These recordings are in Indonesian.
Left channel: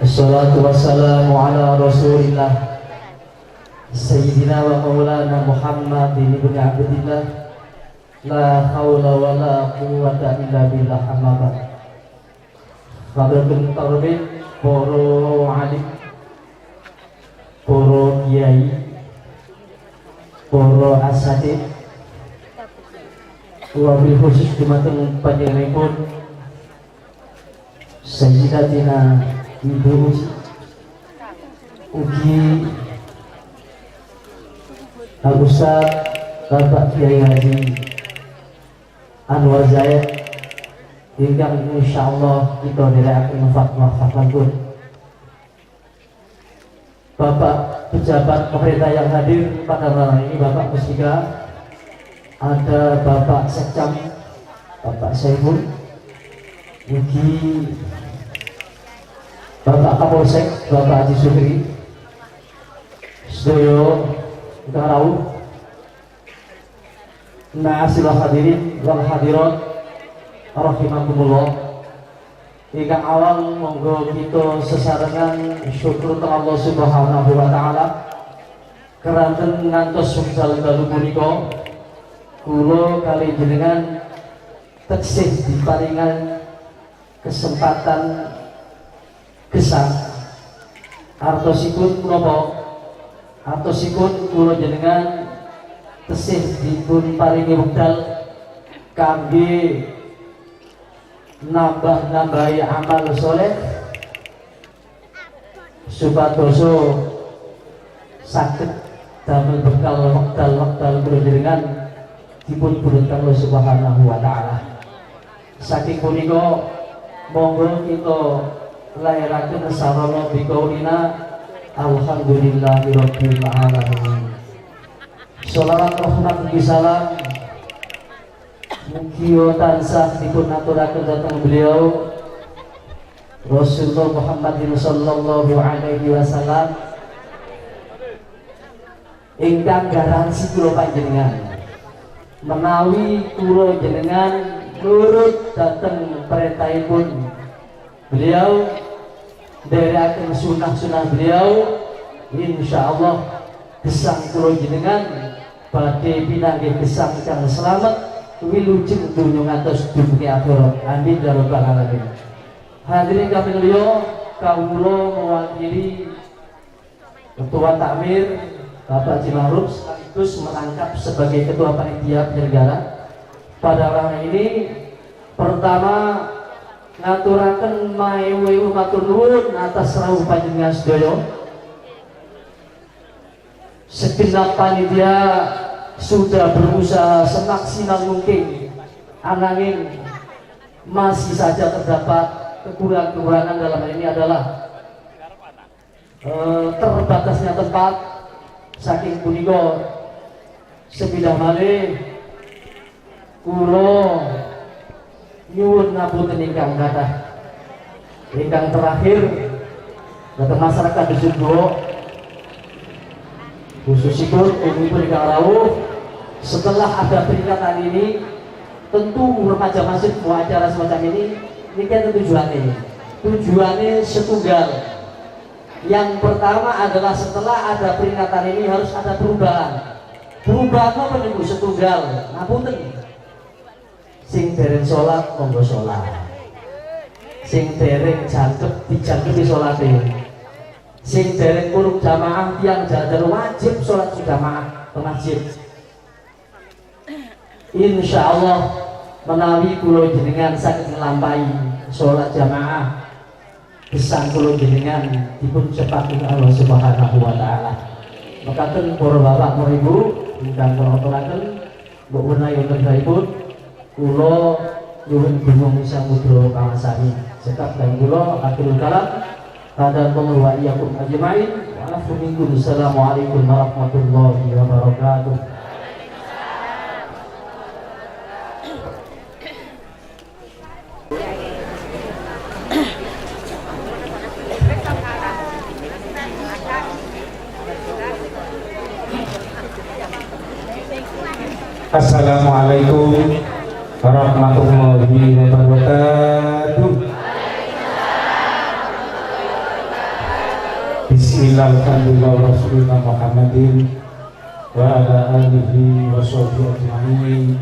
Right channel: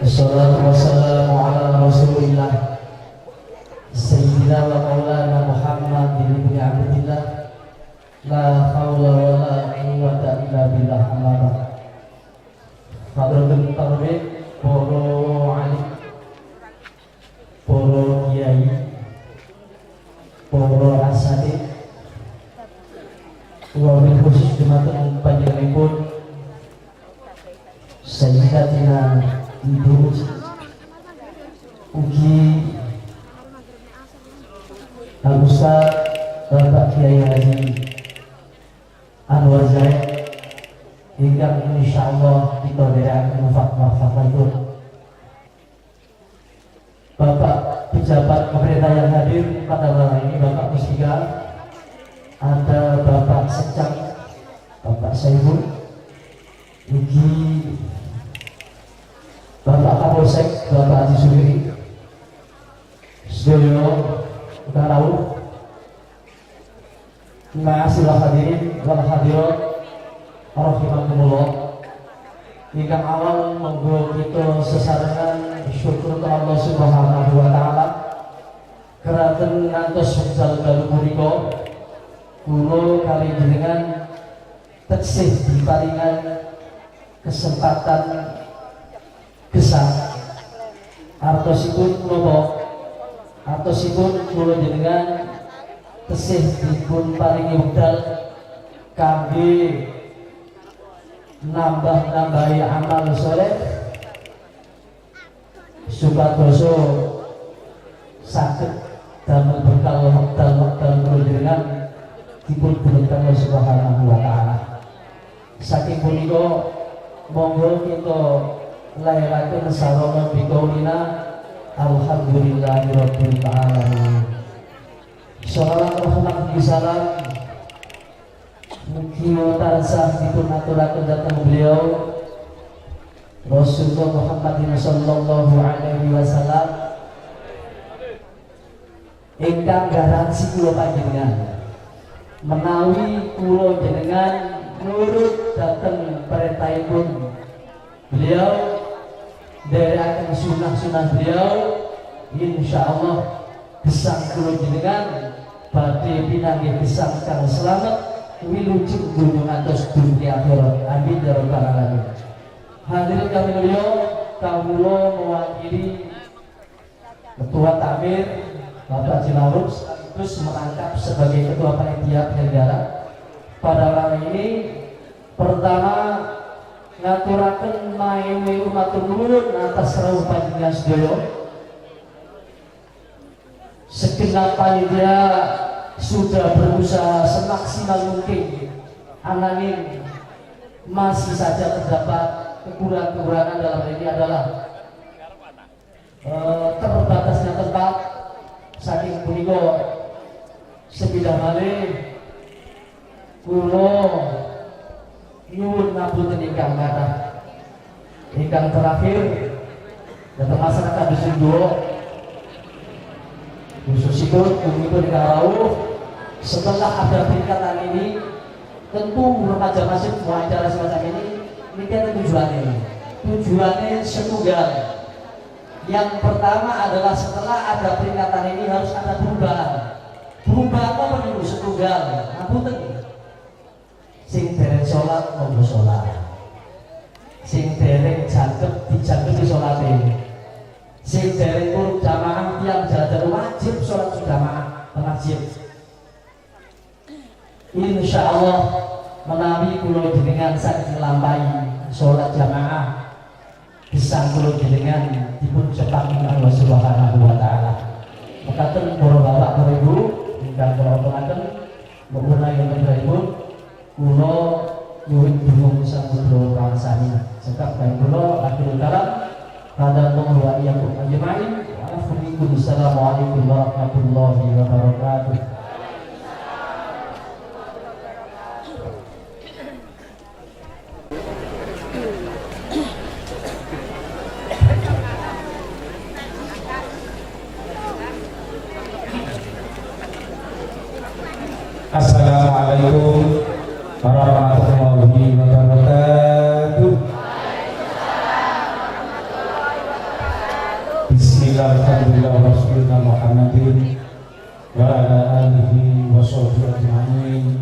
Assalatu wassalamu ala rasulillah Sayyidina wa maulana Muhammad ibn Abdillah. La hawla wa la quwwata illa billah. Amma ba'd. Fadhilul tarbih, poro alim, poro kiai, poro asatidz, wabil khusus dumateng panjenenganipun Sayyidatina Ibu ugi Al-Ustaz Bapak Kiai Haji Anwar Zaid ingkang insyaallah kita nderekaken fatwa-fatwa. Bapak pejabat pemerintah yang hadir pada malam ini, Bapak Mustika, ada Bapak Sekcam, Bapak Saiful, ugi Bapak Kapolsek, Bapak Haji Sukri, sedoyo ingkang rawuh, nasilah hadirin wal hadirat rahimakumullah. Ingkang awal monggo kita sesarengan syukur ke Allah Subhanahu wa taala keranten ngantos wekdal dalu punika kula kali jenengan teksih diparingan kesempatan gesang artosipun napa artosipun kula jenengan tesih dipun paringi wekdal kangge nambah-nambahi amal soleh supados saged damel bekal wekdal-wekdal kula jenengan dipun berkahi Allah Subhanahu wa taala. Saking punika monggo kita lairaken sarana biqaulina alhamdulillahirabbil alamin. Shalawat rahmat salam mugi tansah dipun aturaken dhateng beliau Rasulullah Muhammad sallallahu alaihi wasallam ingkang garansi kula panjenengan menawi kula jenengan nurut dhateng perintahipun beliau nderekaken sunah-sunah beliau, insyaallah gesang kula jenengan badhe pinanggih gesang kang slamet wilujeng dunya ngantos dunya akhirat. Amin ya rabbal alamin. Hadirin kami mulya, kawula mewakili Ketua Takmir Bapak Jimaruf sekaligus merangkap sebagai Ketua Panitia Penyelenggara pada malam ini. Pertama ngaturaken mawi matur nuwun atas rawuh panjenengan sedaya. Segenap panitia sudah berusaha semaksimal mungkin, ananging masih saja terdapat kekurangan-kekurangan. Dalam ini adalah terbatasnya tempat. Saking punika sepidah malih kula nyuwun ngapunten ingkang kathah. Ingkang terakhir dhateng masyarakat Dusun Duo khususipun umumipun ingkang rawuh, setelah ada peringatan ini tentu remaja masjid mau acara semacam ini kan tujuannya setunggal. Yang pertama adalah setelah ada peringatan ini harus ada perubahan apa menunggu setunggal. Ngapunten, sing dereng sholat monggo sholat, sing dereng jangkep dijangkepi sholate, sing dereng kurung jamaah yang jajar wajib sholat jamaah ke masjid. Insyaallah menawi kula jenengan saged nglampahi sholat jamaah gesang kula jenengan dipun cepaken Allah Subhanahu wa taala. Mekaten para bapak para ibu ingkang kula aturaken mbok menawi wonten dhaipun kula nyuwun bingung samudra kawan sami. Cekap dan kula akhirul kalam pada wa iyyakum ajmain. Assalamualaikum warahmatullahi wabarakatuh. Assalamualaikum warahmatullahi wabarakatuh. Bismillahirrahmanirrahim. Rasulullah Muhammadin wa ala alihi wa sahbihi ajma'in.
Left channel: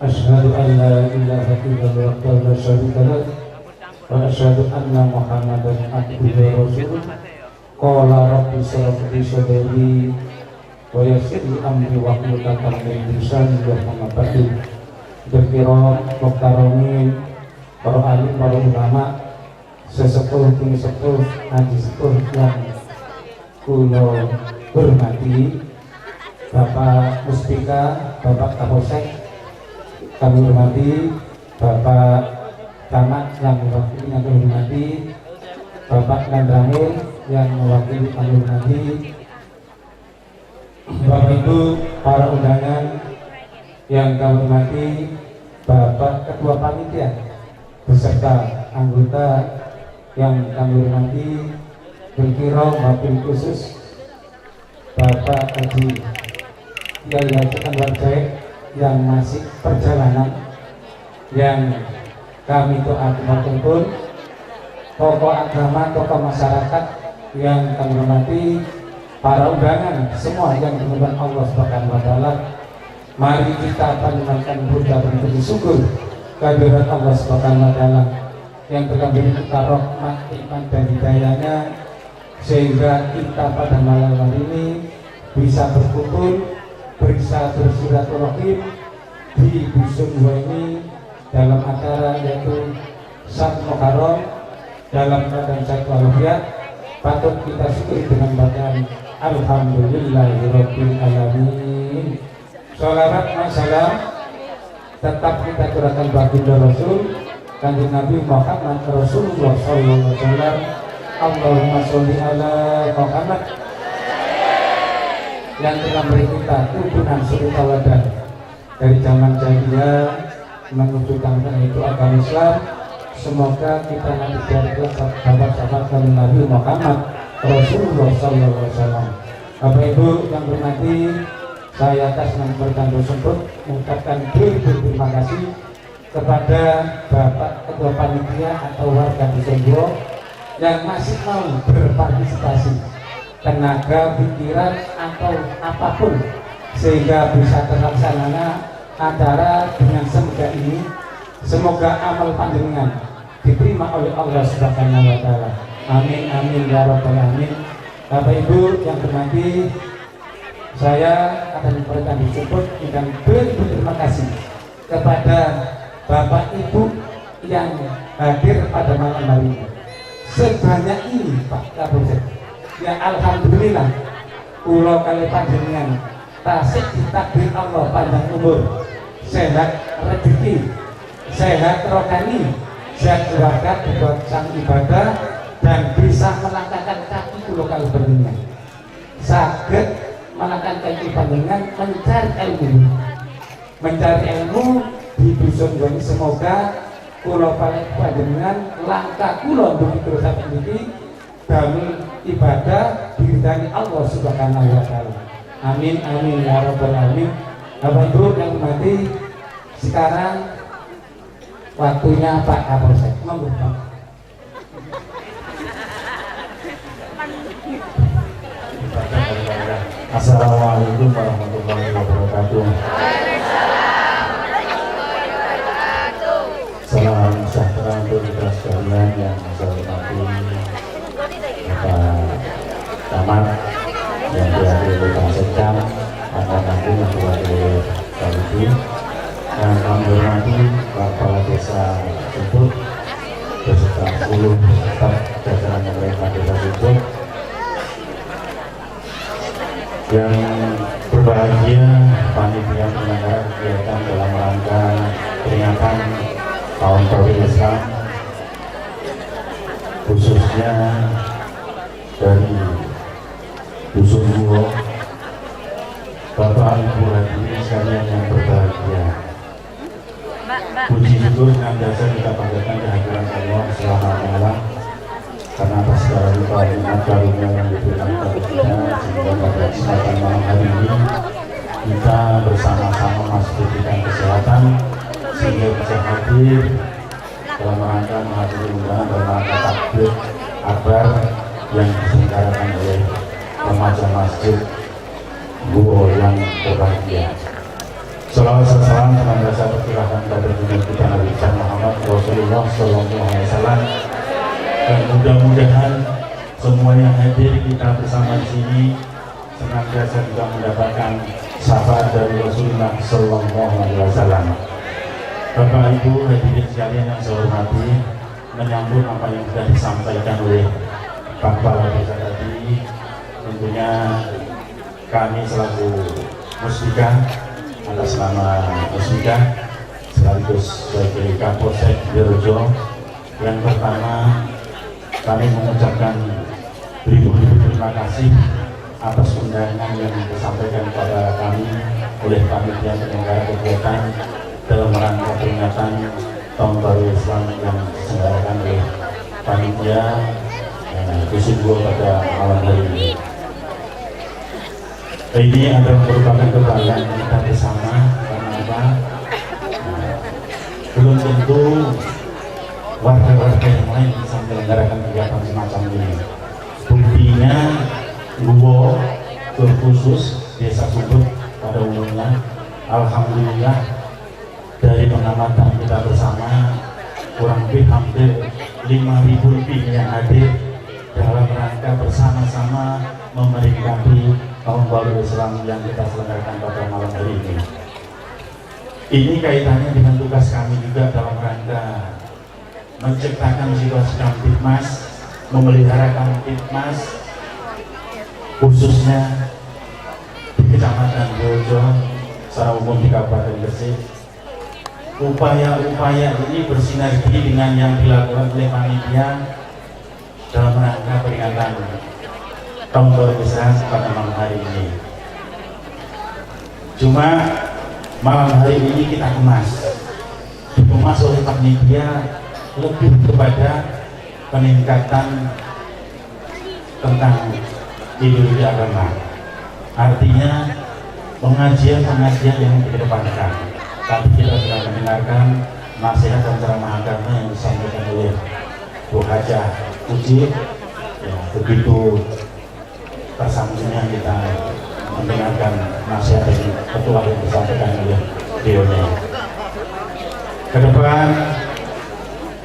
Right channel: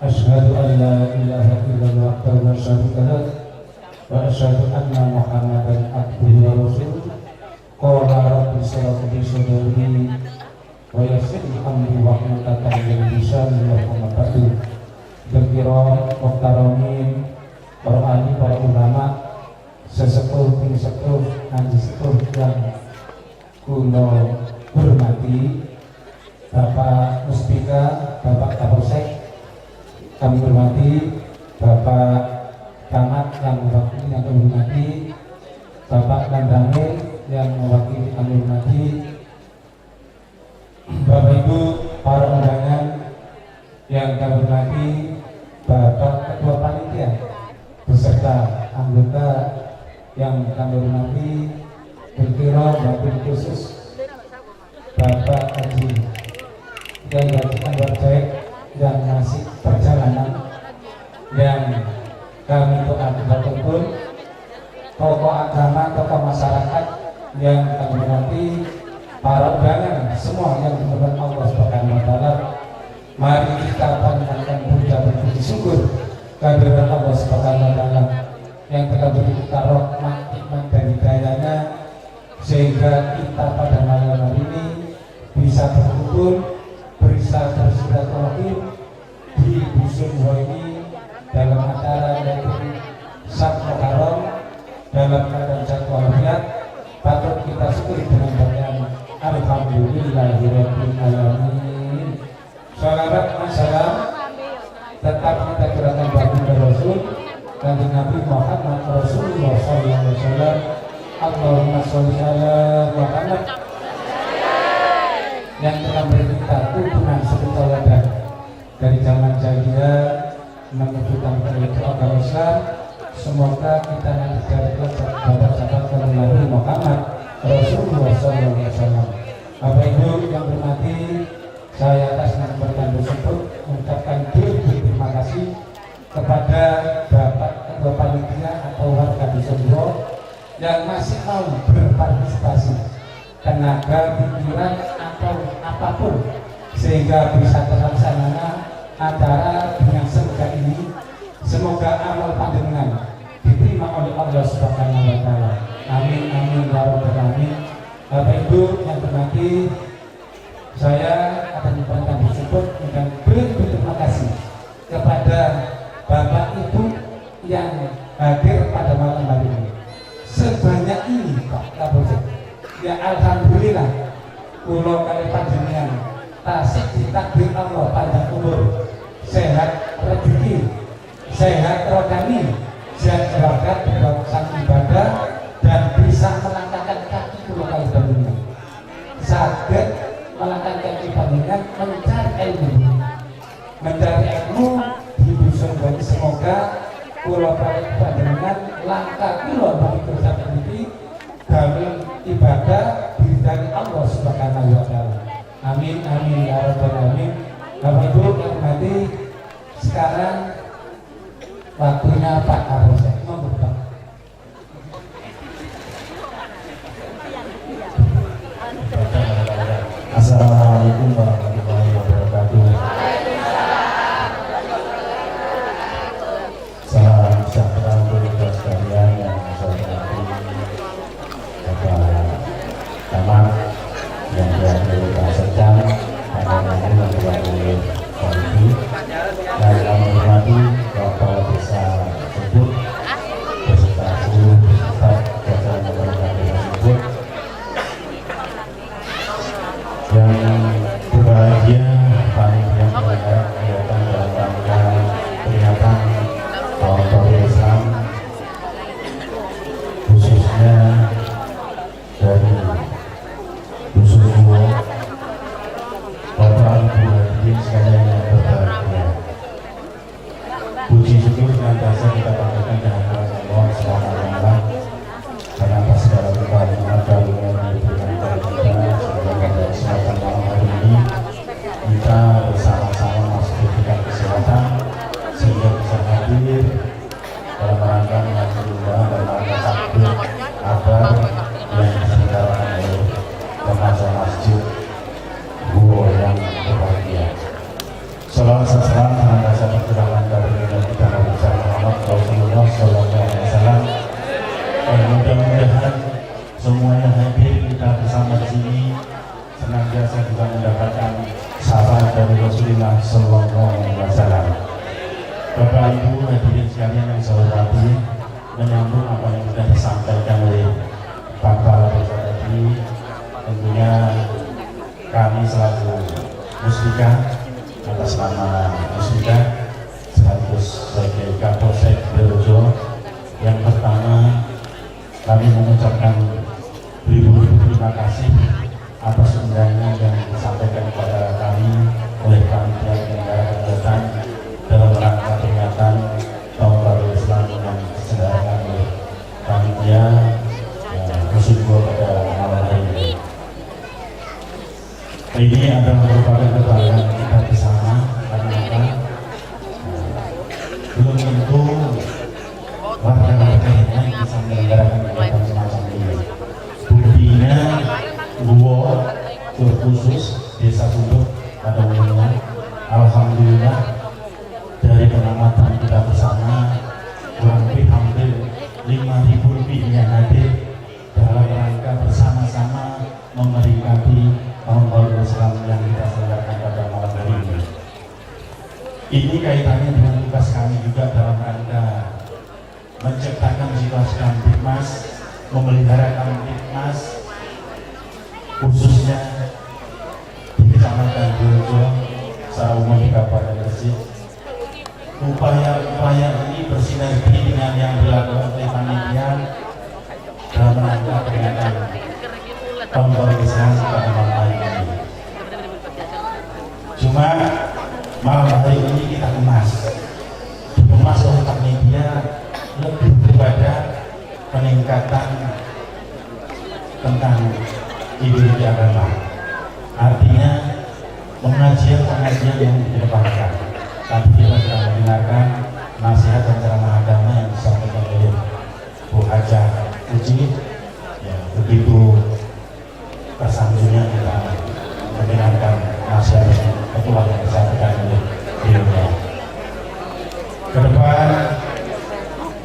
Asyhadu an la ilaha illallah wa la syarika lah wa asyhadu anna Muhammadan abduhu wa rasuluh. Qala rabbi shrah li sadri wa yassir li amri wahlul 'uqdatam min lisani yafqahu qawli. Berkiram muhtaramin para alim, para ulama, sesepuh tinggi sepuh anji sepuh yang kula hormati, Bapak Muspika, Bapak Kapolsek, kami hormati Bapak Camat yang mewakili kami hormati, Bapak Landramil yang mewakili kami hormati, Bapak Ibu para undangan yang kami hormati, Bapak Ketua Panitia beserta anggota yang kami hormati, berkira wabil khusus Bapak Haji Kiai Haji Anwar Jaid yang masih perjalanan, yang kami doakan pun tokoh agama, tokoh masyarakat yang kami hormati, para undangan semua yang dimuliakan Allah Subhanahu wa taala. Mari kita panjatkan puja dan puji syukur kehadirat Allah Subhanahu wa taala yang telah beri kita rahmat, nikmat dan hidayahnya, sehingga kita pada malam hari ini bisa berkumpul, bisa bersilaturahim di dusun Gua ini dalam acara yaitu Sab Muharram dalam keadaan sehat walafiat. Patut kita syukuri dengan bacaan Alhamdulillahirabbil alamin. Shalawat wa salam tetap kita gerakan baginda Rasul Kanjeng Nabi Muhammad Rasulullah sallallahu alaihi wasallam. Allahumma sholli ala Muhammad yang telah memberi kita tuntunan suri tauladan dari zaman jahiliyah menuju tahun itu agama Islam. Semoga kita nanti jadi sahabat-sahabat Kanjeng Nabi Muhammad Rasulullah sallallahu alaihi wasallam. Bapak Ibu yang berhormati, saya atas nama bertanda tersebut mengucapkan terima kasih kepada Bapak Ketua Panitia atau warga Dusun Gua yang masih mau berpartisipasi tenaga, pikiran atau apapun sehingga bisa terlaksana acara dengan semoga ini. Semoga amal panjenengan diterima oleh Allah Subhanahu wa taala. Amin amin ya rabbal alamin. Bapak Ibu yang berhormati, saya akan memberikan disebut dan berterima kasih kepada Bapak Ibu yang hadir pada malam hari ini. Sebanyak ini Pak Kapolsek, ya alhamdulillah kula kali panjenengan tasik ditakdir Allah panjang umur, sehat rezeki, sehat rohani, sehat berkat sang ibadah, dan bisa melangkahkan kaki kula kali panjenengan saged melangkahkan kaki panjenengan mencari ilmu di dusun ini. Semoga kula panjenengan langkah kula begitu saat ini dalam ibadah diridani Allah Subhanahu wa taala. Amin amin ya rabbal alamin. Bapak Ibu yang hormati, sekarang waktunya Pak Kapolsek. Monggo Pak. Assalamualaikum warahmatullahi wabarakatuh. Salam sejahtera untuk kita sekalian yang saya hormati Bapak Camat yang diwakili Pak Sekam, anak-anak yang diwakili Pak Ibu, dan kami hormati Bapak Desa Sebut beserta seluruh staf jajaran pemerintah Desa Sebut yang berbahagia, panitia penyelenggara kegiatan dalam rangka peringatan Tahun Baru Islam, khususnya dari Dusun Gua, Bapak Ibu hadirin sekalian yang berbahagia. Puji syukur senantiasa kita panjatkan kehadiran Allah selama-lamanya, karena atas segala limpah nikmat karunia yang diberikan kepada kita, sehingga pada kesempatan malam hari ini kita bersama-sama masukkan kesehatan sehingga bisa hadir dalam rangka menghadiri undangan dalam rangka takbir akbar yang diselenggarakan oleh remaja masjid Buo yang berbahagia. Salam salam senantiasa tercurahkan kepada kita Nabi Muhammad Rasulullah Sallallahu Alaihi Wasallam. Dan mudah-mudahan semua yang hadir kita bersama di sini senantiasa juga mendapatkan syafaat dari Rasulullah Sallallahu Alaihi Wasallam. Bapak Ibu hadirin sekalian yang saya hormati, menyambut apa yang sudah disampaikan oleh Bapak tadi, tentunya kami selaku Musbika atas nama Musbika sekaligus sebagai Kapolsek Berojo, yang pertama kami mengucapkan beribu-ribu terima kasih atas undangan yang disampaikan kepada kami oleh panitia penyelenggara kegiatan dalam rangka peringatan Tahun Baru Islam yang diselenggarakan oleh panitia Kusubo pada malam hari ini. Ini adalah merupakan kebanggaan kita bersama karena kita belum tentu warga-warga yang lain bisa menyelenggarakan kegiatan semacam ini. Buktinya Buo terkhusus Desa Sumber pada umumnya, alhamdulillah dari pengamatan kita bersama kurang lebih hampir 5.000 lebih yang hadir dalam rangka bersama-sama memperingati Tahun Baru Islam yang kita selenggarakan pada malam hari ini. Ini kaitannya dengan tugas kami juga dalam rangka menciptakan situasi Kamtipmas, memelihara Kamtipmas khususnya di Kecamatan Berojo, secara umum di Kabupaten Gresik. Upaya-upaya ini bersinergi dengan yang dilakukan oleh panitia dalam rangka peringatan Tahun Baru Islam pada malam hari ini. Cuma malam hari ini kita dikemas oleh panitia lebih kepada peningkatan tentang ideologi agama. Artinya pengajian-pengajian yang dikedepankan. Tadi kita sudah mendengarkan nasihat dan ceramah agama yang disampaikan oleh Bu Hajah Uji. Ya, begitu tersanggungnya kita mendengarkan nasihat dari ketua yang disampaikan oleh beliau. Ke depan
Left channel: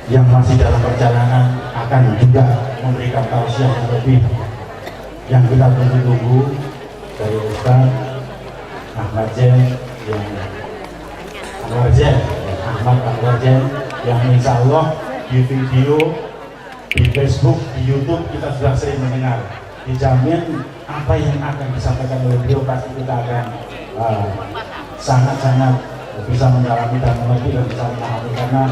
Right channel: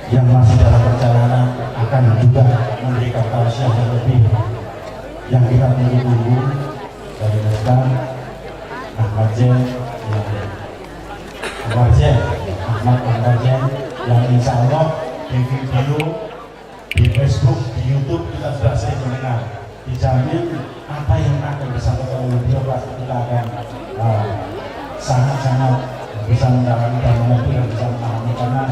yang masih dalam perjalanan akan juga memberikan tausiah yang lebih yang kita tunggu-tunggu dari Ustaz Ahmad Jen yang insya Allah di video, di Facebook, di YouTube kita sudah sering mendengar. Dijamin apa yang akan disampaikan oleh beliau pasti kita akan sangat-sangat bisa mendalami dan mengerti dan bisa memahami, karena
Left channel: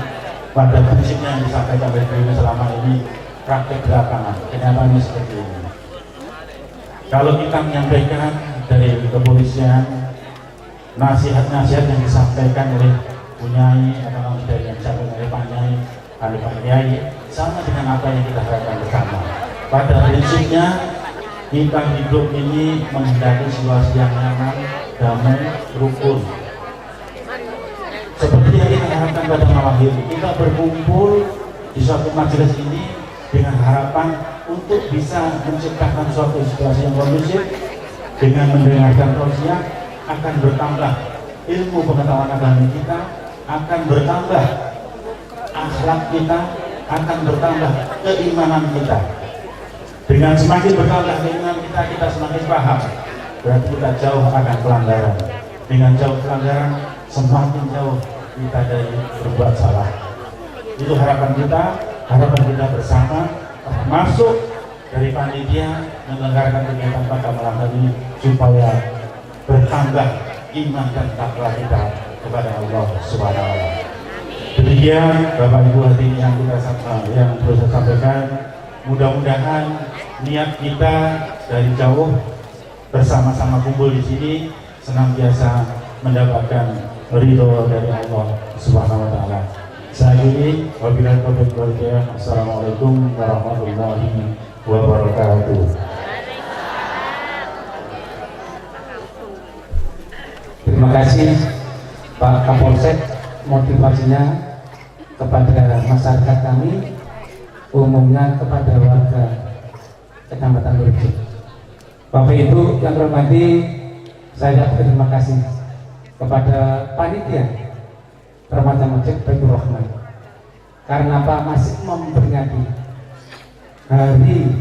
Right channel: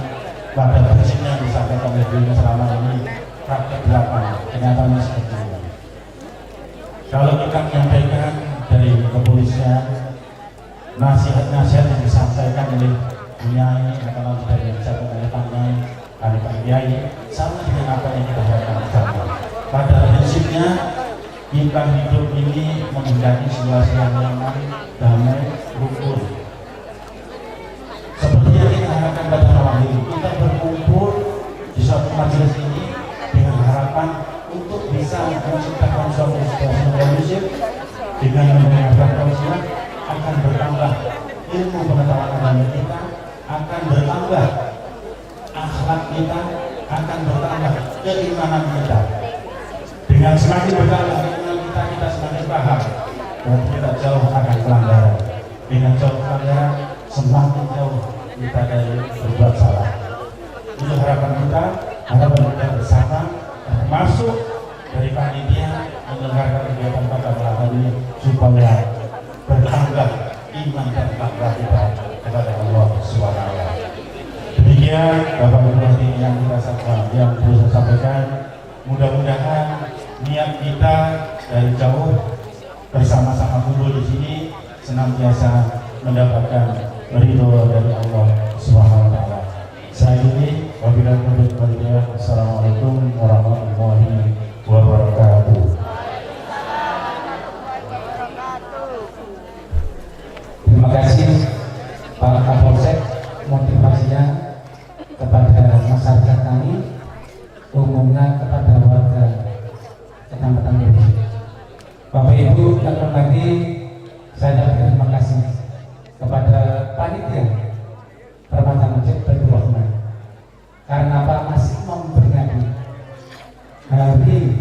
pada prinsipnya yang disampaikan oleh beliau selama ini praktek di lapangan kenyataannya seperti ini. Kalau kita menyampaikan dari kepolisian nasihat-nasihat yang disampaikan oleh Nyai atau dari yang disampaikan oleh Pak Nyai, oleh Pak Nyai, sama dengan apa yang kita harapkan bersama. Pada prinsipnya kita hidup ini menjadi situasi yang nyaman, damai, rukun. Seperti yang kita harapkan pada malam ini, kita berkumpul di suatu majelis ini dengan harapan untuk bisa menciptakan suatu situasi yang kondusif. Dengan mendengarkan tausiah akan bertambah ilmu pengetahuan agama kita, akan bertambah akhlak kita, akan bertambah keimanan kita. Dengan semakin bertambah keimanan kita semakin paham, berarti kita jauh akan pelanggaran. Dengan jauh pelanggaran, semakin jauh kita dari berbuat salah. Itu harapan kita bersama, termasuk dari panitia menyelenggarakan kegiatan pada malam hari ini, supaya bertambah iman dan takwa kita kepada Allah Subhanahu wa Ta'ala. Demikian Bapak Ibu hadirin yang perlu saya sampaikan. Mudah-mudahan niat kita dari jauh bersama-sama kumpul di sini senantiasa mendapatkan ridho dari Allah Subhanahu wa Ta'ala. Saya ini wabillahi taufiq wal hidayah. Assalamualaikum warahmatullahi wabarakatuh. Terima kasih Pak Kapolsek, motivasinya kepada masyarakat kami, umumnya kepada warga Kecamatan Berojo. Bapak Ibu yang terhormati, saya berterima kasih kepada panitia remaja Masjid Baitur Rahman karena apa masih memperingati hari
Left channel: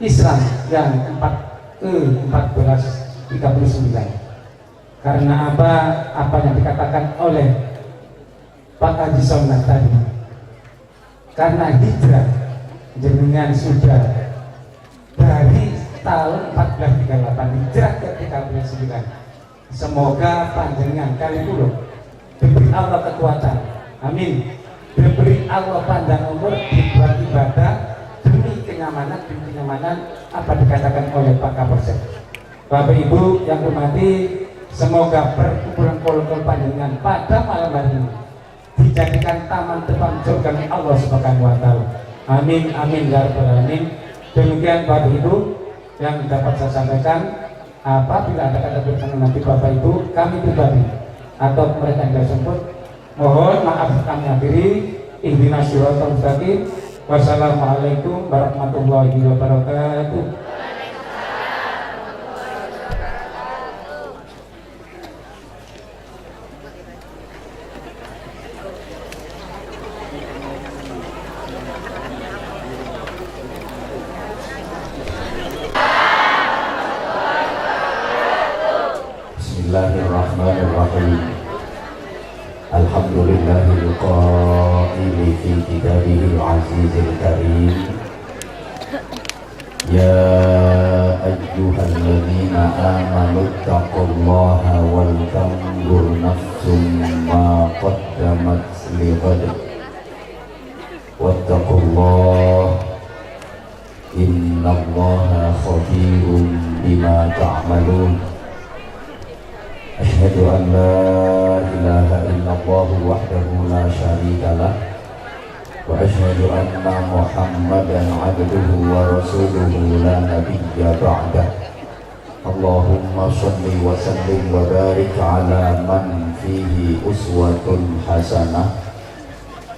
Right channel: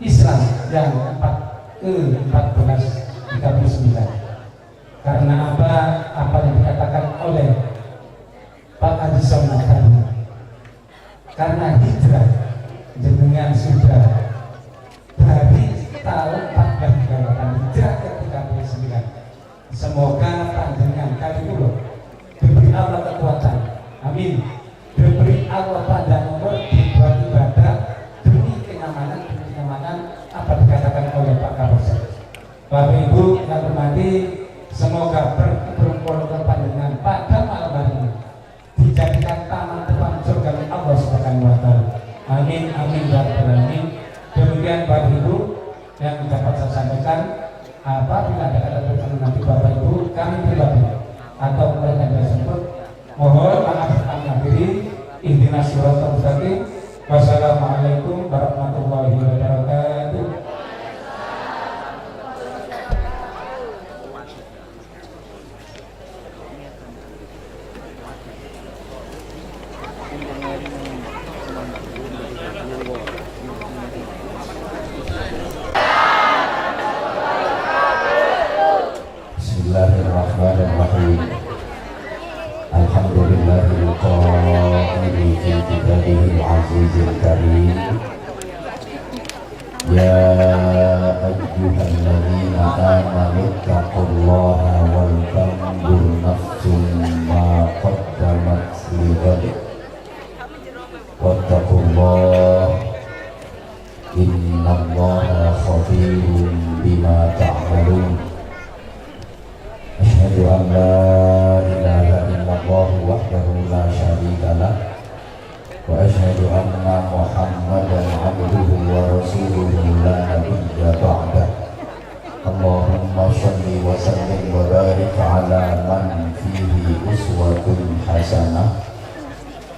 Islam yang ke-1439. Karena apa yang dikatakan oleh Pak Haji Somna tadi, karena hijrah jenengan sudah dari tahun 1438 hijrah ke 39. Semoga panjenengan kali itu diberi Allah kekuatan, amin, diberi Allah panjang umur, dibuat ibadah demi kenyamanan apa dikatakan oleh Pak Kapolsek. Bapak Ibu yang hormati, semoga perkumpulan panjenengan pada malam hari ini dijadikan taman depan surga Allah Subhanahu wa taala. Amin amin ya rabbal alamin. Demikian Bapak Ibu yang dapat saya sampaikan. Apabila ada kata berkenan nanti Bapak Ibu, kami pribadi atau mereka yang tersebut, mohon maaf kami akhiri. Ihdinas siratal mustaqim. Wassalamualaikum warahmatullahi wabarakatuh. Bismillahirrahmanirrahim. Alhamdulillahil qaili fi kitabihil azizil karim. Ya ayyuhalladzina amanu taqullaha wal tanzur nafsum ma qaddamat lighad. Wattaqullaha innallaha khabirun bima ta'malun. Asyhadu an la ilaha illallah wahdahu la syarika lah wa asyhadu anna Muhammadan abduhu wa rasuluhu la nabiyya ba'dah. Allahumma shalli wa sallim wa barik ala man fihi uswatun hasanah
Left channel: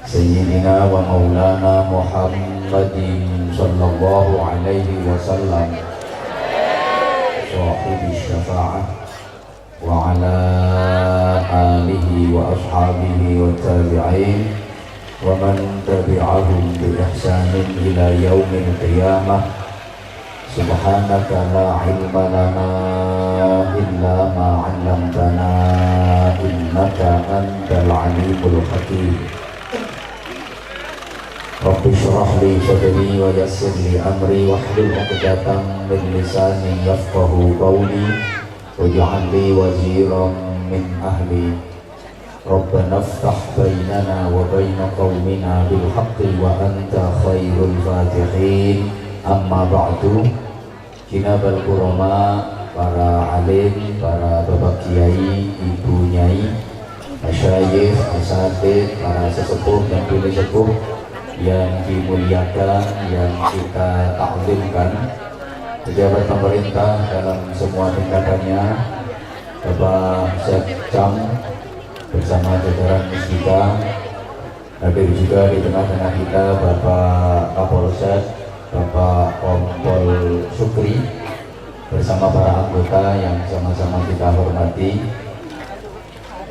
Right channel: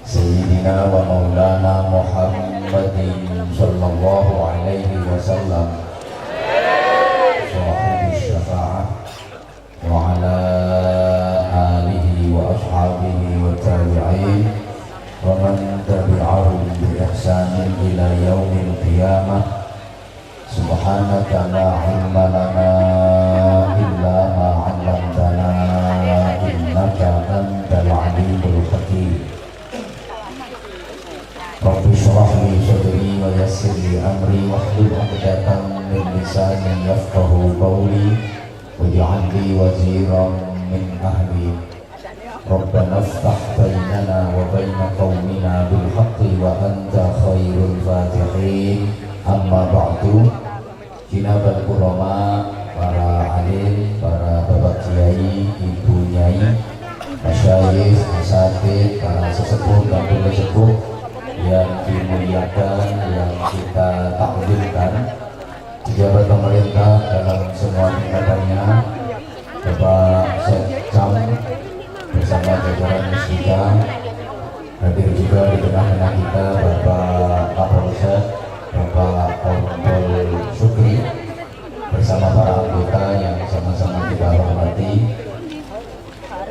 Sayyidina wa maulana Muhammadin sallallahu alaihi wasallam sahibi syafa'ah wa ala alihi wa ashabihi wa tabi'in wa man tabi'ahum bi ihsanin ila yaumil qiyamah. Subhanaka la ilma lana illa ma 'allamtana innaka antal alimul hakim. Rabbi shrah li sadri wa yassir li amri wahlul 'uqdatam min lisani yafqahu qawli waj'al li waziran min ahli. Rabbana iftah bainana wa baina qaumina bil haqqi wa anta khairul fatihin. Amma ba'du. Jinabal kurama, para alim, para bapak kiai, ibu nyai, masyayikh, asatidz, para sesepuh dan bule sepuh yang dimuliakan, yang kita takdirkan, pejabat pemerintah dalam semua tingkatannya, Bapak Sekcam bersama jajaran kita, hadir juga di tengah-tengah kita Bapak Kapolsek, Bapak Kompol Sukri, bersama para anggota yang sama-sama kita hormati,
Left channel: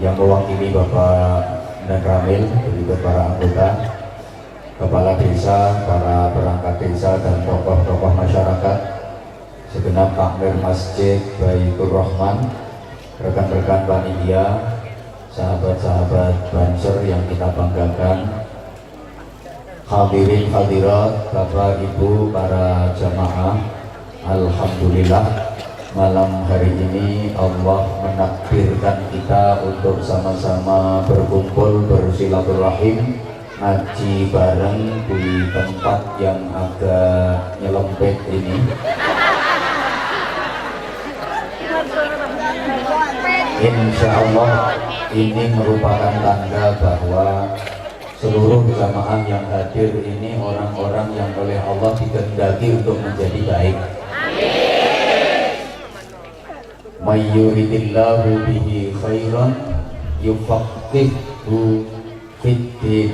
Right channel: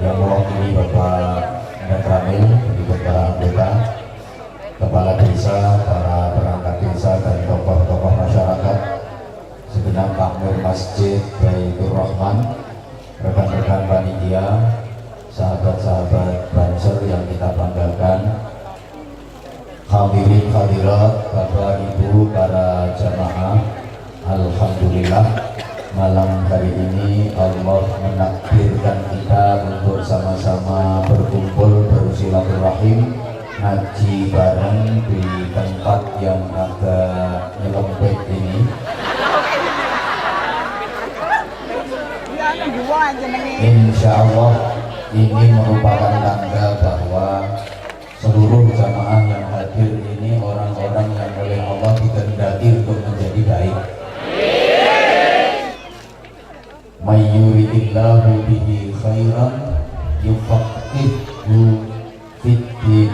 yang mewakili Bapak Nakramil dan juga para anggota, kepala desa, para perangkat desa dan tokoh-tokoh masyarakat, segenap takmir Masjid Baitur Rahman, rekan-rekan panitia, sahabat-sahabat Banser yang kita banggakan, hadirin hadirat, Bapak Ibu, para jamaah. Alhamdulillah, malam hari ini Allah menakdirkan kita untuk sama-sama berkumpul bersilaturahim, ngaji bareng di tempat yang agak nyelempet ini. Insya Allah ini merupakan tanda bahwa seluruh jamaah yang hadir ini orang-orang yang oleh Allah dikehendaki untuk menjadi baik. May yuridillahu bihi khairan yufaqqihhu fiddin.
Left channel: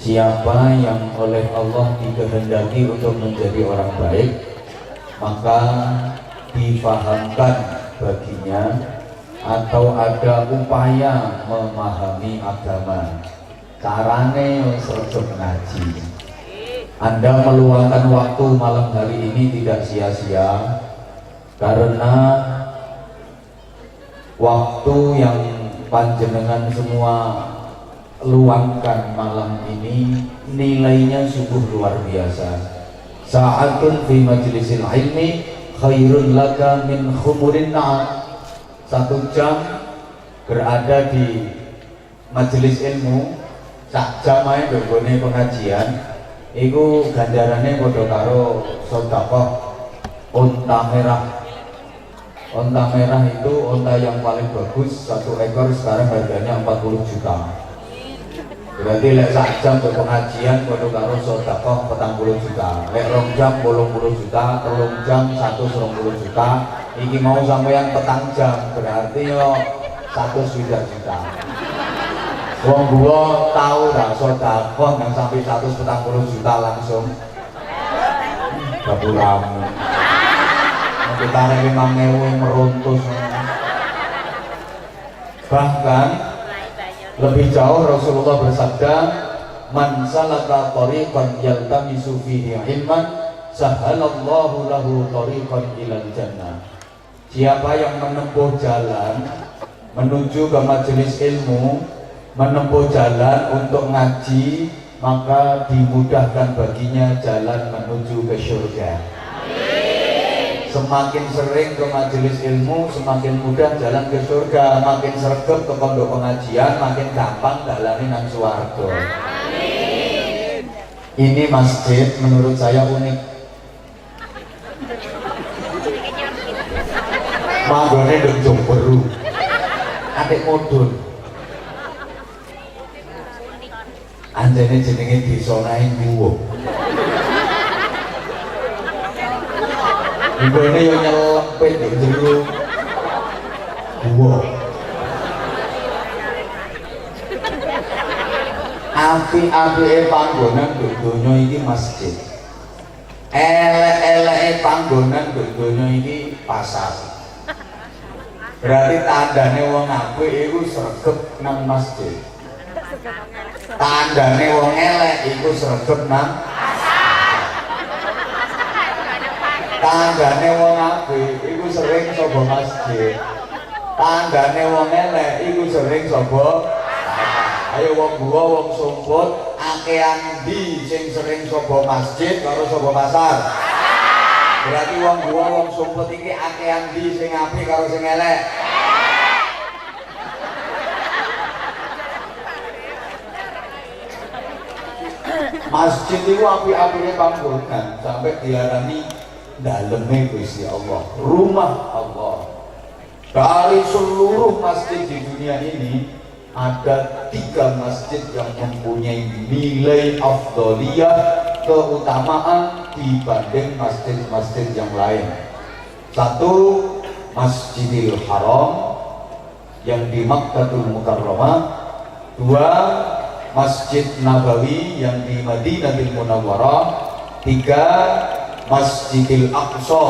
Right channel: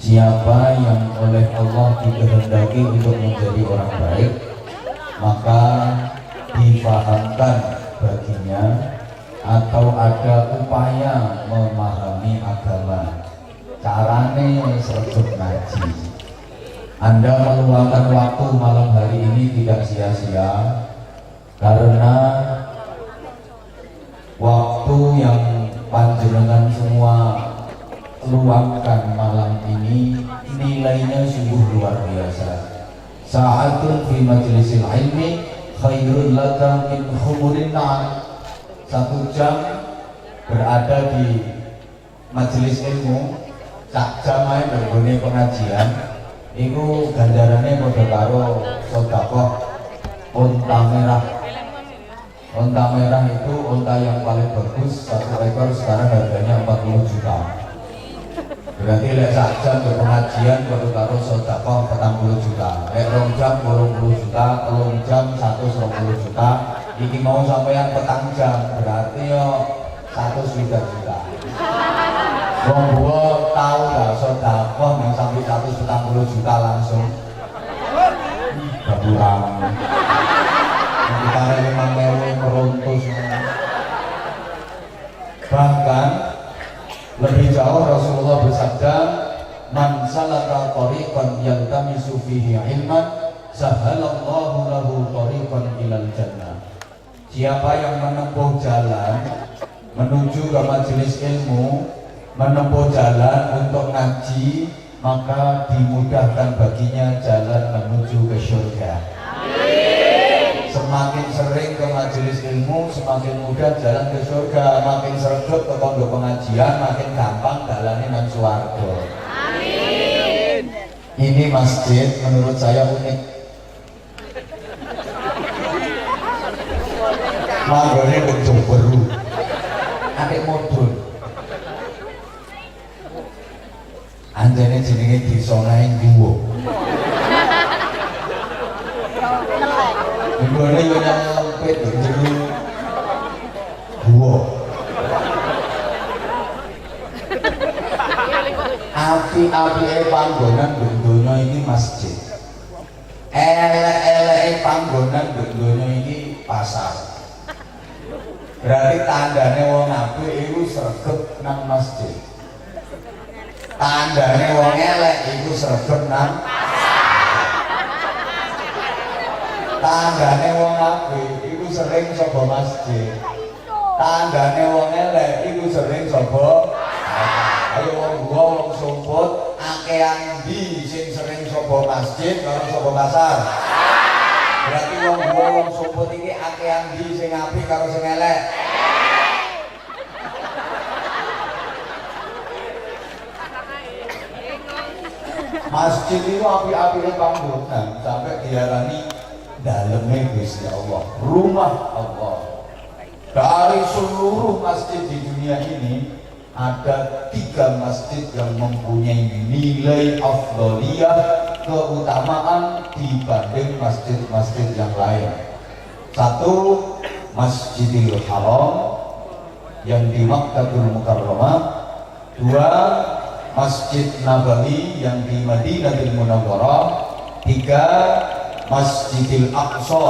Siapa yang oleh Allah dikehendaki untuk menjadi orang baik, maka difahamkan baginya atau ada upaya memahami agama, carane sejak ngaji. Anda meluangkan waktu malam hari ini tidak sia-sia, karena waktu yang panjenengan semua luangkan malam ini nilainya sungguh luar biasa. Sa'atun fi majlisil ilmi khairun laka min khumurin na'am. 1 jam berada di majelis ilmu, sak jam ae nggone pengajian, iku ganjarannya padha karo sedekah unta merah. Unta merah itu unta yang paling bagus, 1 ekor sekarang harganya 40 juta. Berarti lek sak jam ke pengajian padha karo sedekah 40 juta. Lek 2 jam 80 juta, 3 jam 120 juta. Iki mau sampeyan 4 jam berarti yo 100 juta. Wong gua tahu dah sedekah yang sampai 140 juta langsung. Baburam. Kita lagi 5.000 meruntus. Bahkan lebih jauh Rasulullah bersabda, man salaka tariqan yaltamisu fihi ilman sahalallahu lahu tariqan ilal jannah. Siapa yang menempuh jalan menuju ke majelis ilmu, menempuh jalan untuk ngaji, maka dimudahkan baginya jalan menuju ke surga. Semakin sering ke majelis ilmu, semakin mudah jalan ke surga. Makin sregep ke pondok pengajian, makin gampang dalane nang swarga. Ini masjid menurut saya unik. Manggone ndek Jomberu, atik modul. Anjene jenenge desa Naing Guwo. Nggone yo nyelempit ndek jero guwo. Api-apike panggonan donya iki masjid. Elek-eleke panggonan donya iki pasar. Berarti tandane wong apik iku sregep nang masjid. Tandane wong elek iku sregep nang tandane wong apik iku sering saka masjid. Tandane wong elek iku sering saka ayo wong gua wong sumput akean ndi sing sering saka masjid karo saka pasar. Berarti wong gua wong sumput iki akean ndi sing apik karo sing elek. Masjid itu api-apinya panggonan sampai diarani dalemnya Gusti Allah, rumah Allah. Dari seluruh masjid di dunia ini ada 3 masjid yang mempunyai nilai afdhaliyah, keutamaan dibanding masjid-masjid yang lain. 1, Masjidil Haram yang di Makkahul Mukarramah. 2, Masjid Nabawi yang di Madinatul Munawwarah. 3, Masjidil Aqsa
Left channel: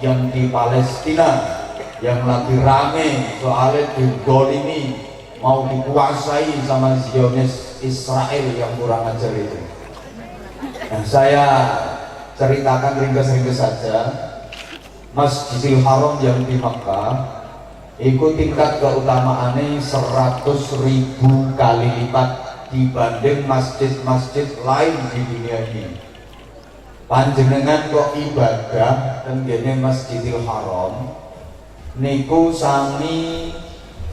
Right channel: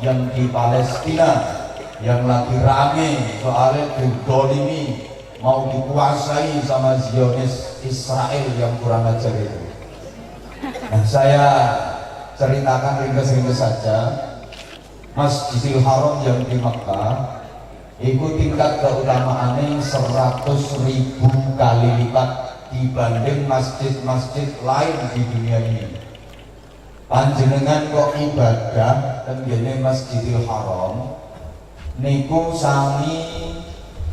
yang di Palestina yang lagi rame soalnya digolimi mau dikuasai sama Zionis Israel yang kurang ajar itu. Nah, saya ceritakan ringkas-ringkas saja. Masjidil Haram yang di Makkah itu tingkat keutamaannya 100.000 kali lipat dibanding masjid-masjid lain di dunia ini. Panjenengan kok ibadah tenggene Masjidil Haram niku sami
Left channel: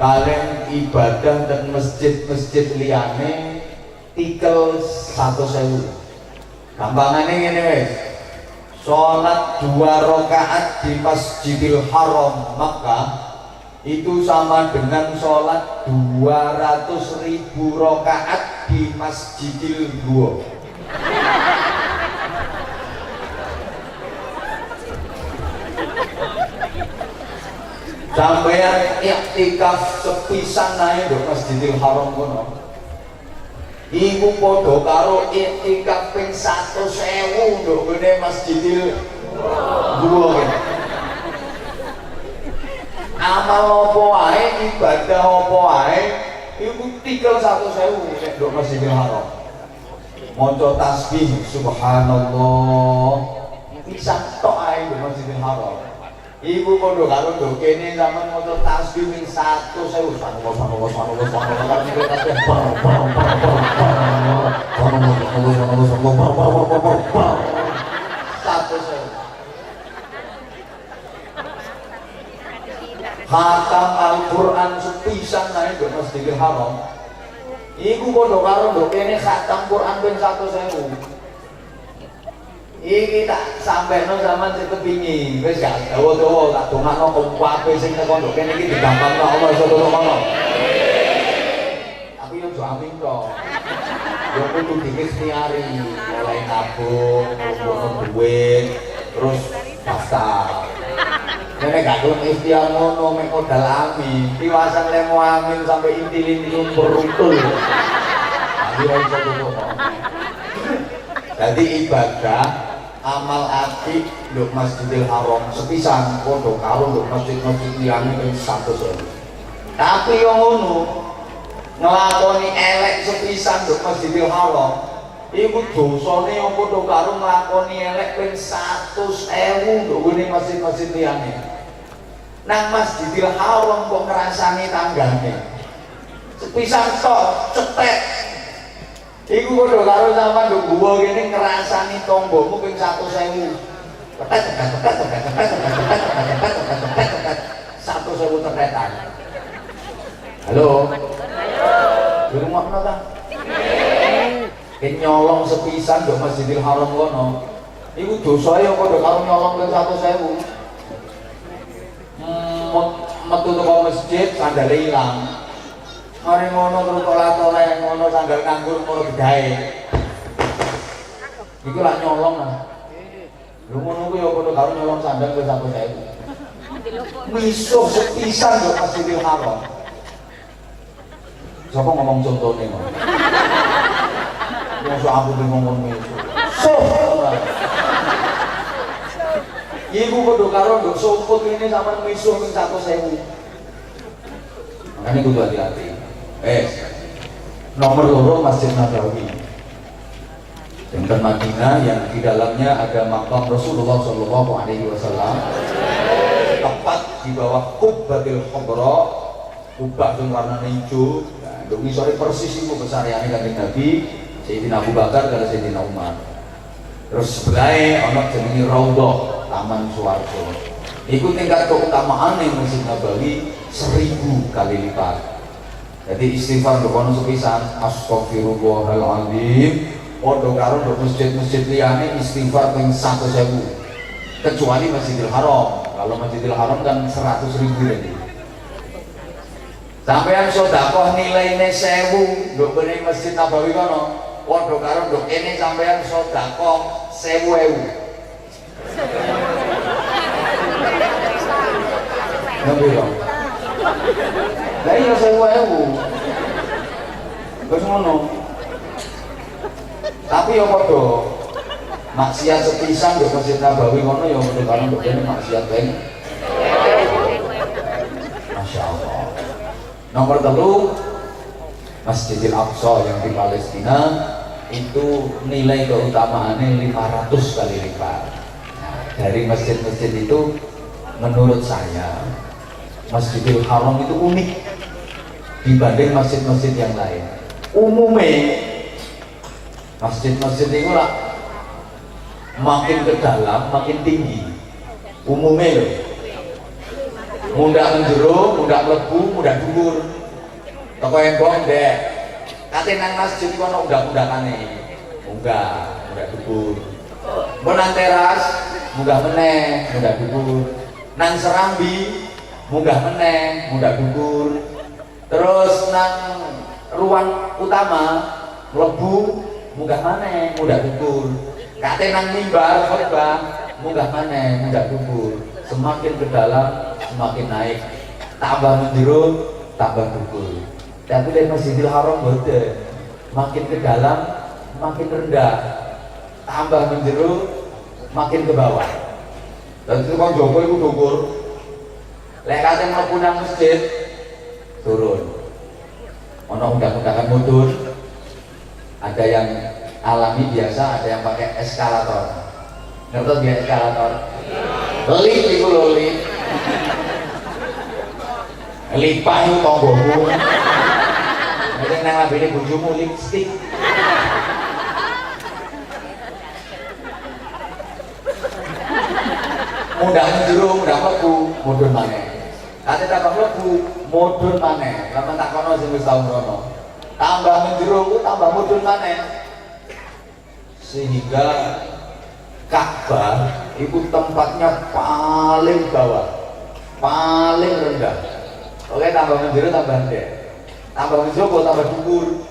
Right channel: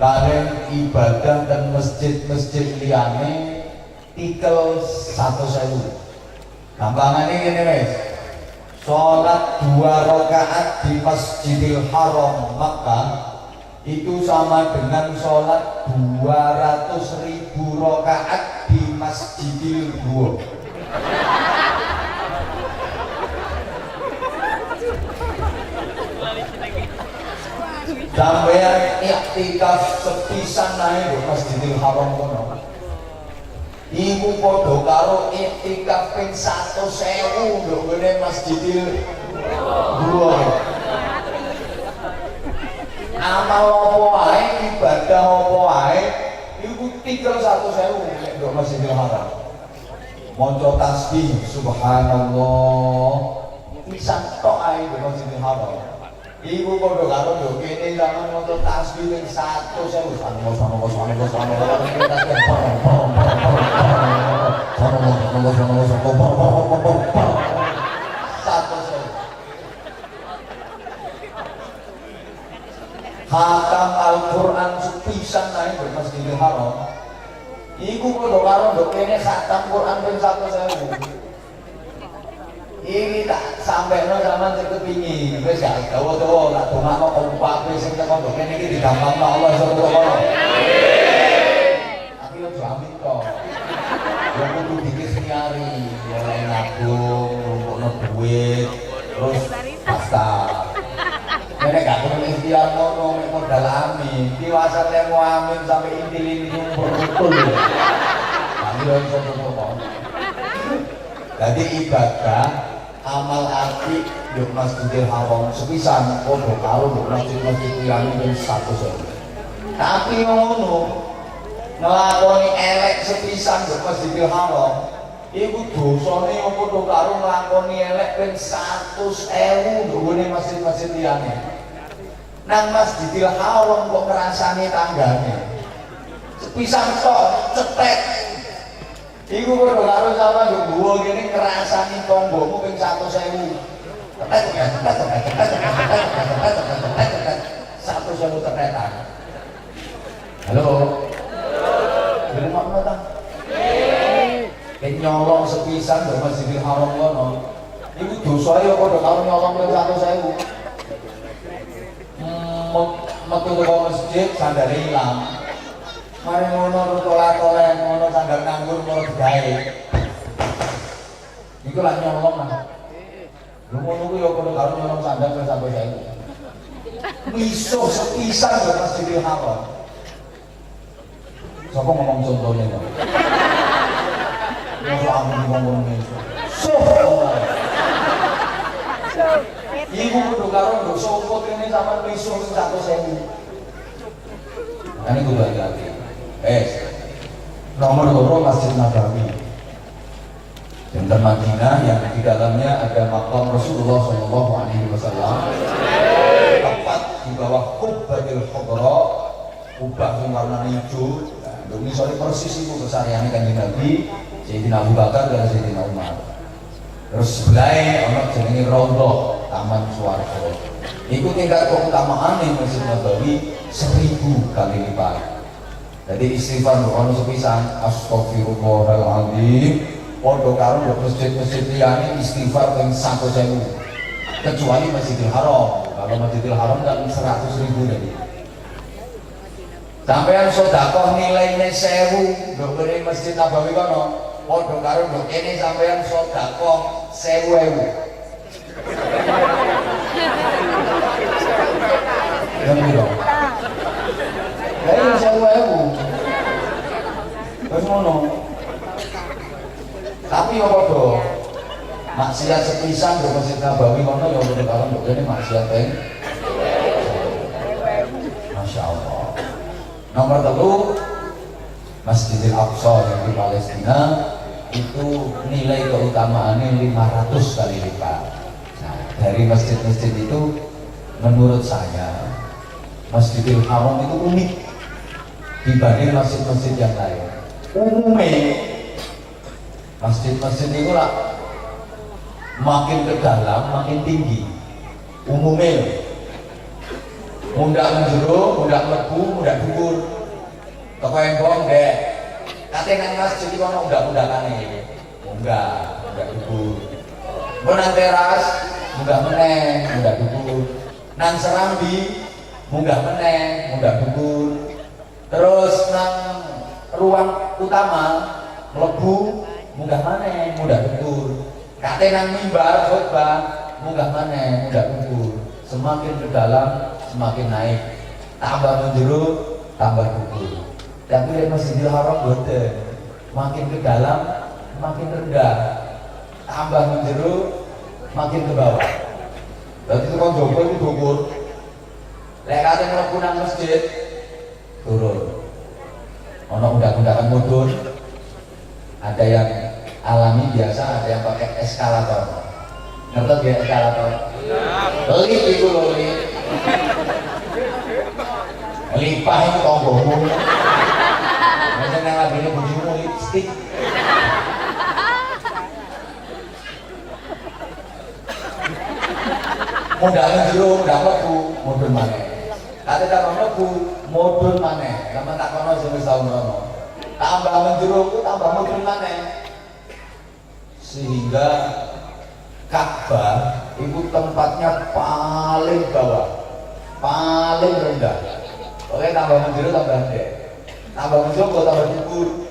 kalian ibadah dan masjid-masjid liyane tikel 100.000. Gampangane ngene wis. Salat 2 rakaat di Masjidil Haram Makkah itu sama dengan sholat 200.000 rakaat di Masjidil Guwo. Sampeyan iktikaf sepisan nae lho Masjidil Haram kono. Iku padha karo iktikaf ping 100.000 lho ngene Masjidil Guwo. amal apa wae, ibadah apa wae, iku tikel 100.000 nek nduk Masjidil Haram. Maca tasbih subhanallah pisan tok ae nduk Masjidil Haram. Ibu padha karo nduk kene zaman maca tasbih ping 100.000 Khatam Al-Quran sepisan naik di Masjidil Haram. Iku padha karo nduk kene khatam Quran ping 100.000. Iki tak sampeno zaman sing kepingin. Wis gak dawa-dawa tak dongakno kompak sing teko nduk kene iki digampangno Allah sallallahu alaihi. Tapi yo amin kok. Yo kudu diikhtiari, mulai nabung, ngumpulno duit, terus daftar. Nek gak tau ikhtiar ngono mek modal amin, diwasan lemo amin sampai inti-inti berutul. Amin ora iso kok. Jadi ibadah amal ati nduk Masjidil Haram sepisan padha karo nduk masjid-masjid liyane ping 100.000. Tapi yo ngono, nglakoni elek sepisan nduk Masjidil Haram iku dosane apa to karo nglakoni elek ping 100.000 nduk ngene masjid-masjid liyane. Nang Masjidil Haram kok ngrasani tanggane. Sepisan tok cetek. Iku padha karo sampean nduk guwa kene ngrasani tanggamu ping 100.000. Tetet 100.000 tetetan. Halo. Dirungokno ta? Nyolong sepisan nduk Masjidil Haram kono. Iku dosae padha karo nyolong ping 100.000. Metu teko masjid sandale ilang. Mari ngono terus tolak-tolak ngono sandal nganggur ngono gedahe. Iku lah nyolong lah. Lu ngono ku ya padha karo nyolong sandal wis sampe saiki. Misuh sepisan nduk Masjidil Haram. Sapa ngomong contone kok. Yang so aku ngomong misuh. Ibu kudu karo nduk sumput ini sama misuh ping 100.000. Ini kudu hati-hati. Nomor 2 Masjid Nabawi. Yang Madinah yang di dalamnya ada makam Rasulullah Shallallahu Alaihi Wasallam. Tepat di bawah Qubbatil Khadra, kubah yang warna hijau. Nduk ngisore persis iku besariane Kanjeng Nabi, Sayyidina Abu Bakar dan Sayyidina Umar. Terus sebelahnya ana jenenge Raudhah, Taman Swarga. Iku tingkat keutamaan ning Masjid Nabawi 1000 kali lipat. Jadi istighfar kono sepisan astagfirullahaladzim. Padha karo masjid-masjid liyane istighfar ping 100.000. Kecuali Masjidil Haram. Kalau Masjidil Haram kan 100.000 jadi. Sampeyan sedekah nilaine 1000 nduk kene Masjid Nabawi kono. Padha karo nduk kene sampeyan sedekah 1000. Ngerti dong? Lah iya 1000. Terus ngono. Tapi yo padha maksiat sepisan nduk Masjid Nabawi kono yo karo nduk kene maksiat ping. Masyaallah. Nomor 3 Masjidil Aqsa yang di Palestina itu nilai keutamaannya 500 kali lipat. Nah, dari masjid-masjid itu menurut saya Masjidil Haram itu unik dibanding masjid-masjid yang lain. Umumnya masjid-masjid itu lah makin ke dalam makin tinggi. Umumnya loh. Mundak menjero, mundak lebu, mundak dhuwur. Toko yang dek. Kate nang masjid iki ono undak-undakane. Munggah dhuwur. Mun nang teras, munggah meneh, munggah dhuwur. Nang serambi, munggah meneh, munggah dhuwur. Terus nang ruang utama, mlebu, munggah maneh, munggah dhuwur. Kate nang mimbar khotbah, munggah maneh, munggah dhuwur. Semakin ke dalam, semakin naik. Tambah menjero, tambah dhuwur. Tapi dari Masjidil Haram boten. Makin ke dalam, makin rendah. Tambah menjero, makin ke bawah. Dan itu kan Joko itu dhuwur. Lek kate mlebu nang masjid turun. Ono undak-undakan mudun. Ada yang alami biasa, ada yang pakai eskalator. Ngerti dia eskalator? Lift iku lho, lift. Lipahi tonggomu. Nek nang ambene bojomu lipstik. Mudah njero, mudah mlebu, mudun maneh. Kate tak mlebu, mudun maneh. Sampe tak kono sing wis tau ngono. Tambah njero, tambah mudun maneh. Sehingga Ka'bah itu tempatnya paling bawah, paling rendah. Oke, tambah menjero tambah ndek. Tambah menjero tambah dhuwur.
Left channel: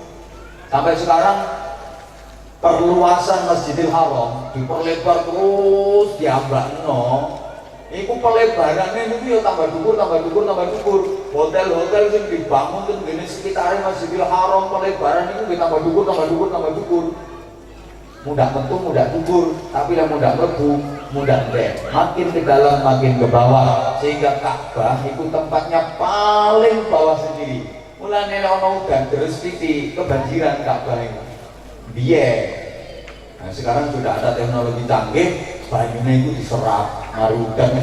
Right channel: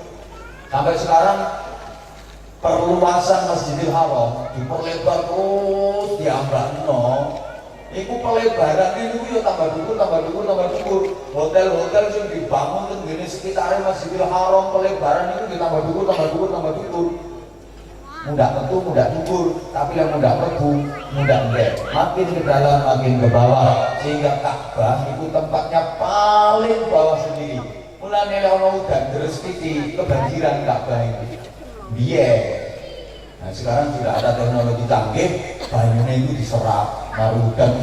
Sampai sekarang perluasan Masjidil Haram diperlebar terus diambakno. Iku pelebarannya itu ya tambah dhuwur, tambah dhuwur, tambah dhuwur. Hotel-hotel sing dibangun teng ngene sekitare Masjidil Haram pelebaran itu ditambah dhuwur, tambah dhuwur, tambah dhuwur. Mudah tentu, mudah dhuwur, tapi yang mudah mlebu, mudah ndek. Makin ke dalam, makin ke bawah, sehingga Ka'bah itu tempatnya paling bawah sendiri. Mulane ono udan terus titik kebanjiran Ka'bah ini. Biyen. Nah, sekarang sudah ada teknologi canggih, banyunya itu diserap. Naruh udan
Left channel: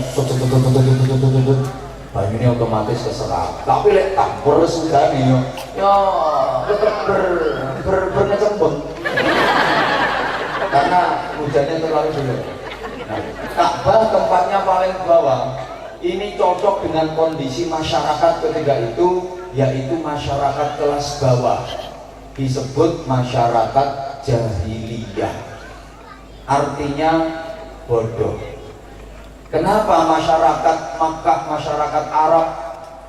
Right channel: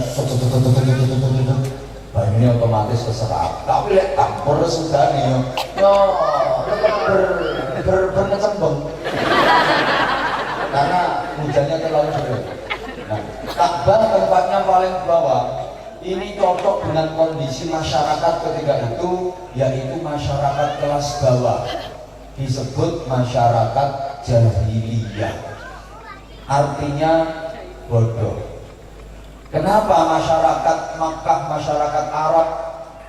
banyunya otomatis keserap. Tapi lek campur sudah nih, berkecembung. Karena hujannya terlalu deras. Nah, Ka'bah tempatnya paling bawah. Ini cocok dengan kondisi masyarakat ketika itu, yaitu masyarakat kelas bawah. Disebut masyarakat jahiliyah. Artinya bodoh. Kenapa masyarakat Makkah, masyarakat Arab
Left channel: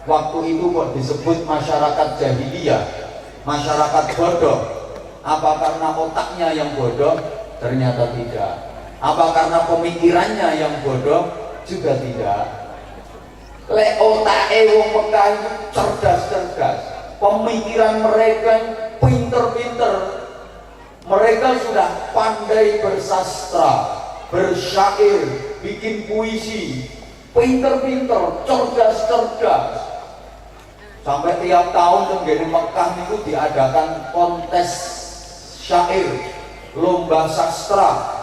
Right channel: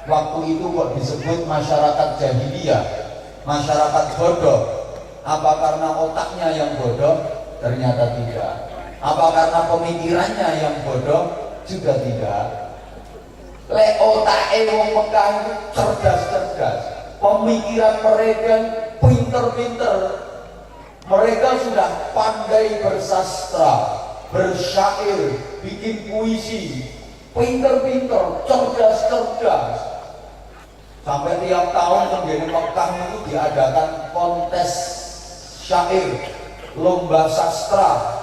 waktu itu kok disebut masyarakat jahiliyah, masyarakat bodoh? Apa karena otaknya yang bodoh? Ternyata tidak. Apa karena pemikirannya yang bodoh? Juga tidak. Lek otake wong Mekah itu cerdas-cerdas. Pemikiran mereka pinter-pinter. Mereka sudah pandai bersastra, bersyair, bikin puisi, pinter-pinter, cerdas-cerdas. Sampai tiap tahun di Mekah itu diadakan kontes syair, lomba sastra.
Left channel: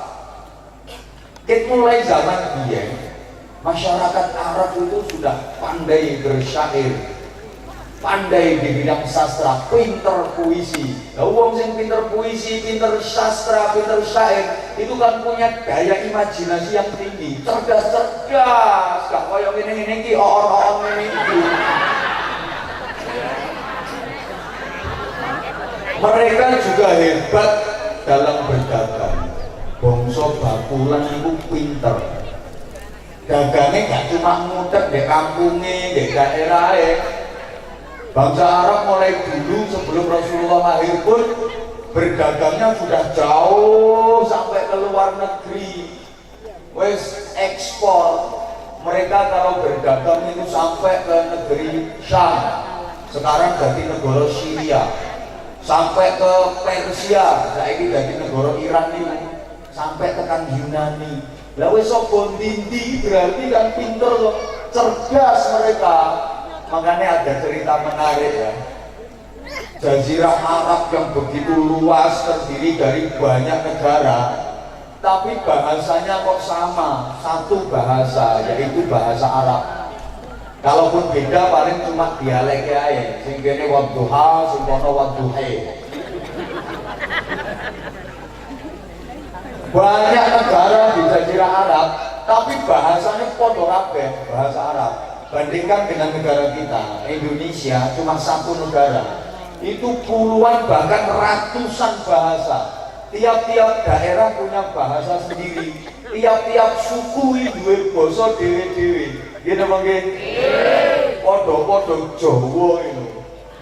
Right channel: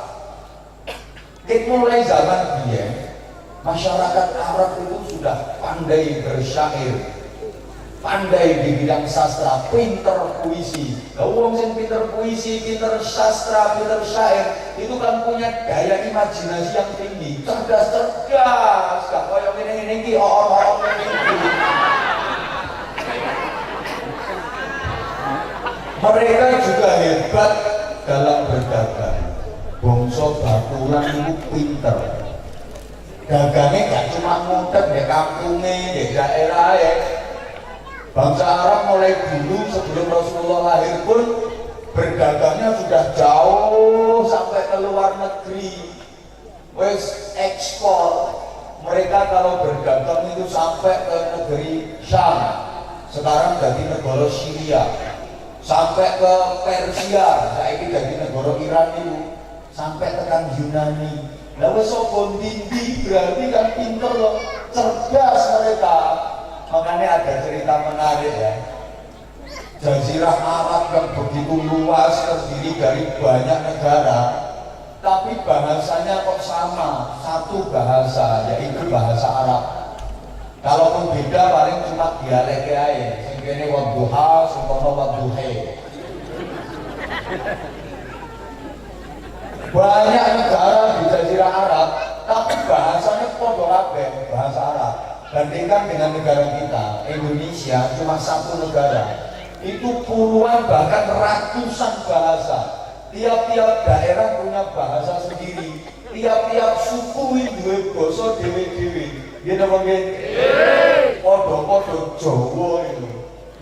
Mulai zaman biyen, masyarakat Arab itu sudah pandai bersyair, pandai di bidang sastra, pinter puisi. Wong sing pinter puisi, pinter sastra, pinter syair, itu kan punya daya imajinasi yang tinggi, cerdas-cerdas. Gak koyo ngene-ngene iki, orang-orang ngene iki. Mereka juga hebat dalam berdagang. Bangsa bakulan itu pinter. Dagangnya gak cuma mudah di kampungnya, di daerahnya. Bangsa Arab mulai dulu sebelum Rasulullah lahir pun berdagangnya sudah jauh sampai ke luar negeri. Wes ekspor. Mereka kalau berdagang itu sampai ke negeri Syam. Sekarang jadi negara Syria. Sampai ke Persia, saiki dadi negara Iran ini, sampai tekan Yunani. Lah wis sapa ndi berarti kan pinter loh, cerdas mereka. Makanya ada cerita menarik ya. Jazirah Arab yang begitu luas terdiri dari banyak negara, tapi bahasanya kok sama, satu bahasa, yaitu bahasa Arab. Kalaupun beda paling cuma dialek aja. Sing kene wadduha, sing kono wadduhe. Banyak negara di Jazirah Arab, tapi bahasanya padha kabeh, bahasa Arab. Bandingkan dengan negara kita, Indonesia cuma satu negara. Itu puluhan bahkan ratusan bahasa. Tiap-tiap daerah punya bahasa sendiri. Tiap-tiap suku duwe basa dhewe-dhewe. Nggih napa nggih? Padha-padha Jawa itu.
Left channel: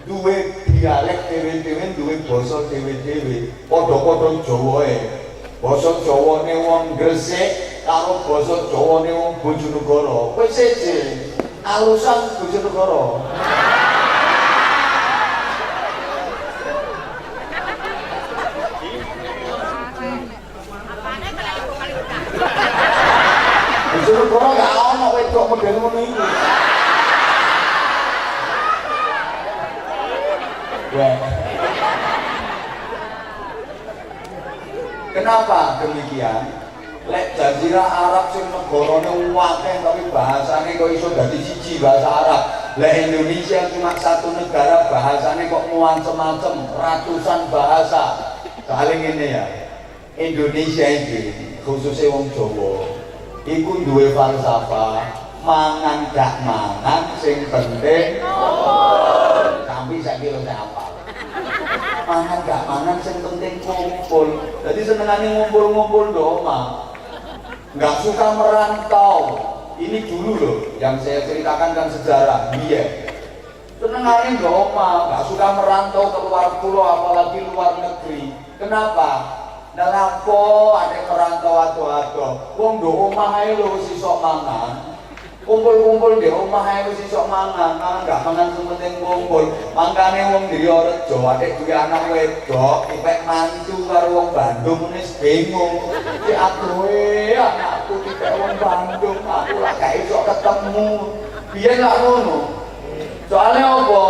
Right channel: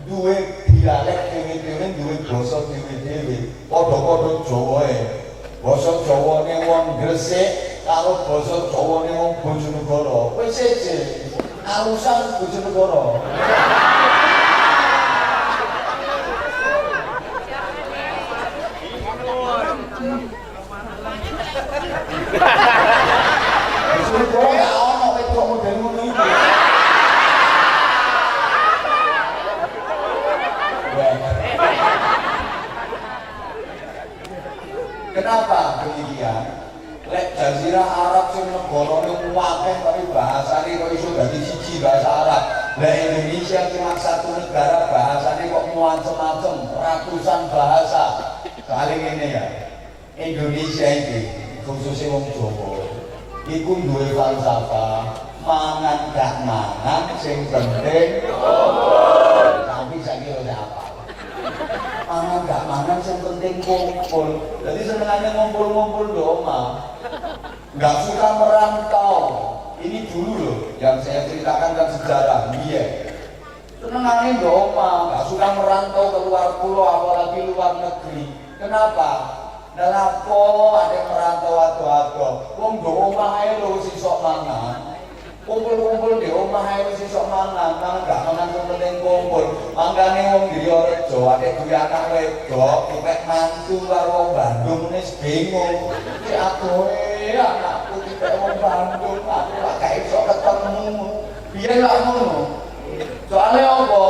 Duwe dialek dhewe-dhewe, duwe basa dhewe-dhewe. Padha-padha Jawae. Basa Jawane wong Gresik karo basa Jawane wong Bojonegoro. Wis seje. Alusan Bojonegoro. Bojonegoro ya ono wedok model ngono iki. Arab sing negarane akeh tapi bahasane kok iso dadi siji bahasa Arab. Lah Indonesia cuma satu negara bahasane kok macam-macam, ratusan bahasa. Kali ngene ya. Indonesia iki khususnya wong Jawa iku duwe falsafah mangan gak mangan sing penting tapi saiki lho apa mangan gak mangan sing penting kumpul. Jadi senengane ngumpul-ngumpul do omah, nggak suka merantau. Ini dulu loh yang saya ceritakan kan sejarah dia senengane do omah, nggak suka merantau ke luar pulau apalagi luar negeri. Kenapa? Nelapo ada merantau ado-ado wong do omah ae lho sisok mangan, kumpul-kumpul di omah ae sisok mangan, gak mangan penting kumpul. Mangkane wong Driyarejo ade duwe anak wedok kepek mantu karo wong Bandung wis bingung. Ki adohe anakku dipek wong Bandung, aku lak gak iso ketemu. Biyen lak ngono. Soale apa?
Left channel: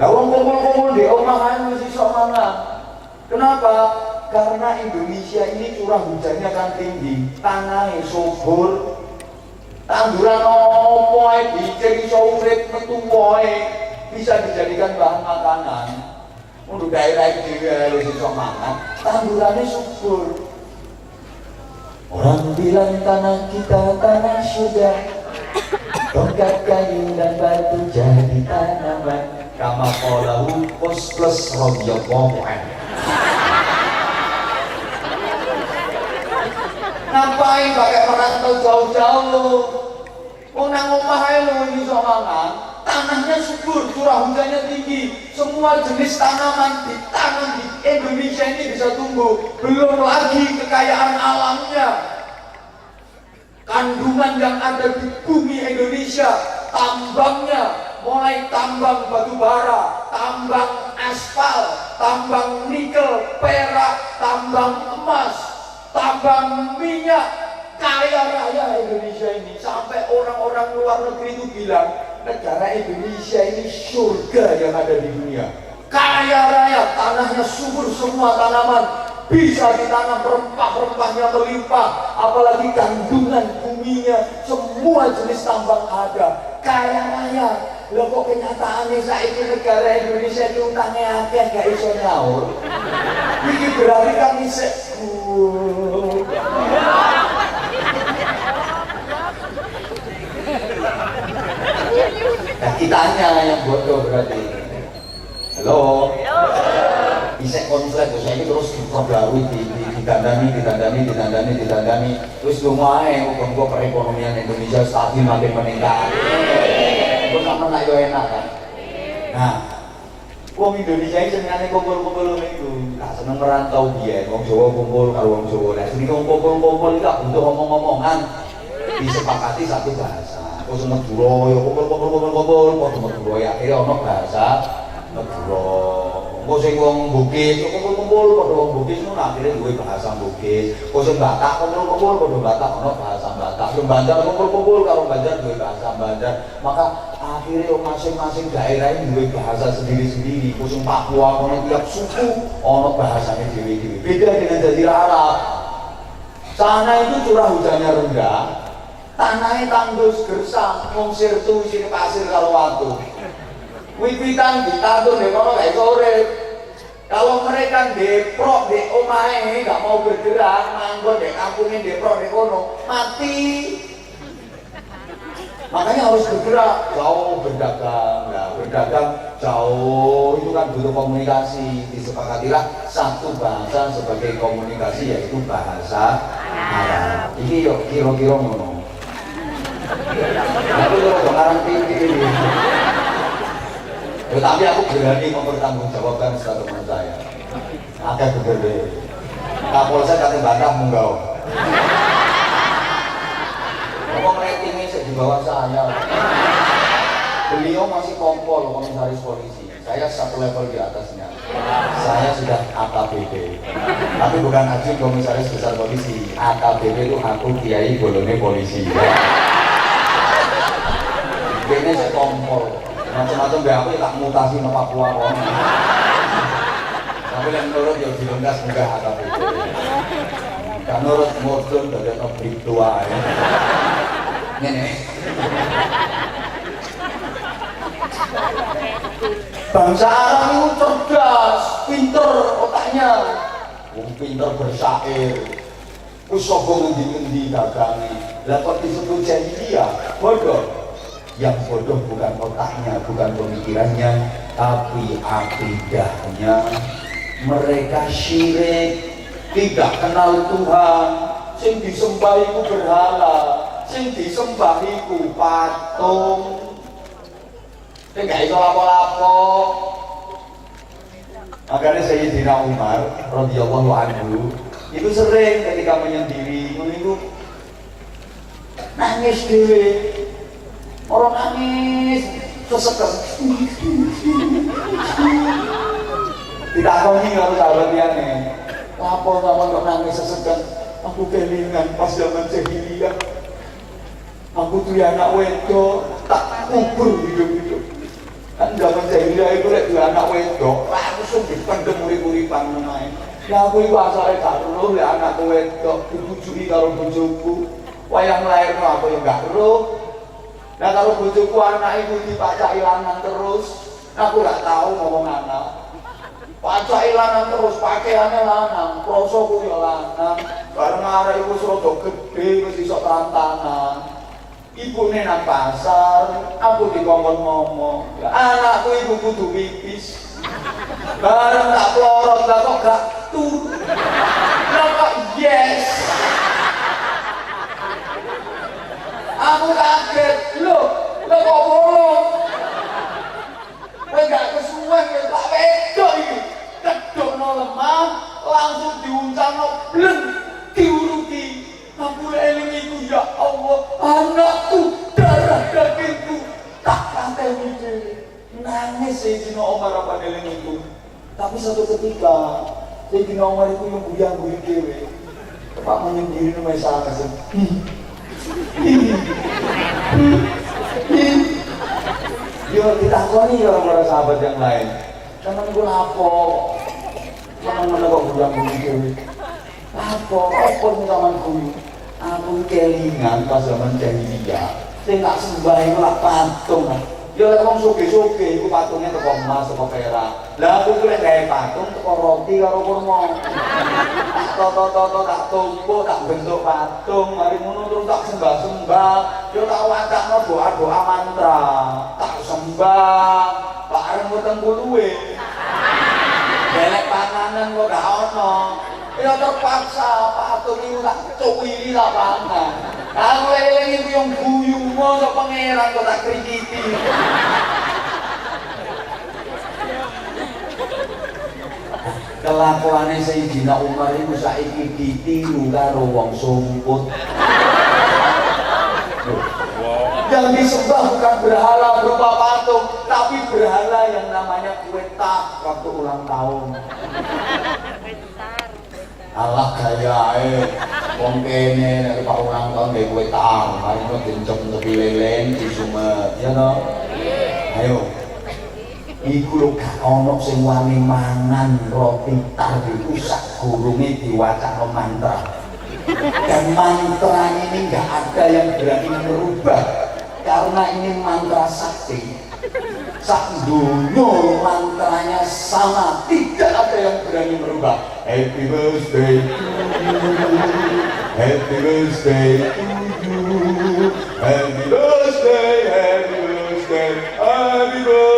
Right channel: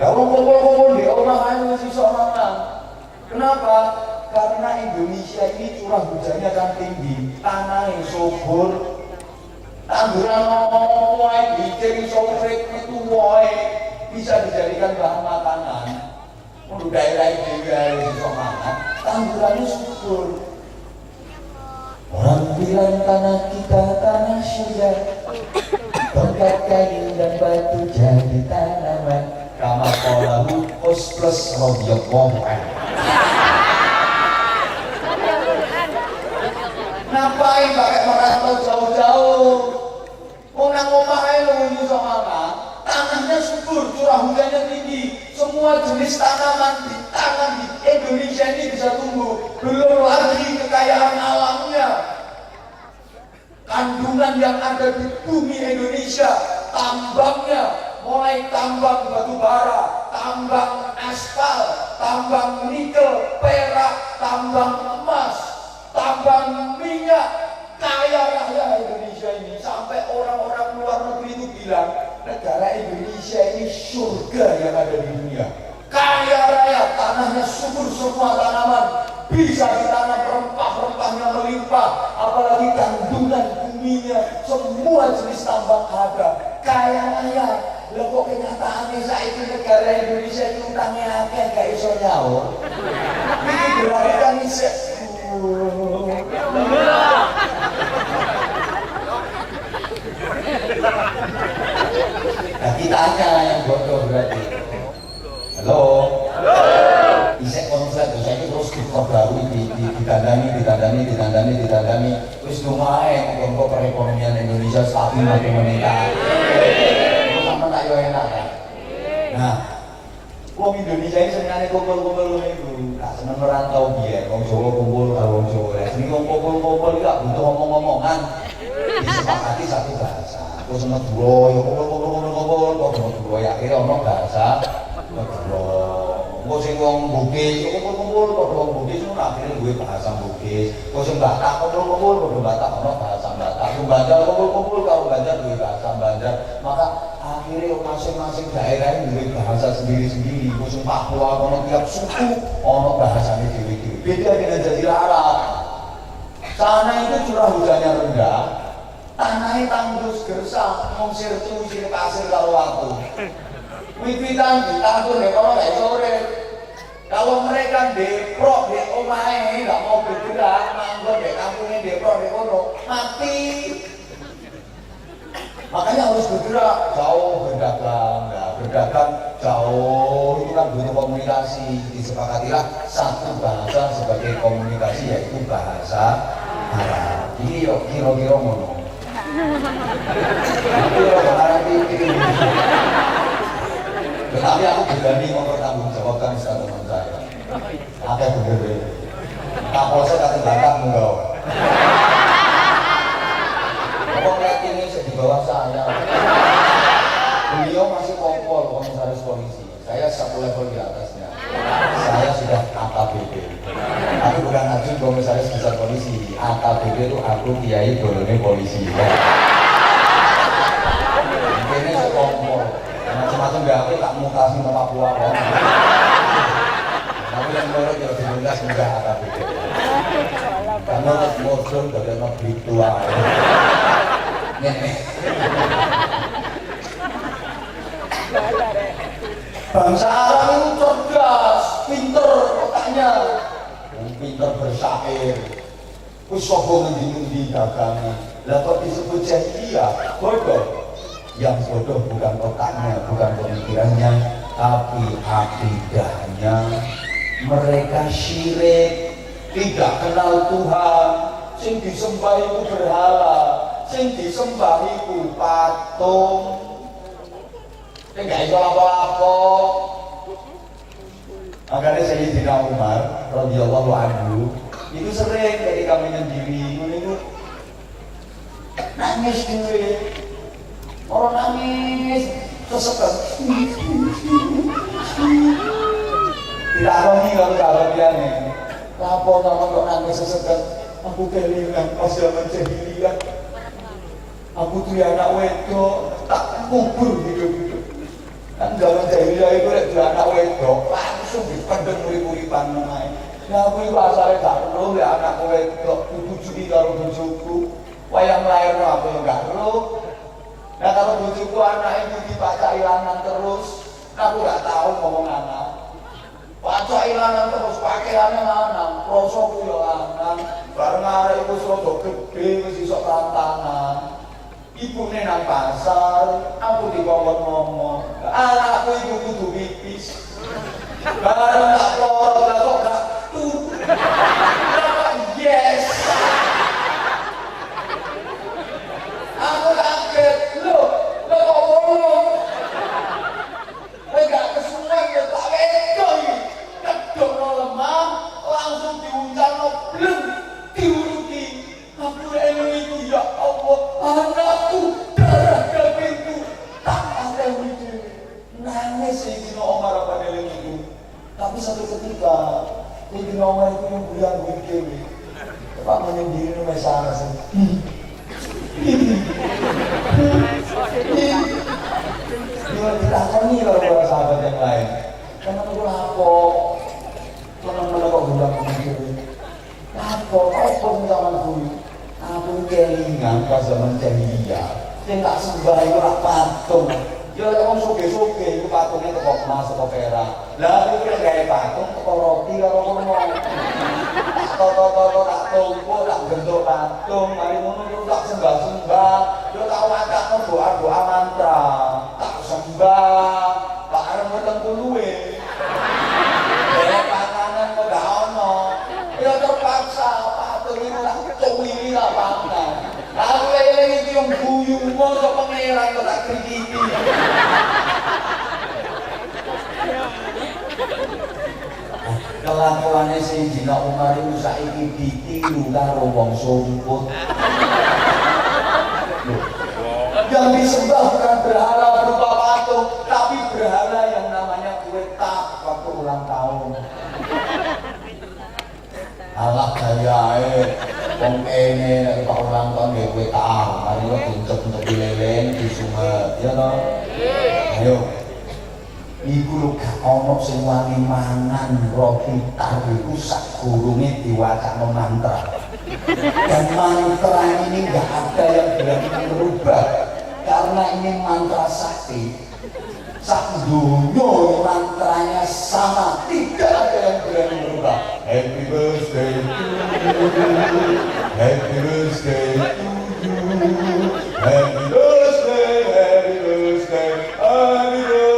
Lah wong kumpul-kumpul di omah ae sisok mangan. Kenapa? Karena Indonesia ini curah hujannya kan tinggi, tanahnya subur, tanduran opo ae dicek iso urip metu wae, bisa dijadikan bahan makanan. Untuk daerah itu juga harus iso makan, tandurannya subur. Orang bilang tanah kita tanah surga, tongkat kayu dan batu jadi tanaman. Kama qalahu plus radhiyallahu anhu. Ngapain pakai merantau jauh-jauh? Wong nang omah ae lho iso mangan. Tanahnya subur, curah hujannya tinggi. Semua jenis tanaman ditanam di Indonesia ini bisa tumbuh. Belum lagi kekayaan alamnya. Kandungan yang ada di bumi Indonesia, tambangnya mulai tambang batu bara, tambang aspal, tambang nikel, perak, tambang emas, tambang minyak. Kaya raya Indonesia ini, sampai orang-orang luar negeri itu bilang negara Indonesia ini surga yang ada di dunia. Kaya raya, tanahnya subur, semua tanaman bisa ditanam, rempah-rempahnya melimpah, apalagi kandungan buminya, semua jenis tambang ada. Kaya raya. Lah kok kenyataannya saiki negara Indonesia itu utangnya akeh gak iso nyaur. Iki berarti kan isih nah, kitanya yang bodoh berarti. Halo. Isek konslet saya ini terus ditandani. Terus lumayan kok perekonomian Indonesia stabil makin meningkat. Terus sama nak yo enak kan. Nah, wong Indonesia ini senengane kumpul-kumpul niku. Gak seneng merantau biyen, wong Jawa kumpul karo wong Jawa. Lah sing kumpul-kumpul iki gak butuh omong-omongan. Disepakati satu bahasa. Kok seneng duro yo kumpul-kumpul kok seneng duro ya akhire ono bahasa duro. Kok sing wong Bugis kumpul-kumpul kok wong Bugis ngono akhire duwe bahasa Bugis. Kok sing Batak kumpul-kumpul kok Batak ono bahasa Batak. Sing Banjar kumpul-kumpul karo Banjar duwe bahasa Banjar. Maka akhirnya masing-masing daerah ini duwe bahasa sendiri-sendiri. Kok sing Papua ono tiap suku ono bahasane dhewe-dhewe. Beda dengan Jazirah Arab. Sana itu curah hujannya rendah, tanahnya tandus gersang, ngungsir tuh sini pasir kalau waktu. Wiwitan ditandur deh kalau kayak sore. Kalau mereka deprok di omahe nggak mau bergerak, manggon di kampungnya deprok di kono mati. Makanya harus bergerak, jauh berdagang, nah, berdagang jauh itu kan butuh komunikasi. Disepakatilah satu bahasa sebagai komunikasi yaitu bahasa Arab. Ini yuk kira-kira ngono. Aku yo sekarang ini. Tetapi aku berani mempertanggungjawabkan statement saya. Akeh bener. Kapolsek kate bantah munggah. Kok ratingnya di bawah saya. Beliau masih kompol komisaris polisi. Saya satu level di atasnya. Saya sudah AKBP. Tapi bukan Ajun komisaris besar polisi. AKBP itu aku Kiai Bolone polisi. Ini saya kompol. Macam-macam gawe tak mutasi ke Papua kok. Tapi yang menurut yang diundang sudah AKBP. karena modern dari nabi tua ini bangsa Arab itu cerdas, pinter otaknya, pinter bersair, usokong di dagangi. Lah kok disebut jahiliyah? Bodoh. Yang bodoh bukan otaknya, bukan pemikirannya, tapi akidahnya. Mereka syirik, tidak kenal Tuhan. Sing disembah iku berhala, sing disembah iku patung. Enggak itu apa-apa. Makanya Sayyidina Umar radhiyallahu anhu itu sering ketika menyendiri itu nangis dhewe. Orang nangis sesekal. Tidak tahu nih kalau sahabatnya. Apa kok nangis sesekal? Aku kelingan pas zaman jahiliyah. Aku tuh ya anak wedok tak kubur hidup-hidup. Kan zaman jahiliyah itu lek anak wedok langsung dipendem urip-uripan menae. Ya aku iki asale gak ero lek anak wedok dibujui karo bojoku. Wayang lairno aku yang gak ero. Nah kalau bojoku anak iku dipacaki lanang terus, aku gak tahu ngomong anak. Pacaki lanang terus pakaiane lanang, krosoku yo lanang. Bareng arek iku wis rada gedhe wis iso tantangan. Ibune nang pasar, aku dikongkon ngomong, anakku ibu kudu pipis. Bareng tak plorot lah kok gak tut. Kenapa yes? Aku kaget, loh kok bolong? Kowe gak kesuwen ya tak wedok iki. Kedokno lemah, langsung diuncalno bleng, diuruti. Aku eling iku ya Allah, anakku darah dagingku tak pateni dhewe. Nangis Sayyidina Umar apa eling iku. Tapi satu ketika Sayyidina Umar itu yang buyang-buyang dhewe. Pak menyendiri nang sana sing. Yo ditakoni karo para sahabat yang lain. Karena aku lapo. Meneng-meneng kok buyang-buyang dhewe. Lapo apa zaman kuwi? Aku kelingan pas zaman jahiliyah. Sing tak sembah iku lak patung. Ya lek wong sugih-sugih iku patungnya teko emas teko perak. Lah aku lek gawe patung teko roti karo kurma. Tak tumpuk tak bentuk patung, mari ngono terus tak sembah-sembah. Yo tak wacakno doa-doa mantra. Tak sembah, bareng weteng kuluwe. Delek panganan kok gak ono. Ya terpaksa patung ini tak cuwili tak pangan. Aku eling iki yang guyu mono pangeran kok tak krikiti. Kelakuane Sayyidina Umar itu saiki ditiru karo wong sumput. Yang disembah bukan berhala berupa patung, tapi berhala yang namanya kwetak waktu ulang tahun. Allah gayae wong kene nek pak ulang tahun nggih kwetak, ngono buncep-buncep leleng disumet, ya to? Ayo. Iku lho gak ono sing wani mangan roti tar iku sak gurunge diwacakno mantra. Dan mantra ini gak ada yang berani merubah karena ini mantra sakti. Sak dunia mantranya sama, tidak ada yang berani merubah. Happy birthday to you, happy birthday to you, happy birthday, happy birthday, happy birthday to you,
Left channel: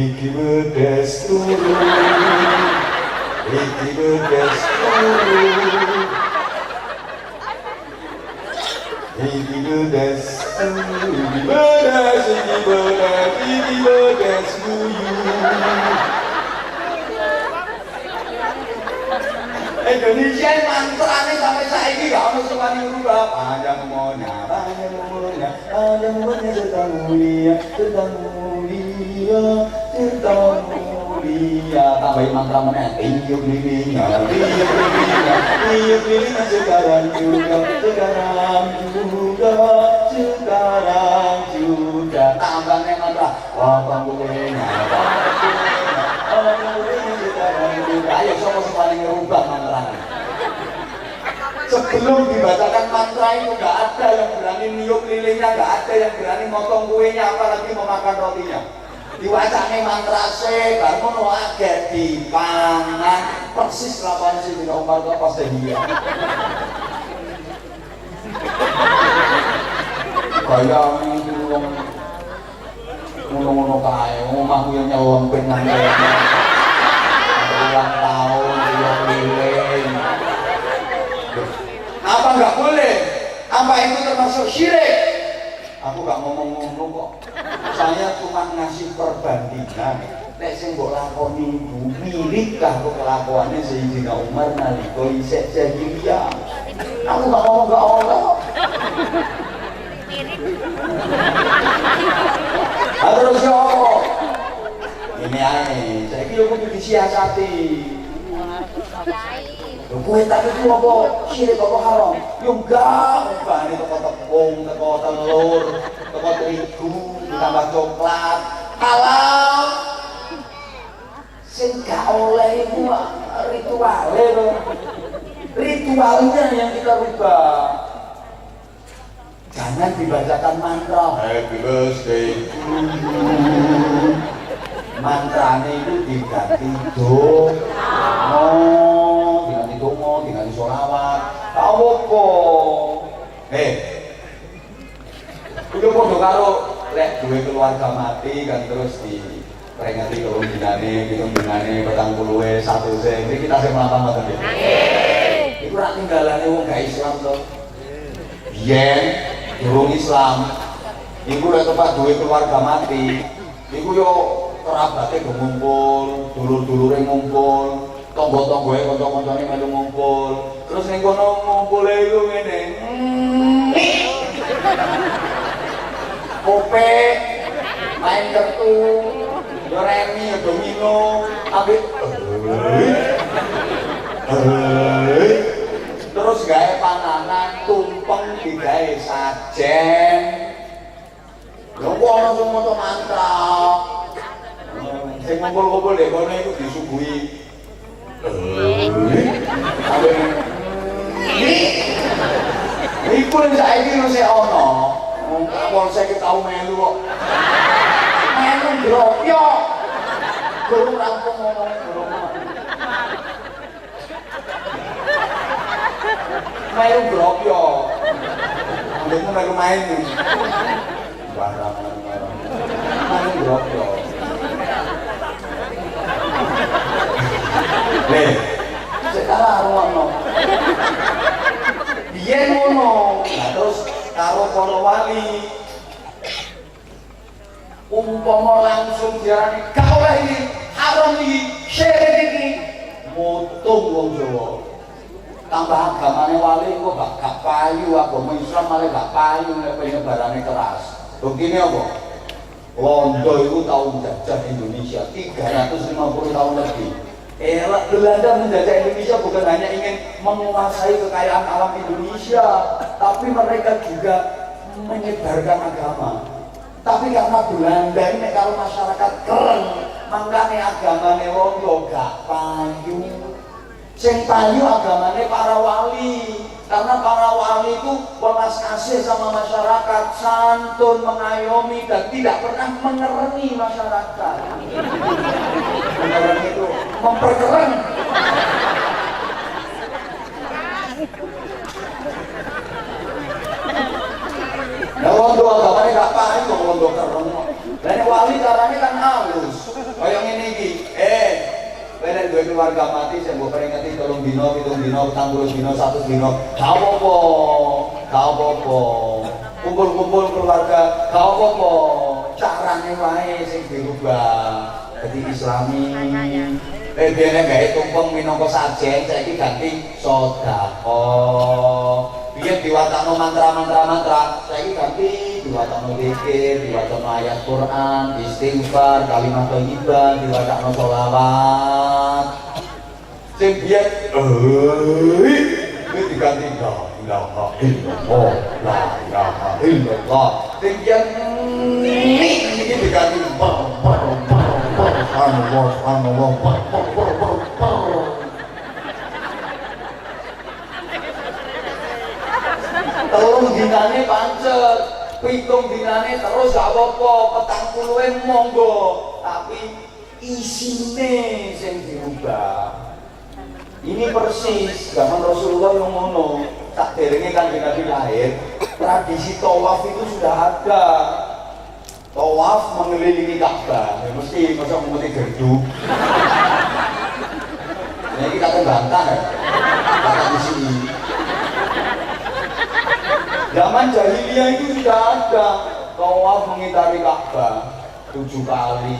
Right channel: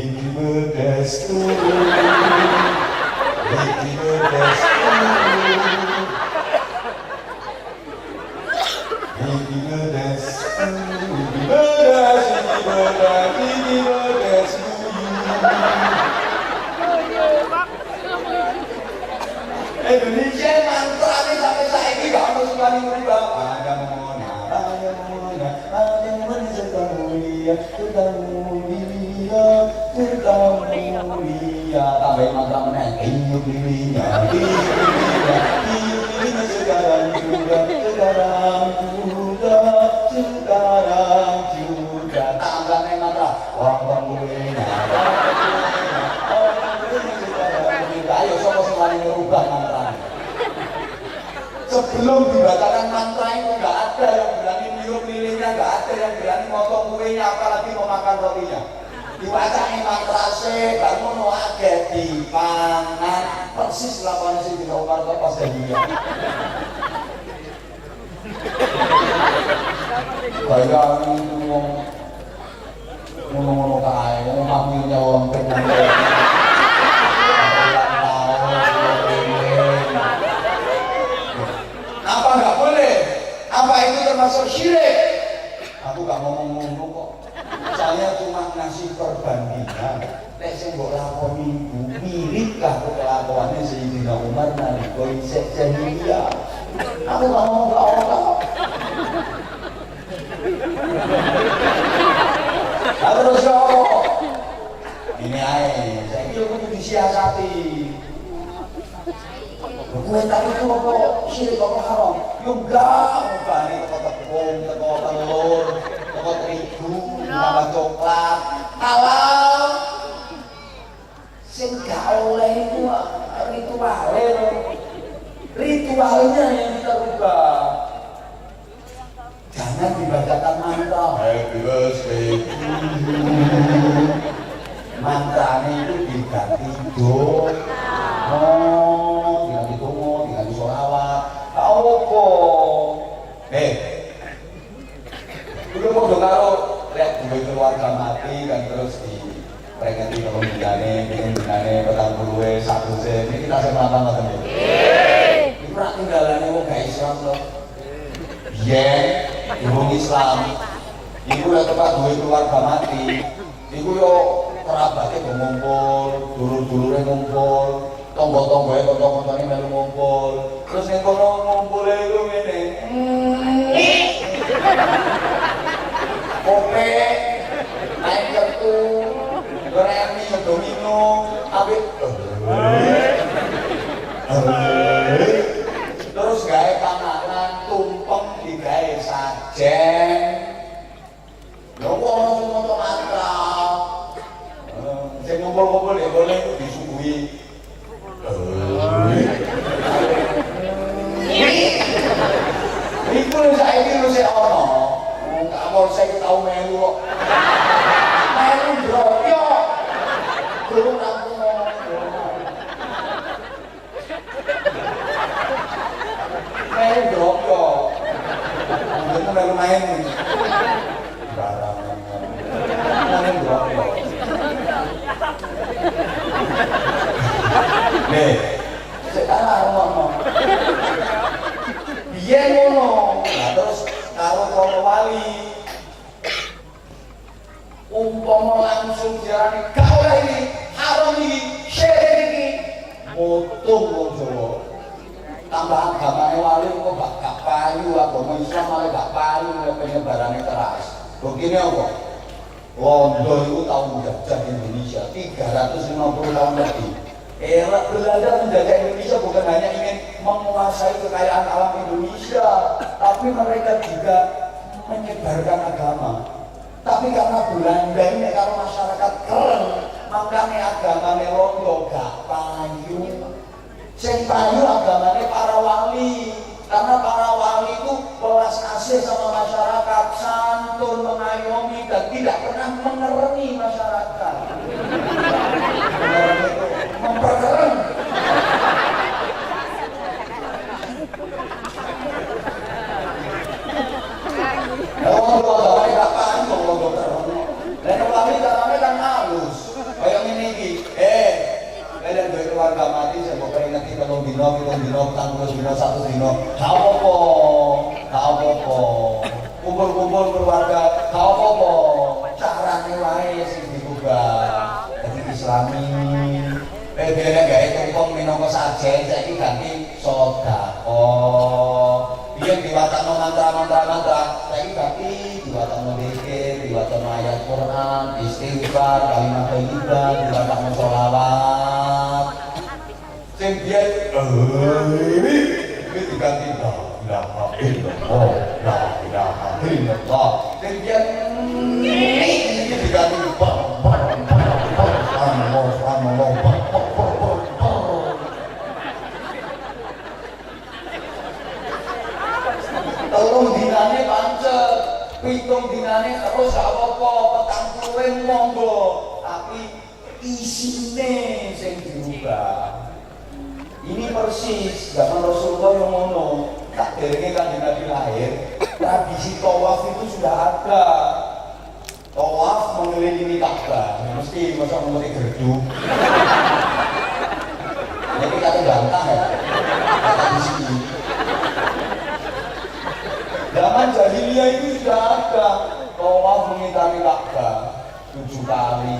happy birthday to you, happy birthday to you. Happy birthday to Indonesia mantrane sampai saiki gak ono sing wani merubah. Panjang monya, sedang mulia, sedang mulia, sedang mulia. Tambahin mantra meneh. Tiup lilinnya, tiup lilinnya sekarang juga, sekarang juga, sekarang juga. Tambahnya mantra. Wong kuwi. Ayo sapa sing wani merubah sebelum dibacakan mantra itu nggak ada yang berani niup lilinnya, nggak ada yang berani motong kuenya, apalagi memakan rotinya. Diwacane mantra se, baru mau agak dipangan persis lawan si Dina Umar ke pas dia. Kayak ngono kae, omah kuwi nyolong penang. Apa nggak boleh? Apa itu termasuk syirik? Aku nggak ngomong kok. Saya cuma ngasih perbandingan. Nek sing mbok lakoni mirikkah kelakuane Sayyidina Umar nalika isih jahiliyah. Aku nggak ngomong. Terus yo ini ae, saya kira kudu disiasati. Kowe tak itu apa syirik apa haram? Yo enggak, bane teko tepung, teko telur, teko terigu, tambah coklat. Halal. Sing gak oleh iku ritualnya yang kita rubah. Jangan dibacakan mantra. Happy birthday to you. Mantrane itu diganti donga. Diganti donga, diganti sholawat. Apa? Udah podo karo lek duwe keluarga mati kan terus diperingati karo dinane 40 1 sen. Iki kita sing mlampah ngoten iki. Iku rak tinggalane wong gak Islam to. Yen durung Islam, iku lek tempat duwe keluarga mati, iku yo kerabate ngumpul, dulur-dulure ngumpul, tangga-tanggae kanca-kancane melu ngumpul. Terus ning kono ngumpule iku ngene. Kope, main kartu, remi, domino, abis. Terus gawe panganan, tumpeng digawe sajen. Lho kok ana sing maca mantra. Sing ngumpul-ngumpul dek kono iku disuguhi. Iku yang saiki wis ana. Wong saya tau melu kok. Melu ndroyo. Durung rampung ngomong. Melu ndroyo. Ndek melu main. Barang. Melu ndroyo. Nih, sekarang ngono. Biyen ngono. Nah, terus karo para wali umpama langsung diarani gak oleh iki, haram iki, syirik iki. Mutung wong Jawa. Tambah agamane wali kok gak payu, agama Islam malah gak payu nek penyebarane keras. Begini apa? Londo itu tahun jajah Indonesia 350 tahun lebih. Belanda menjajah Indonesia bukan hanya ingin menguasai kekayaan alam Indonesia, tapi mereka juga menyebarkan agama. Tapi karena Belanda ini kalau masyarakat keren, makanya agamanya Londo gak payu. Sing payu agamanya para wali. Karena para wali itu welas kasih sama masyarakat, santun, mengayomi, dan tidak pernah mengeremi masyarakat. Mengeremi itu memperkeren. Ya Londo agamanya gak payu kok Londo keren. Dan wali caranya kan halus. Kayak ini iki, Belen duwe keluarga mati sing mbok peringati 3 dina, 7 dina, 40 dina, 1 dina. Gak apa-apa. Kumpul-kumpul keluarga, gak apa-apa. Carane wae sing dirubah. Dadi Islami. Biyen gawe tumpeng minangka sajen, saiki ganti sedekah. Biyen diwacana mantra, saiki ganti diwacana zikir, diwacana ayat Quran, istighfar, kalimat thayyibah, diwacana sholawat. Sing biyen iki diganti la ilaha illallah, la ilaha illallah. Sing biyen iki diganti subhanallah. pitung dinane terus gak apa-apa, petang puluhin monggo, tapi isine sing dirubah. Ini persis zaman Rasulullah yang ngono. Tak derenge kan Nabi lahir, tradisi tawaf itu sudah ada. Tawaf mengelilingi Ka'bah, ya mesti masa ngomongin gerdu. Ini kita terbantah ya, kata di sini. Zaman jahiliyah itu sudah ada tawaf mengitari Ka'bah 7 kali.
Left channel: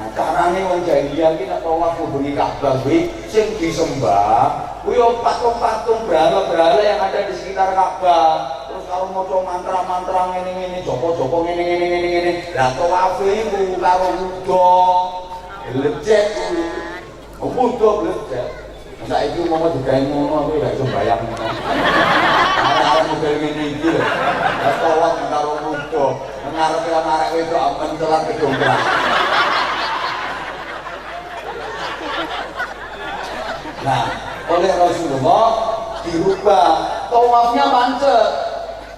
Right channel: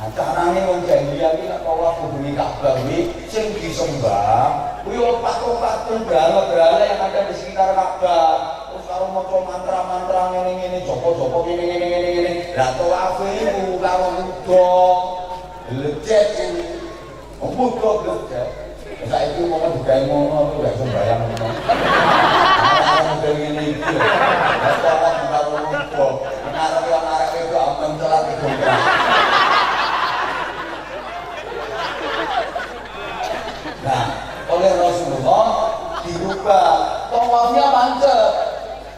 Nah, carane wong jahiliyah iki nek tawaf kubengi Ka'bah kuwi sing disembah kuwi patung-patung berhala-berhala yang ada di sekitar Ka'bah. Terus kalau maca mantra-mantra ngene-ngene, jopo-jopo ngene-ngene. Lah tawaf iku karo kuda glecet kuwi. Kuda glecet. Saiki mau digawe ngono aku gak iso bayang. Ana ngene iki lho. Tawaf karo kuda. Menarik itu apa mencelat itu. Nah, oleh Rasulullah dirubah, tawafnya pancet,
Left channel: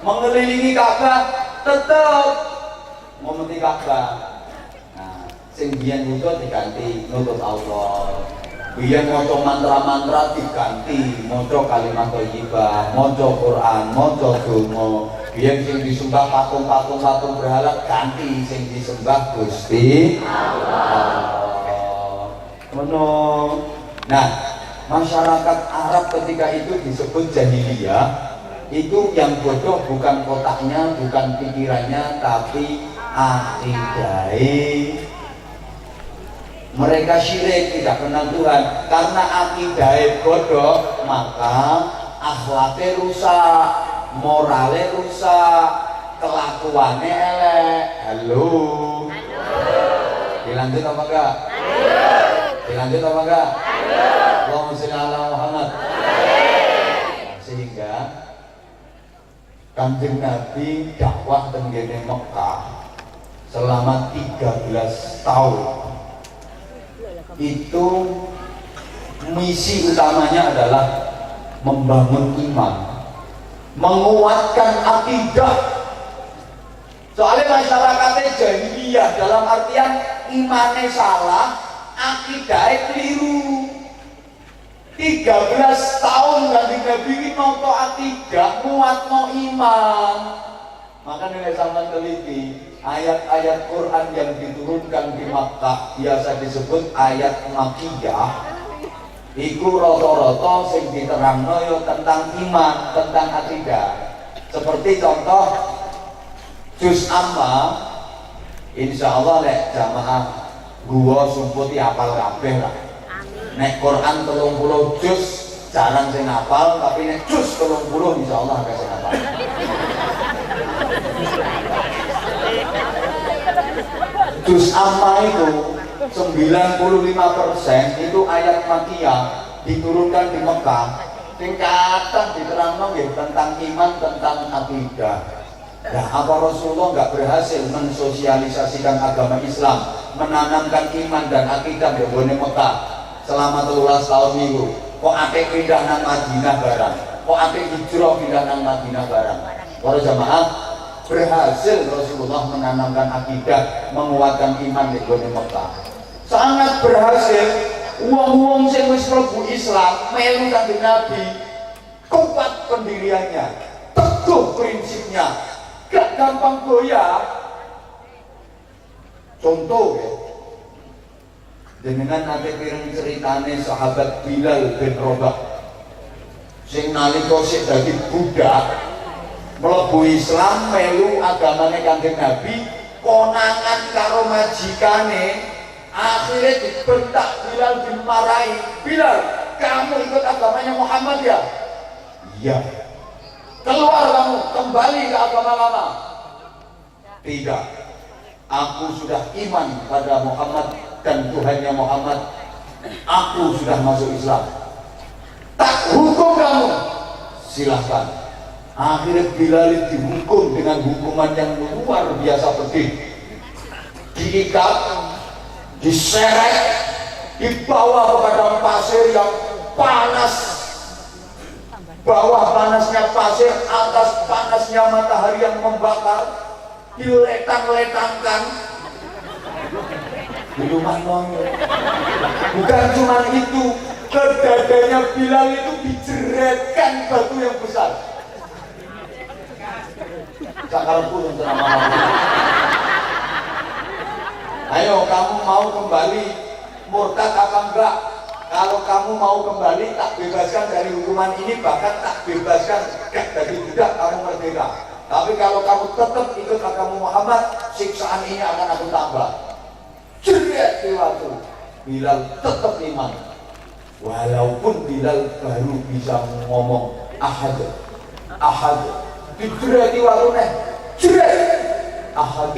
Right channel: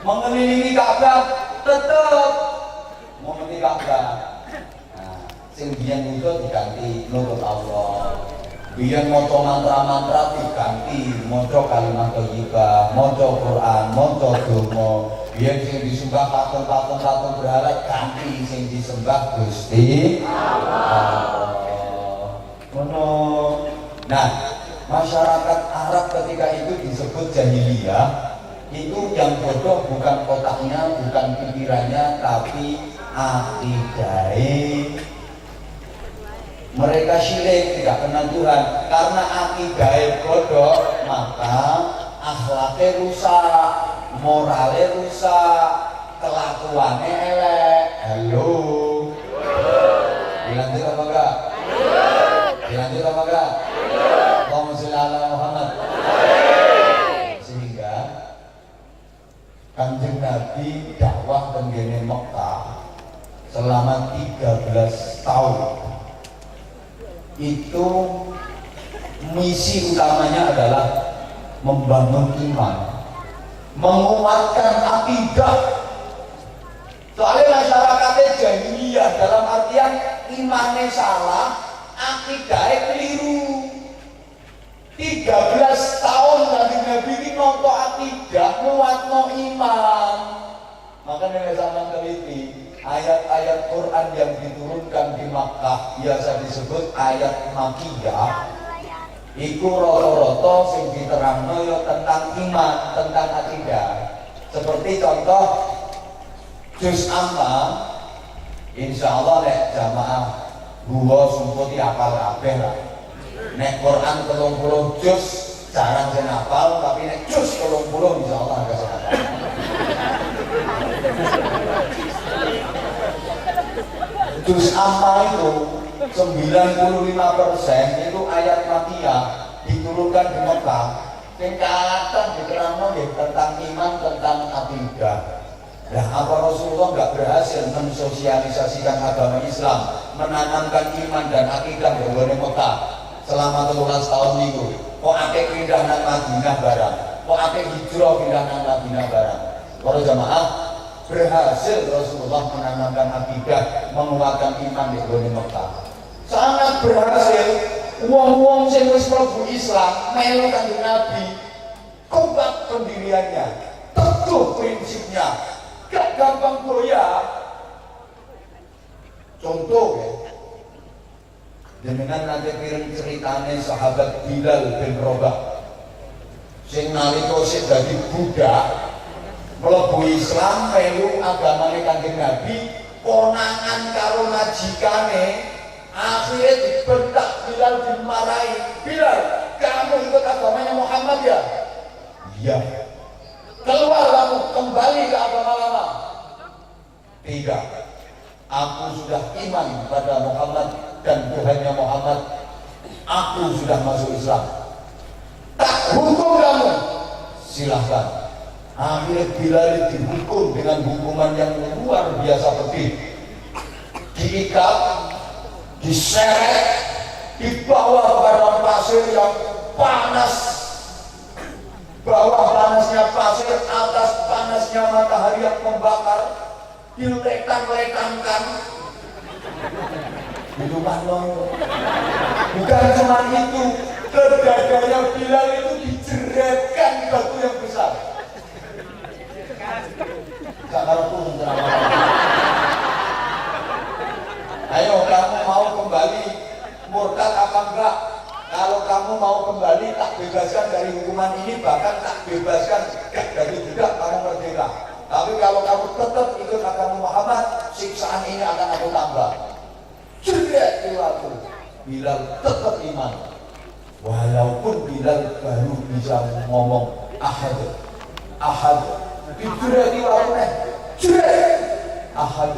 mengelilingi Ka'bah tetap mengelilingi Ka'bah. Nah, sing biyen itu diganti nurut Allah. Biyen maca mantra-mantra diganti maca kalimat thayyibah, maca Quran, maca donga. Biyen sing disembah patung-patung berhala ganti sing disembah Gusti Allah. Ngono. Nah, masyarakat Arab ketika itu disebut jahiliyah, itu yang bodoh bukan kotaknya, bukan pikirannya, tapi akidahnya. Mereka syirik, tidak kenal Tuhan. Karena akidahnya bodoh, maka akhlaknya rusak, moralnya rusak, kelakuannya elek. Halo, dilanjut apa enggak? Dilanjut apa enggak? Allahumma sholli ala Muhammad. Sehingga Kanjeng Nabi dakwah tenggene Mekah selama 13 tahun. Itu misi utamanya adalah membangun iman, menguatkan akidah. Soalnya masyarakatnya jahiliyah dalam artian imannya salah, akidahnya keliru. 13 tahun Nabi ini noto akidah, muat no iman. Maka nih sampai teliti ayat-ayat Quran yang diturunkan di Makkah biasa disebut ayat Makkiyah. Iku roto-roto sing diterangno yo tentang iman, tentang akidah. Seperti contoh juz amma, insya Allah nek jamaah gua sumputi apal kabeh lah. Nek Quran 30 juz jarang sing hafal, tapi nek juz 30 insya Allah agak hafal. Juz amma itu 95% itu ayat Makkiyah diturunkan di Mekah. Tingkatan diterangkan tentang iman, tentang akidah. Nah, apa Rasulullah nggak berhasil mensosialisasikan agama Islam, menanamkan iman dan akidah di Mekah selama 13 tahun itu? Kok akeh pindah nang Madinah barang? Kok akeh hijrah pindah nang Madinah barang? Para jamaah, berhasil Rasulullah menanamkan akidah, menguatkan iman di Mekah. Sangat berhasil. Wong-wong sing wis mlebu Islam melu kanjeng Nabi, kuat pendiriannya, teguh prinsipnya, gak gampang goyah. Contoh ya, dengan nanti piring ceritane sahabat Bilal bin Rabah sing nalika sik dadi budak mlebu Islam melu agamane kanjeng Nabi, konangan karo majikane. Akhirnya dibentak, Bilal dimarahi. Bilal, kamu ikut agamanya Muhammad ya? Iya. Keluar kamu, kembali ke agama lama. Tidak. Aku sudah iman kepada Muhammad dan Tuhannya Muhammad. Aku sudah masuk Islam. Tak hukum kamu. Silahkan. Akhirnya Bilal dihukum dengan hukuman yang luar biasa pedih. Diikat, diseret, dibawa ke padang pasir yang panas, bawah panasnya pasir, atas panasnya matahari yang membakar, diletang-letangkan di rumah Nono. Bukan cuma itu, ke dadanya Bilal itu dijeretkan batu yang besar. Sekarang pun ayo, kamu mau kembali murtad apa enggak? Kalau kamu mau kembali, tak bebaskan dari hukuman ini, bahkan tak bebaskan dari budak, kamu merdeka. Tapi kalau kamu tetap ikut agama Muhammad, siksaan ini akan aku tambah. Jerit di waktu Bilal tetap iman, walaupun Bilal baru bisa ngomong ahad, ahad. Dijerit di waktu jerit ahad,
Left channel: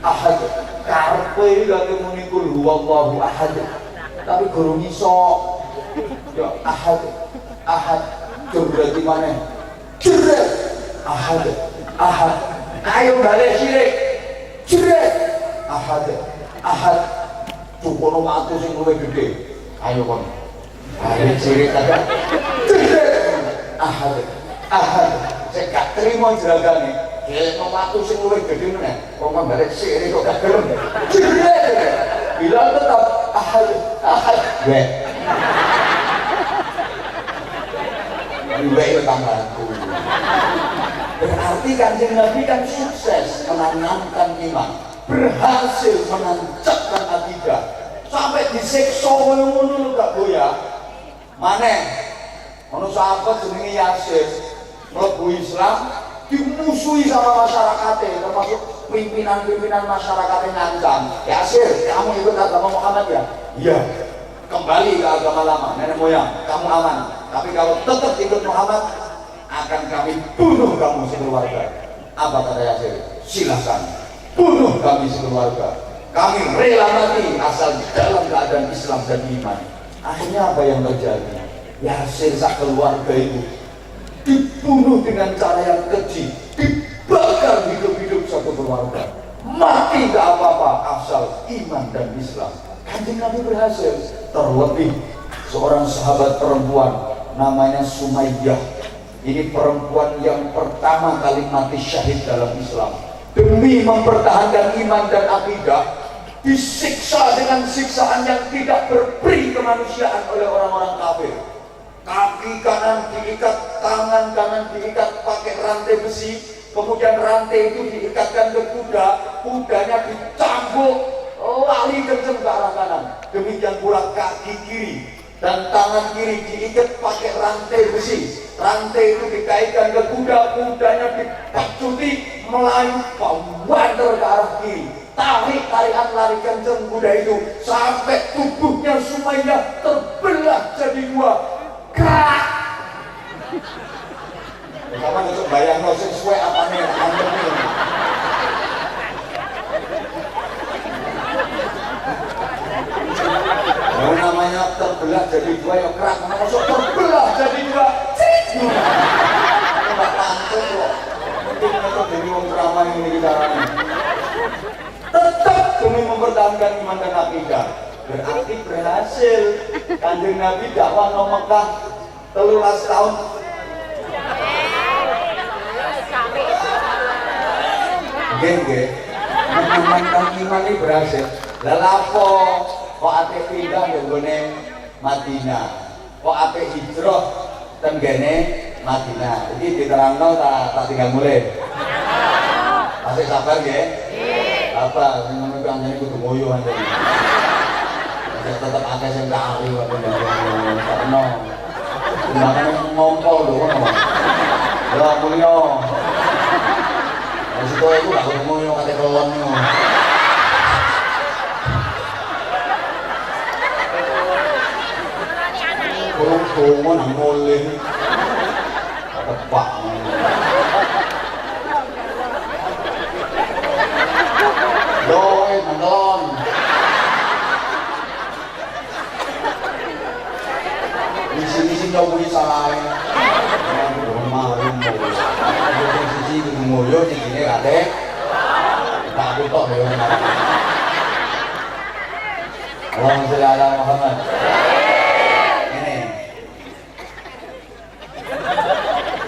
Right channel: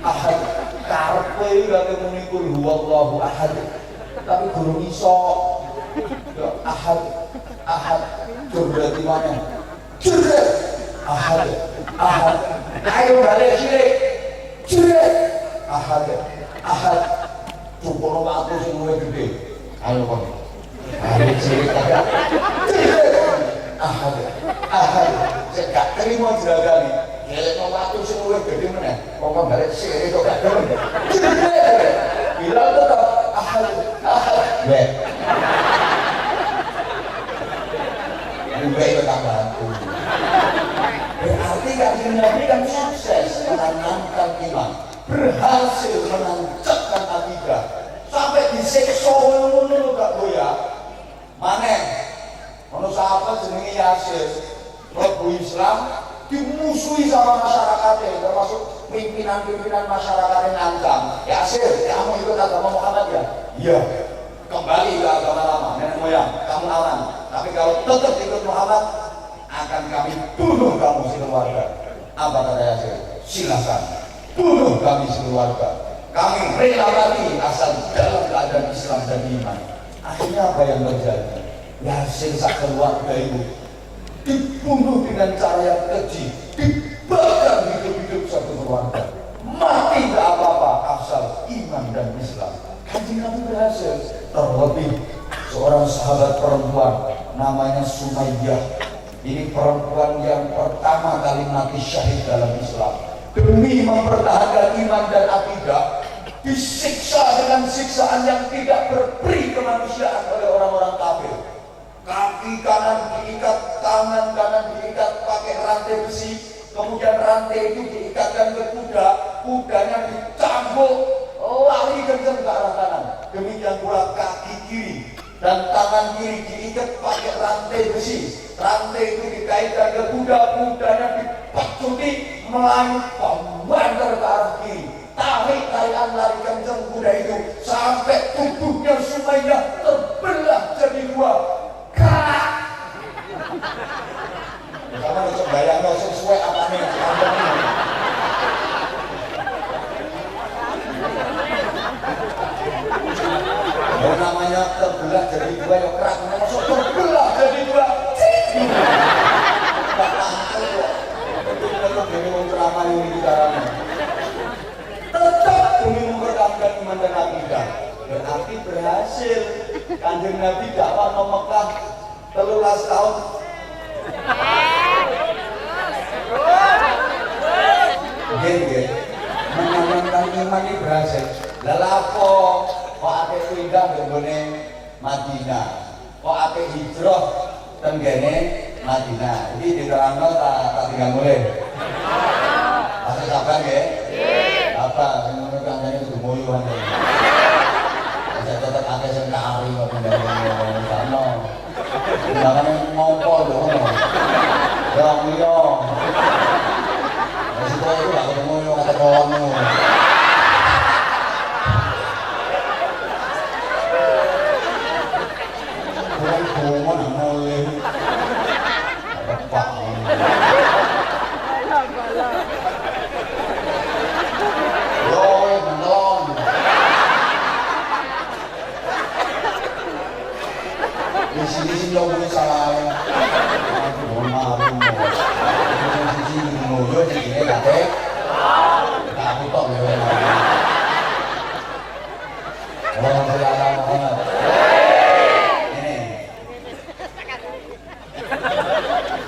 ahad. Karpe lagi menikul huwallahu ahad, tapi guru iso ya ahad, ahad. Jerit di mana? Jerit ahad, ahad. Ayo balik syirik, jerit ahad, ahad. Cukup aku sing luwih gede. Ayo kon. Balik syirik ada. Jerit ahad, ahad. Saya gak terima jeragane. Kelekno waktu sing luwih gede meneh. Kok balik syirik kok gak gelem. Jerit. Bilang tetap ahad, ahad. Weh. Weh tetanggaku. Berarti Kanjeng Nabi kan sukses menanamkan iman, berhasil menancapkan akidah, sampai disiksa ngono gak goyah. Maneh ono sahabat jenenge Yasir, mlebu Islam dimusuhi sama masyarakatnya, termasuk pimpinan-pimpinan masyarakatnya ngancam. Yasir, kamu ikut agama Muhammad ya? Iya. Kembali ke agama lama, nenek moyang, kamu aman. Tapi kalau tetap ikut Muhammad, akan kami bunuh kamu sekeluarga. Apa kata Yasir? Silakan bunuh kami sekeluarga. Kami rela mati asal dalam keadaan Islam dan iman. Akhirnya apa yang terjadi? Yasir sak keluarga itu dibunuh dengan cara yang keji, dibakar hidup-hidup satu keluarga. Mati tak apa-apa asal iman dan Islam. Kanjeng Nabi berhasil. Terlebih seorang sahabat perempuan namanya Sumayyah. Ini perempuan yang pertama kali mati syahid dalam Islam. Demi mempertahankan iman dan akidah, disiksa dengan siksaan yang tidak berperi kemanusiaan oleh orang-orang kafir. Kaki kanan diikat, tangan kanan diikat pakai rantai besi, kemudian rantai itu diikatkan ke kuda, kudanya dicambuk, lari kencang ke arah kanan. Demikian pula kaki kiri dan tangan kiri diikat pakai rantai besi. Rantai itu dikaitkan ke kuda, kudanya dipacuti melayu membanter ke arah kiri. Tarik-tarikan lari kencang kuda itu sampai tubuhnya Sumayyah terbelah jadi dua. Kak! Kamu bisa bayang sesuai apa nih? Yang namanya terbelah jadi dua, yang kerak masuk terbelah jadi dua. Tidak pantas kok. Itu demi memperamai ini caranya. Tetap demi mempertahankan iman dan akidah. Berarti berhasil. Kanjeng Nabi dakwah nang Mekah 13 tahun. Nggih, mengamankan iman ini berhasil. Lelapo kok ate pindah nggone Madinah. Kok ate hijrah tenggene Madinah. Iki diterangno tak tinggal mulai. Masih sabar nggih? Nggih. Apa sing ngono kanjane kudu moyo ante. Ya tetep akeh sing kari kok ono. Makane ngompo lho. Ya mulya. Wis kok iku gak ketemu yo kate kolon. Kolon nang mulih. Tepak. Yo, menelon. Di sini yo muni salah. Aduh, malu mau. Di sini mulyo di sini kate. Tak butuh yo. Allahumma sholli ala Muhammad.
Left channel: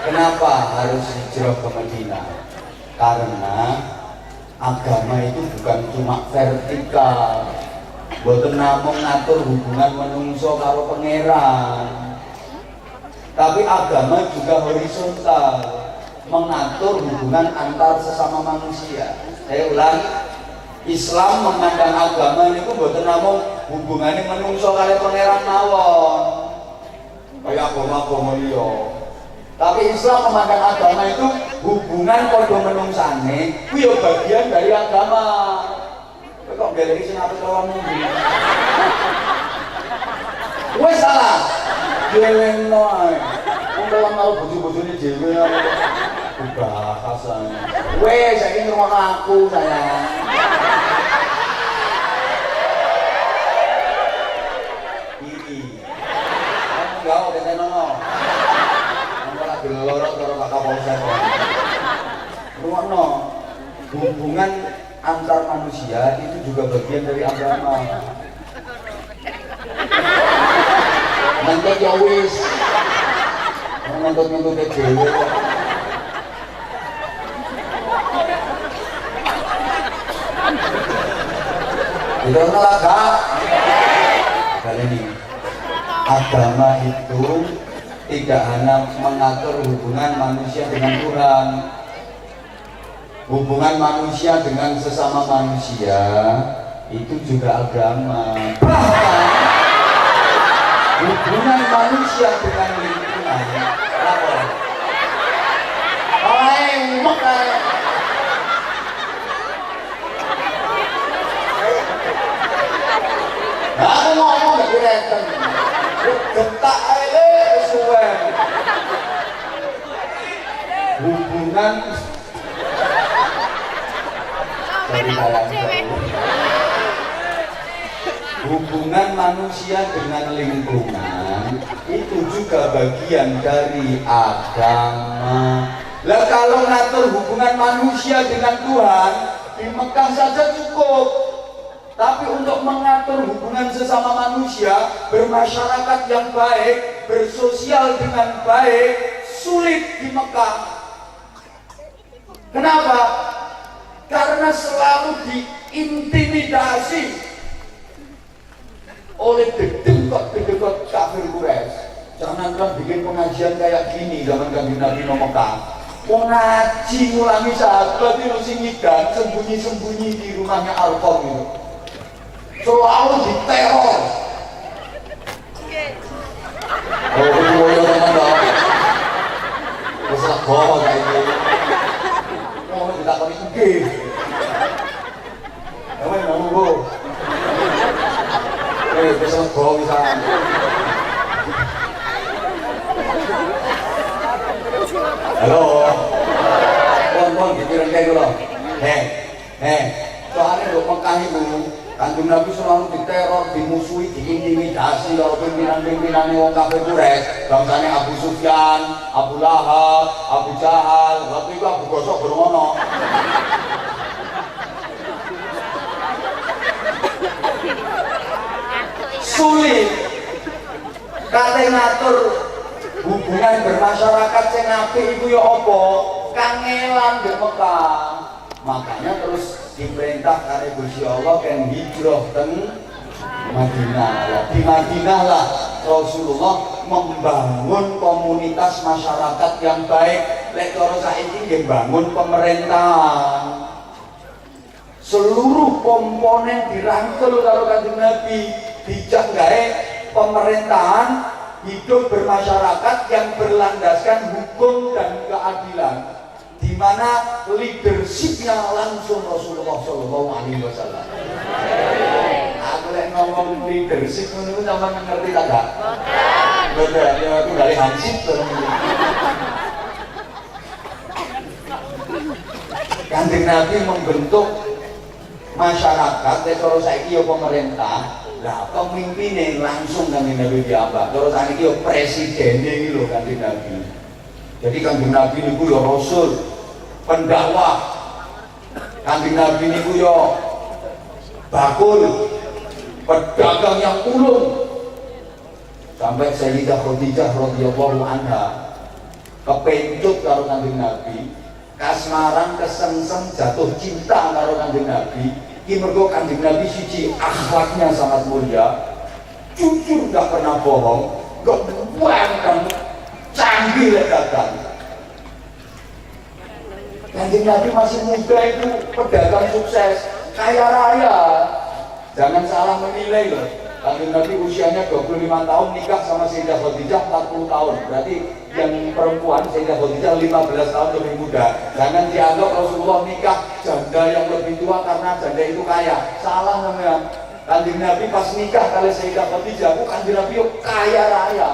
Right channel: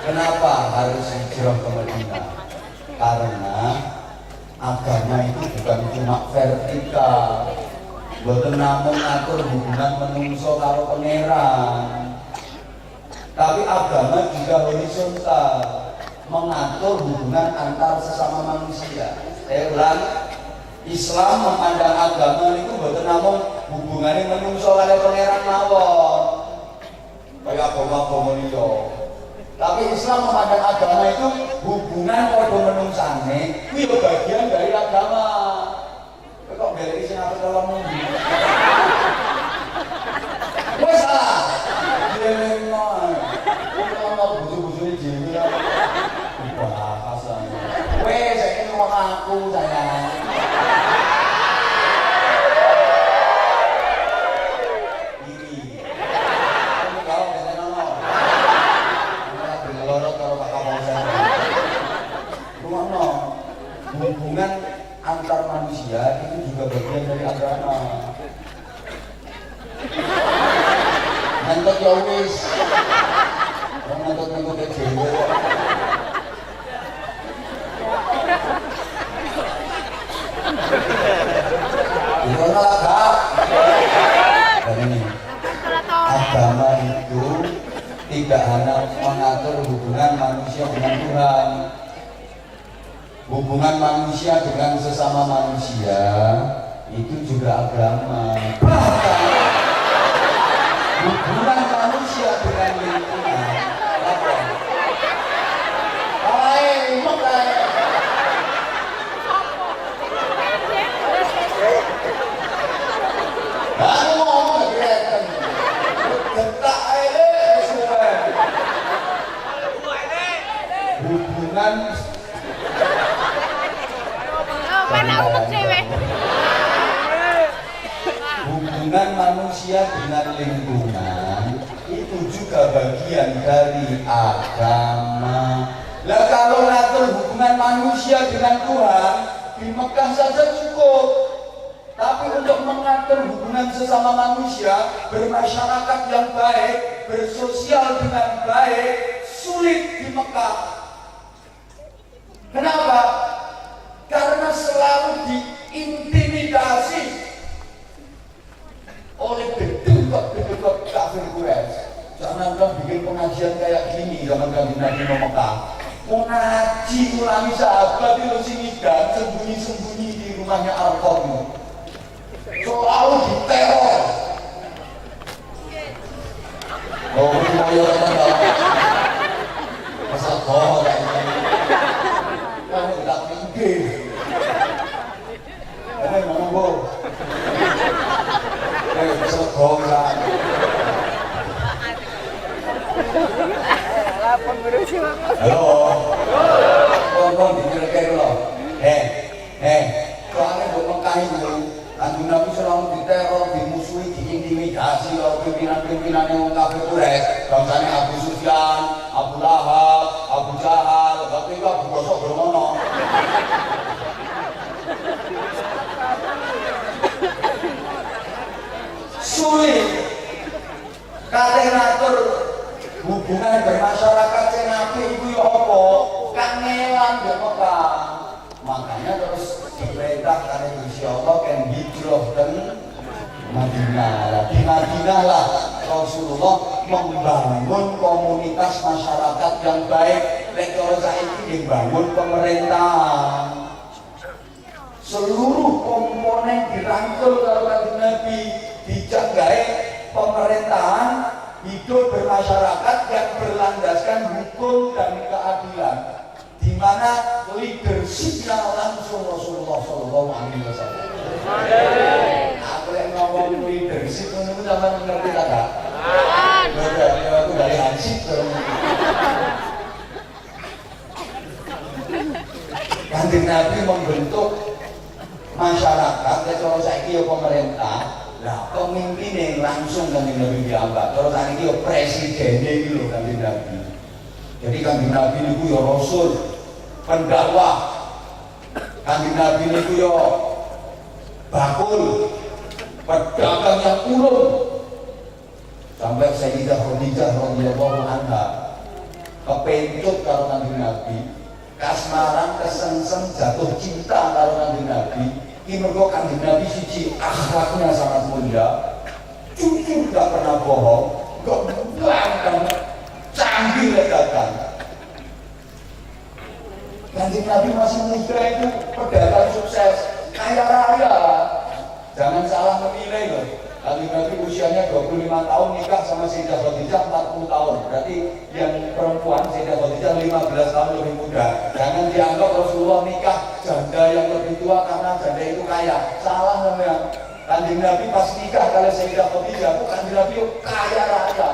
Kenapa harus hijrah ke Madinah? Karena agama itu bukan cuma vertikal, boten namung ngatur hubungan menungso karo pangeran, tapi agama juga horizontal, mengatur hubungan antar sesama manusia. Saya ulang, Islam memandang agama itu boten namung hubungannya menungso karo pangeran mawon, kaya agama-agama liya. Tapi Islam memandang agama itu hubungan padha menungsane, ku ya bagian dari agama. Kok galeri sing apik karo mundi. Wes salah. Dhewe noe. Wong mau bojo-bojone dhewe bahasan. Wes saiki ngono aku sayang. Iki. Kamu gak ada nono. Lorot karo Pak Kapolsek. Rumono, hubungan antar manusia itu juga bagian dari agama. Nanti ya wis, ngentut-ngentut ke dhewe kok. Irono lah Kak. Kali ini agama itu tidak hanya mengatur hubungan manusia dengan Tuhan, hubungan manusia dengan sesama manusia itu juga agama. Bahkan hubungan manusia dengan lingkungan apa? Aku ngomong direken, gentak aja kesuwen. Hubungan hubungan manusia dengan lingkungan itu juga bagian dari agama. Lah kalau ngatur hubungan manusia dengan Tuhan di Mekah saja cukup, tapi untuk mengatur hubungan sesama manusia, bermasyarakat yang baik, bersosial dengan baik, sulit di Mekah. Kenapa? Karena selalu diintimidasi oleh bedebak kafir Quraisy. Jangan kan bikin pengajian kayak gini zaman Kanjeng Nabi Mekah. Mau ngaji ngulangi sahabat itu sing ngidan sembunyi-sembunyi di rumahnya Al-Qam itu. Selalu diteror. Oh, boyo teman-teman. Wis lego saiki. Kamu ditakoni sugih. Kowe nunggu. Wis lego misalkan. Halo. Ngomong dipikirke dulu. Soalnya do Mekah itu Kanjeng Nabi selalu diteror, dimusuhi, diintimidasi oleh pimpinan-pimpinan wong kafir Quraisy. Bangsane Abu Sufyan, Abu Lahab, Abu Jahal, waktu itu Abu Gosok bermono. Sulit kate ngatur hubungan bermasyarakat sing apik iku ya apa? Kangelan di Mekah. Makanya terus diperintah kali Gusti Allah kan hijrah teng Madinah. Di Madinah lah Rasulullah membangun komunitas masyarakat yang baik. Lek cara saiki nggih bangun pemerintahan. Seluruh komponen dirangkul karo Kanjeng Nabi, dijak gawe pemerintahan hidup bermasyarakat yang berlandaskan hukum dan keadilan, di mana leadershipnya langsung Rasulullah Shallallahu Alaihi Wasallam. Aku lagi ngomong leadership, menurut sama ngerti tak? Betul, itu dari Hansip terus. Kanjeng Nabi membentuk masyarakat, kalau saya kira pemerintah, lah pemimpinnya langsung Kanjeng Nabi diambak. Kalau saya kira presidennya itu loh Kanjeng Nabi. Jadi Kanjeng Nabi itu ya Rasul, pendakwah. Kanjeng Nabi itu ya bakul, pedagang yang ulung. Sampai Sayyidah Khadijah radhiyallahu anha kepencut karo Kanjeng Nabi. kasmaran kesengsem jatuh cinta karo Kanjeng Nabi. Ki mergo Kanjeng Nabi siji akhlaknya sangat mulia, jujur gak pernah bohong, gak bangkang, canggih lekatan. Kanjeng Nabi masih muda itu pedagang sukses, kaya raya. Jangan salah menilai loh. Kanjeng Nabi usianya 25 tahun nikah sama Sayyidah Khadijah 40 tahun. Berarti yang perempuan Sayyidah Khadijah 15 tahun lebih muda. Jangan dianggap Rasulullah nikah janda yang lebih tua karena janda itu kaya. Salah namanya. Kanjeng Nabi pas nikah kali Sayyidah Khadijah, Kanjeng Nabi kaya raya,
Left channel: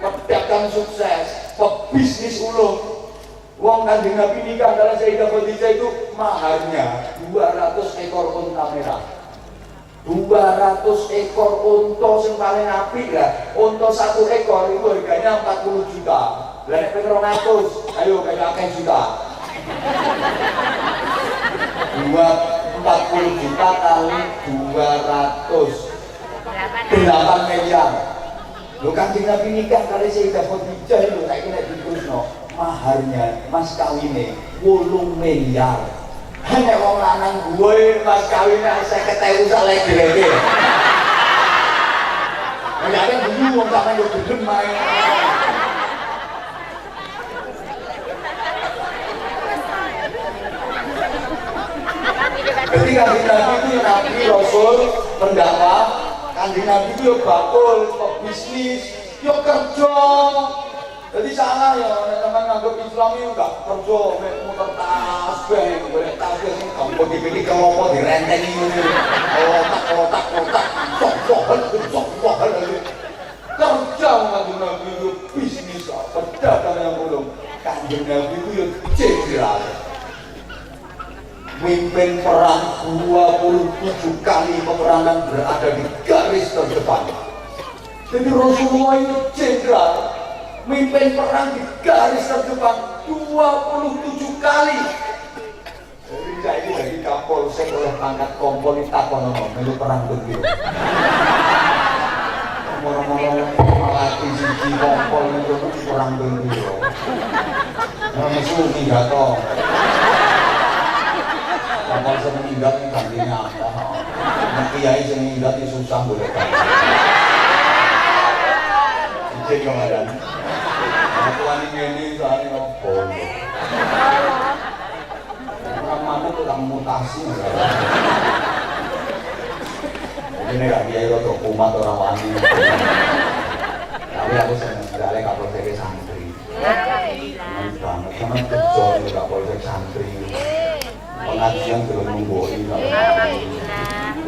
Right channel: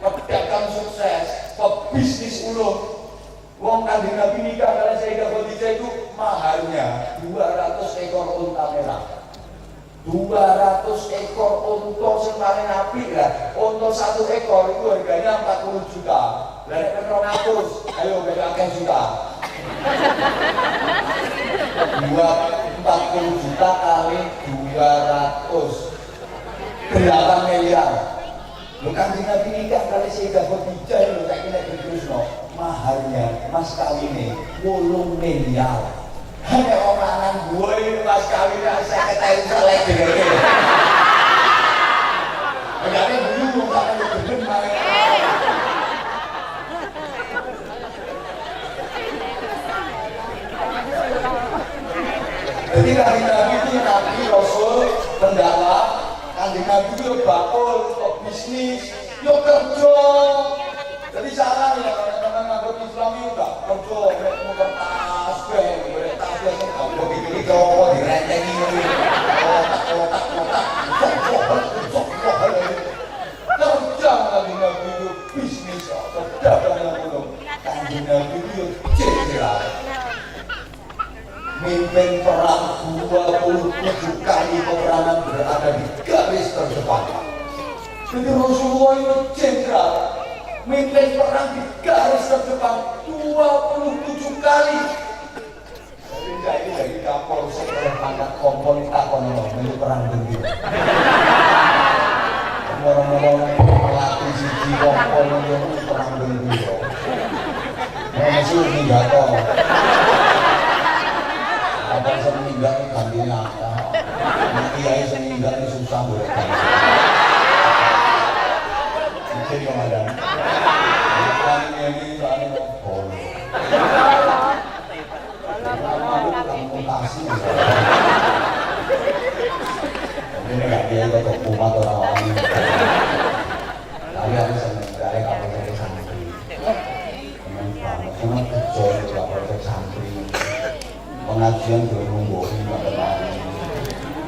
pedagang sukses, pebisnis ulung. Wong Kanjeng Nabi nikah kali Sayyidah Khadijah itu maharnya 200 ekor unta merah. 200 ekor unta yang paling apik lah. Unta 1 ekor itu harganya 40 juta. Lah nek 200, ayo kayak akeh juta. 40 juta kali 200 8 miliar. Lho Kanjeng Nabi nikah kali Sayyidah Khadijah lho tak kira diterusno. Maharnya mas kawine 8 miliar. Hanya wong lanang gue mas kawine 50.000 sak lege-lege. Jadi dulu wong lanang yo gedhe main. Jadi Kanjeng Nabi itu Nabi Rasul pendakwah, Kanjeng Nabi itu bakul, bisnis, yo kerja. Jadi salah ya teman-teman nganggep Islam itu enggak kerja, muter tasbih, boleh tasbih sing gampang dipikir apa direntengi ngono. Otak. Kerja Kanjeng Nabi itu bisnis, pedagang yang belum. Kanjeng Nabi itu cedera. Mimpin perang 27 kali peperangan berada di garis terdepan. Jadi Rasulullah itu jenderal, mimpin perang di garis terdepan 27 kali. Jadi jadi dari Kapolsek oleh pangkat kompol takon melu perang begitu. Orang-orang melatih siji kompol melu perang begitu. Masuk senjata. Kapal semeninggal ini gantinya apa? Kiai semeninggal ini susah boleh. Jadi kemarin, bukan ini saat ini ngomong. Aku tukang mutasi. Ini nggak dia atau umat orang lain. Tapi aku senang sekali kapal dari santri. Ini banget, karena kejauhan kapal dari santri. Pengajian belum nungguin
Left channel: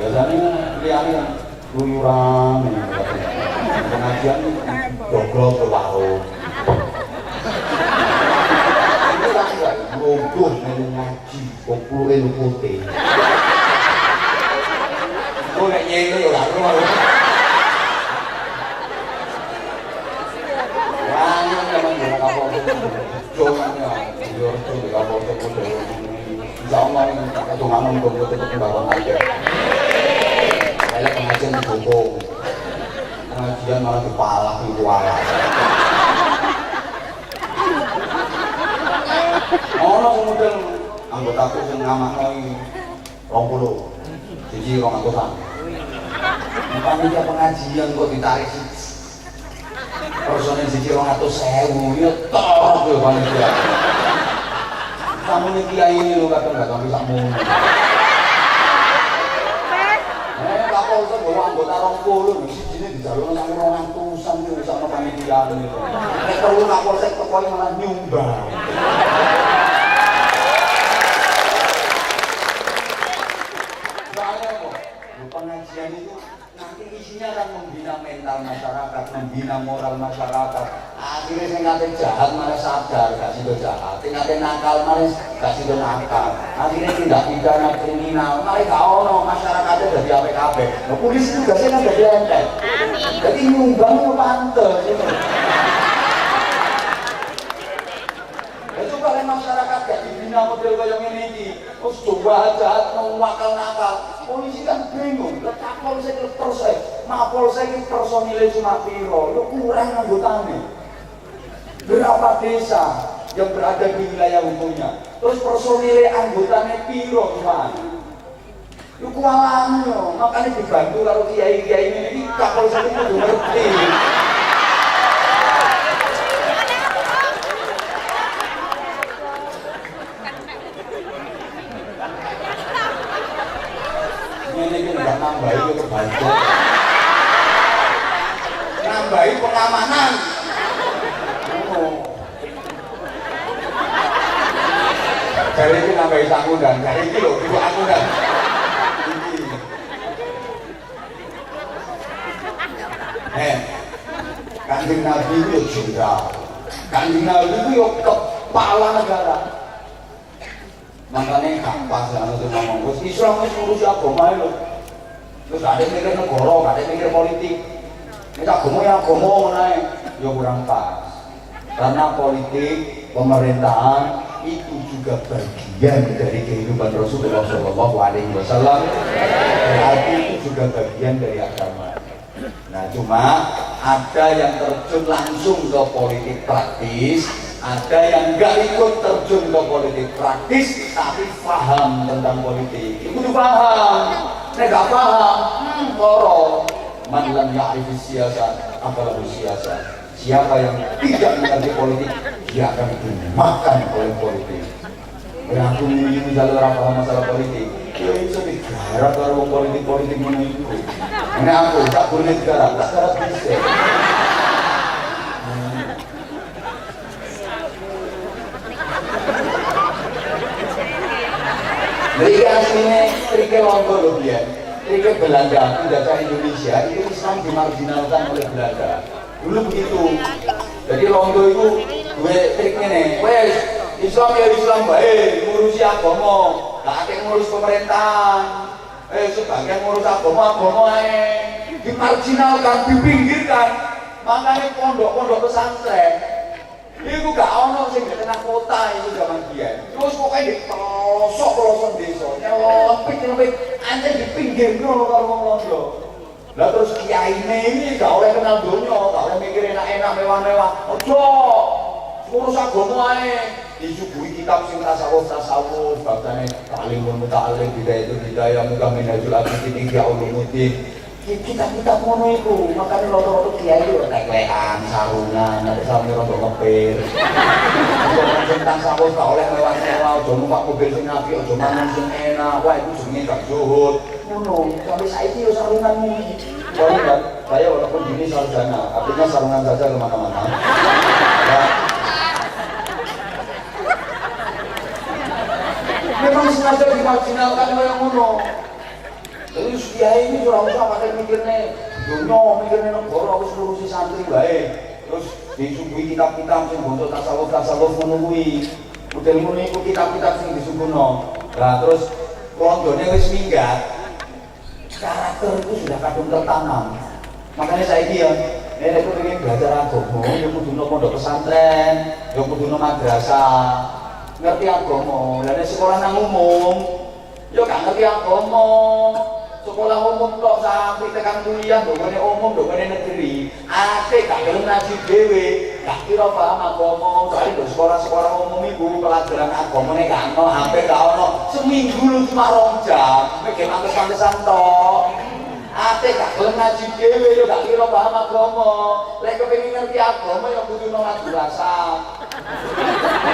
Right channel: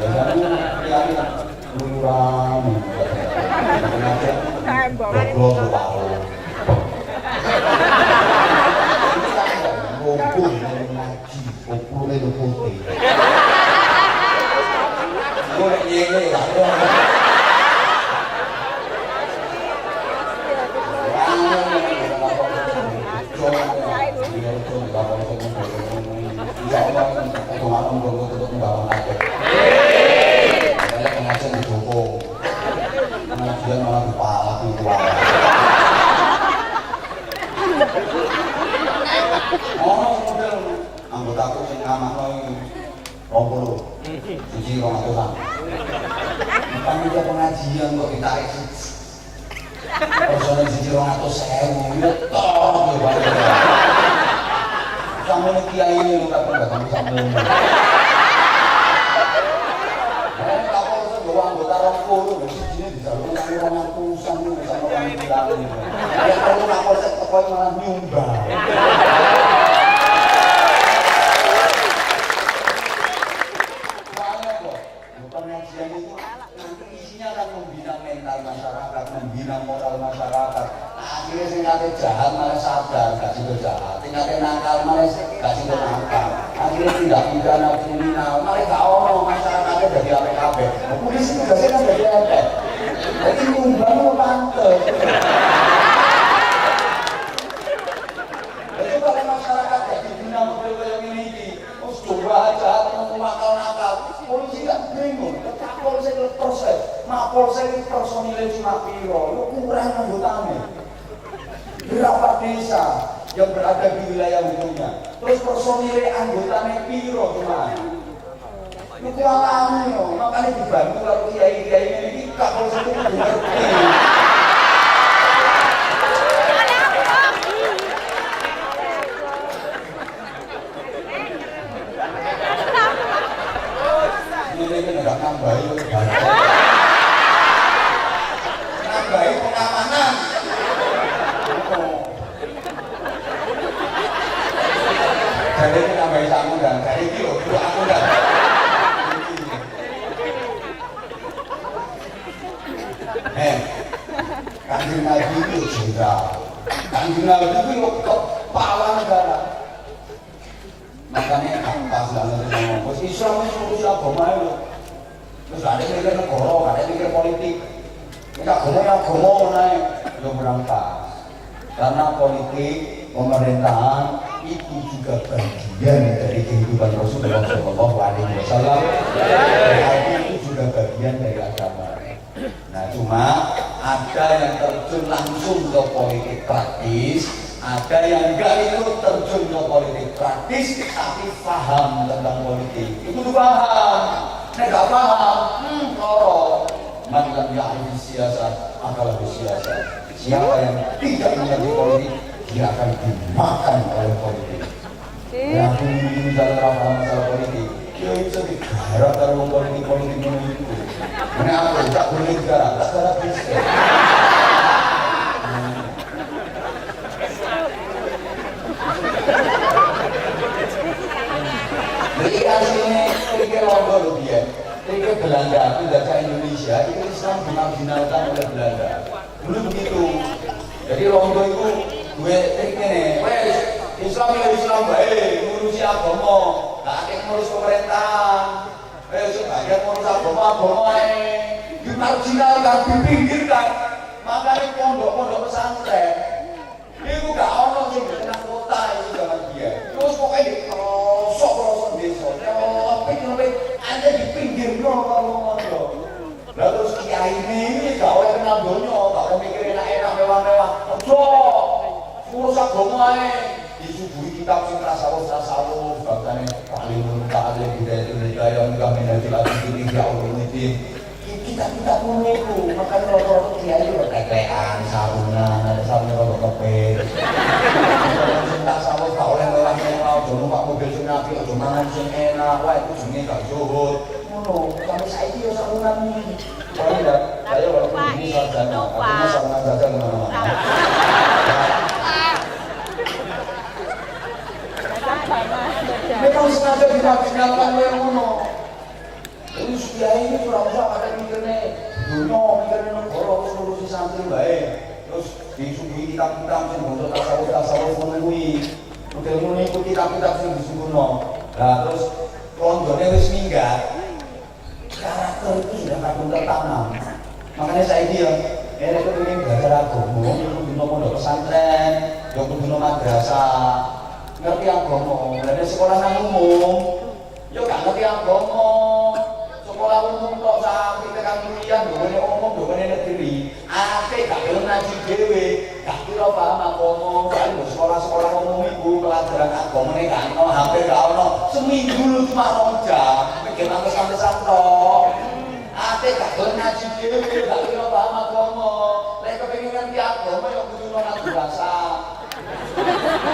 biasanya lihat luyuran pengajian goblok berwarung ngumpul ngaji kumpulin putih gue gak nyengel lah ya Allah itu ngomong betul-betul bawang aja. Banyak pengajian didukung, pengajian malah dipalak dituara. Orang model anggotaku sing ngamakno 20, siji 200-an. Panitia pengajian kok ditarik personel siji 200.000, ya toh tuh panitia. Kamu ini kiai ini lu gak pernah kamu sama ini. Kapal itu bawa anggota rokok lu, sini di jalur nanti orang tusan tuh sama panitia ini. Kalau kapal saya pokoknya malah nyumbang. Soalnya kok, pengajian itu nanti isinya akan membina mental masyarakat, membina moral masyarakat. Akhirnya saya nggak jahat malah sadar, gak sido jahat. Tinggal nakal malah gak sido nakal. Akhirnya tidak pidana kriminal, malah gak ono masyarakatnya dari APKB. Polisi tugasnya kan dari ente. Jadi nyumbang itu pantes. Itu kalau masyarakat gak dibina model kayak ini, terus coba jahat mau nakal. Polisi kan bingung, Kapol saya terus Mapol saya personilnya cuma piro, lu kurang anggotanya. Berapa desa yang berada di wilayah hukumnya. Terus personilnya anggotanya piro cuma. Lu kualan yo, makanya dibantu kalau kiai-kiai ini kapal satu ngerti. Ini enggak nambahi kebanyakan. Nambahi pengamanan. Jadi ini nambahi aku dan kali ini loh, itu aku dan. Kanjeng Nabi itu jenderal, Kanjeng Nabi itu kepala negara. Makanya pas lalu kita ngomong, Islam itu ngurusi agama itu. Terus ada yang mikir negara, ada yang mikir politik. Kita agama naik, ya kurang pas. Karena politik, pemerintahan itu juga bagian dari kehidupan Rasulullah SAW. Berarti itu juga bagian dari agama. Nah cuma ada yang terjun langsung ke politik praktis, ada yang enggak ikut terjun ke politik praktis tapi paham tentang politik. Itu paham, enggak paham, loro. Man lam ya'rif siyasat akan siasat. Siapa yang tidak mengerti politik, dia akan dimakan oleh politik. Yang ini dalam masalah politik, dia bisa digarap kalau politik menunggu. Ini aku tak boleh garap, tak garap bisa. Berikan sini, berikan lombok loh dia. Berikan Belanda, tidak ke Indonesia, itu Islam dimarginalkan oleh Belanda. Dulu begitu. Jadi lombok itu gue triknya nih, Islam ya Islam baik, ngurusi agama, gak ada yang ngurus pemerintahan. Sebagian ngurus agama dimarginalkan, dipinggirkan. Makanya pondok-pondok pesantren itu gak ono sing di tengah kota itu zaman dia. Terus pokoknya di pelosok desa, nyelempit anda di pinggir kalau. Lah terus kiai ini gak oleh kenal donya, gak oleh mikir enak-enak mewah-mewah. Ojo ngurus agama ae. Disuguhi kitab sing tasawuf babane paling mutalim hidayah mudah minajul abidin ya ulumuddin. Kita ngono iku, makane rata-rata kiai yo teklekan, sarungan, ada sampe rada kepir. Sing tasawuf gak oleh mewah-mewah, ojo numpak mobil sing apik, ojo mangan sing enak, wah itu jenenge gak zuhud. Ngono, sampe saiki yo sarungan iki. Wah, saya walaupun ini sarjana, artinya sarungan saja kemana-mana. Memang sengaja dimarginalkan oleh ngono. Jadi kiai ini ora usah pakai mikirnya dunia, mikirnya negara harus ngurusi santri baik. Terus disuguhi kitab-kitab sing bontot tasawuf ngono kuwi. Mungkin ikut kitab-kitab sing disuguhno. Nah terus rondone wis minggat. Karakter itu sudah kadung tertanam. Makanya saya dia, nek kepengin belajar agama, yo kudu pondok pesantren, yo kudu madrasah. Ngerti agama, dan sekolah nang umum, yo gak ngerti agama. Sekolah umum kok sampai tekan kuliah, domene umum, domene negeri. Ate gak gelem ngaji dhewe, gak kira paham agama. Soale sekolah-sekolah umum iku pelajaran agamane gak ono, hampir gak ono. Seminggu lu cuma 2 jam, mikir mantes-mantesan tok. Ate gak gelem ngaji dhewe, yo gak kira paham agama. Lek kepengin ngerti agama yo kudu nang madrasah.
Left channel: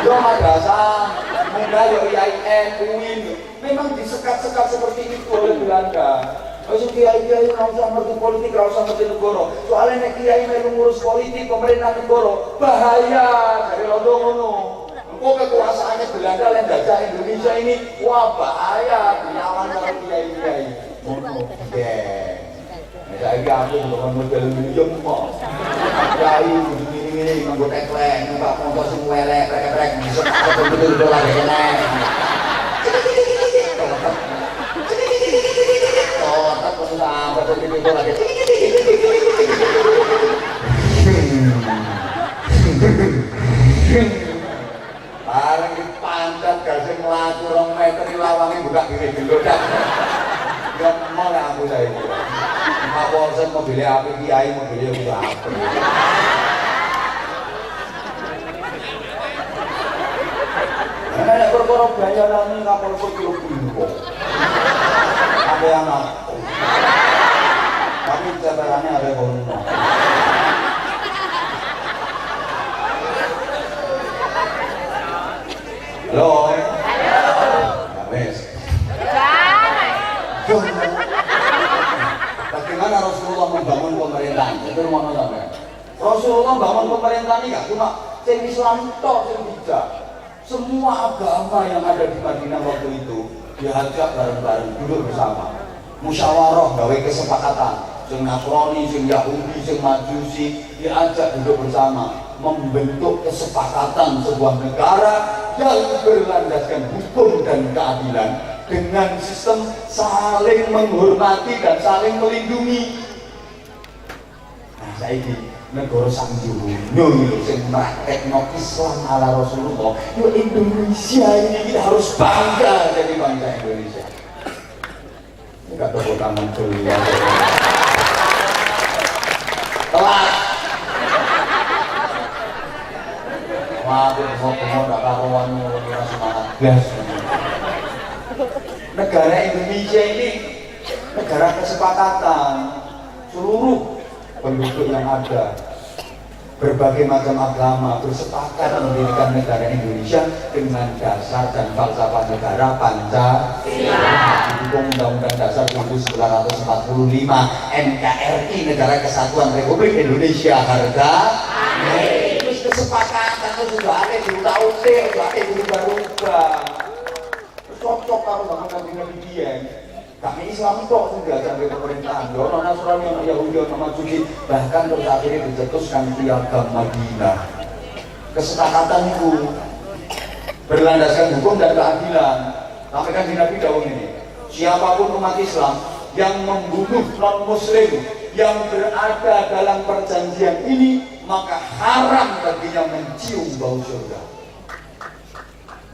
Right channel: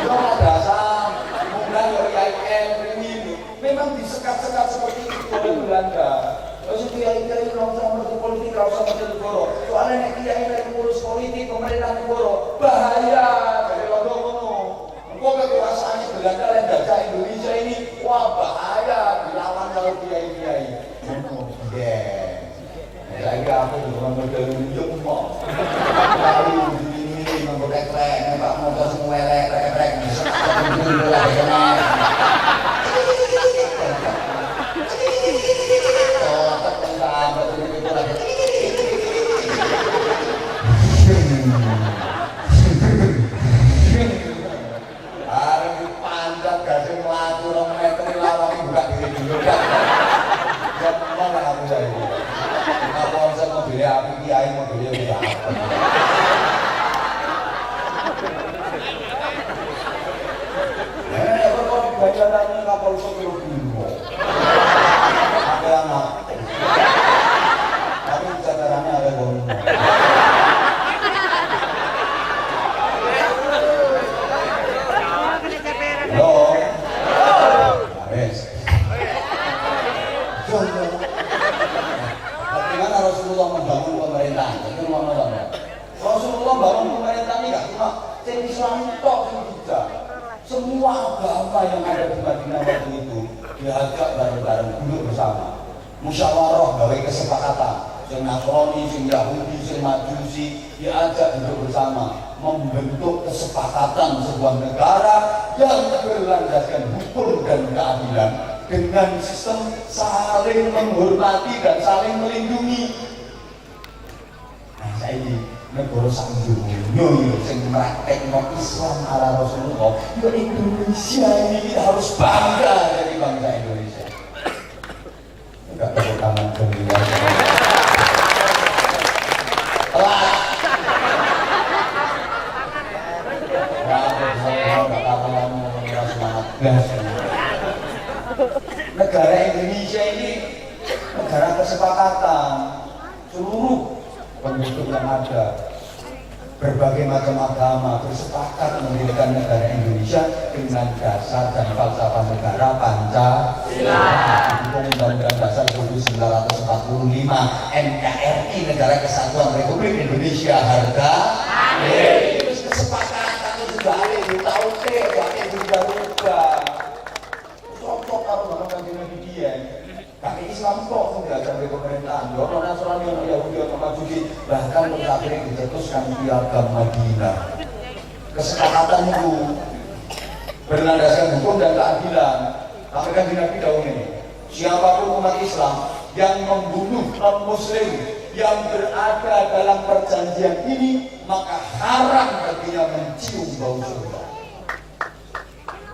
Yo madrasah, mudah yo IAIN, UIN. Memang disekat-sekat seperti itu oleh Belanda. Terus kiai-kiai ora usah ngerti politik, ora usah ngerti negara. Soalnya nek kiai melu ngurus politik pemerintah negara, bahaya dari londo ngono. Engko kekuasaannya Belanda lan jajah Indonesia ini, wah bahaya dilawan karo kiai-kiai. Ngono deh. Nek aku model yo kok. Kiai ini nganggo teklek, numpak motor sing welek, trek-trek, bisa betul-betul lagi kene. Oh, tak perlu sampai betul-betul lagi. Bareng dipancat gasing mlaku 2 meter lawang buka diri dulu dah. Dan mau aku saya ini. Apa orang mobilnya api kiai mobilnya apa? diarani kapal sepuluh bimbo. Ada yang ngaku. Tapi catatannya ada kono. Halo. Habis. Bagaimana Rasulullah membangun pemerintahan? Itu mau nonton ya. Rasulullah bangun pemerintahan ini gak cuma sing Islam tok sing bijak. Semua agama yang ada di Madinah waktu itu diajak bareng-bareng duduk bersama. Musyawarah gawe kesepakatan. Sing Nasrani, sing Yahudi, sing Majusi diajak duduk bersama membentuk kesepakatan sebuah negara yang berlandaskan hukum dan keadilan dengan sistem saling menghormati dan saling melindungi. Nah, saiki negara sak dunya sing praktekno Islam ala Rasulullah, yo Indonesia ini kita harus bangga jadi bangsa Indonesia. Enggak tepuk tangan dulu ya. Telat. Negara Indonesia ini negara kesepakatan. Seluruh penduduk yang ada, berbagai macam agama bersepakat mendirikan negara Indonesia dengan dasar dan falsafah negara Pancasila. Didukung Undang-Undang Dasar 1945, NKRI, Negara Kesatuan Republik Indonesia, harga terus kesepakatan itu sudah ada di tahun berubah-ubah. Cocok kalau bangun Nabi dia. Kami Islam kok diajak di pemerintahan. Orang Nasrani, orang Yahudi, orang Majusi, bahkan terus akhirnya dicetuskan piagam Madinah. Kesepakatan itu berlandaskan hukum dan keadilan. Tapi kan di Nabi dahulu ini, siapapun umat Islam yang membunuh non-Muslim yang berada dalam perjanjian ini, maka haram baginya mencium bau surga.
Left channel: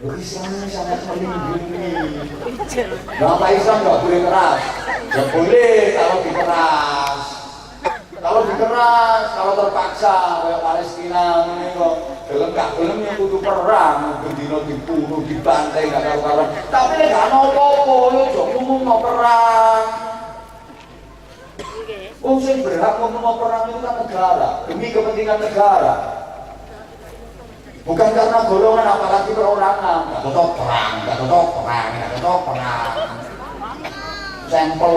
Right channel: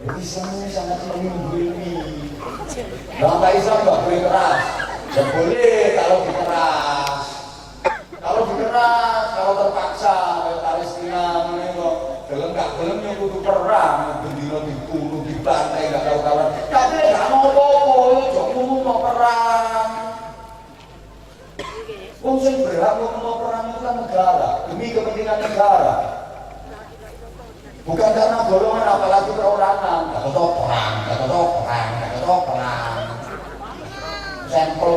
Islam ini sangat melindungi. Bangsa Islam nggak boleh keras. Ya boleh kalau dikeras. Kalau terpaksa kayak Palestina ini kok gelem kudu perang, bendino dibunuh, dibantai nggak karuan. Tapi nggak mau apa-apa, yo ngomong mau perang. Sing berhak mau perang itu kan negara, demi kepentingan negara. Bukan karena golongan, apalagi perorangan. Gak cocok perang. Sampel.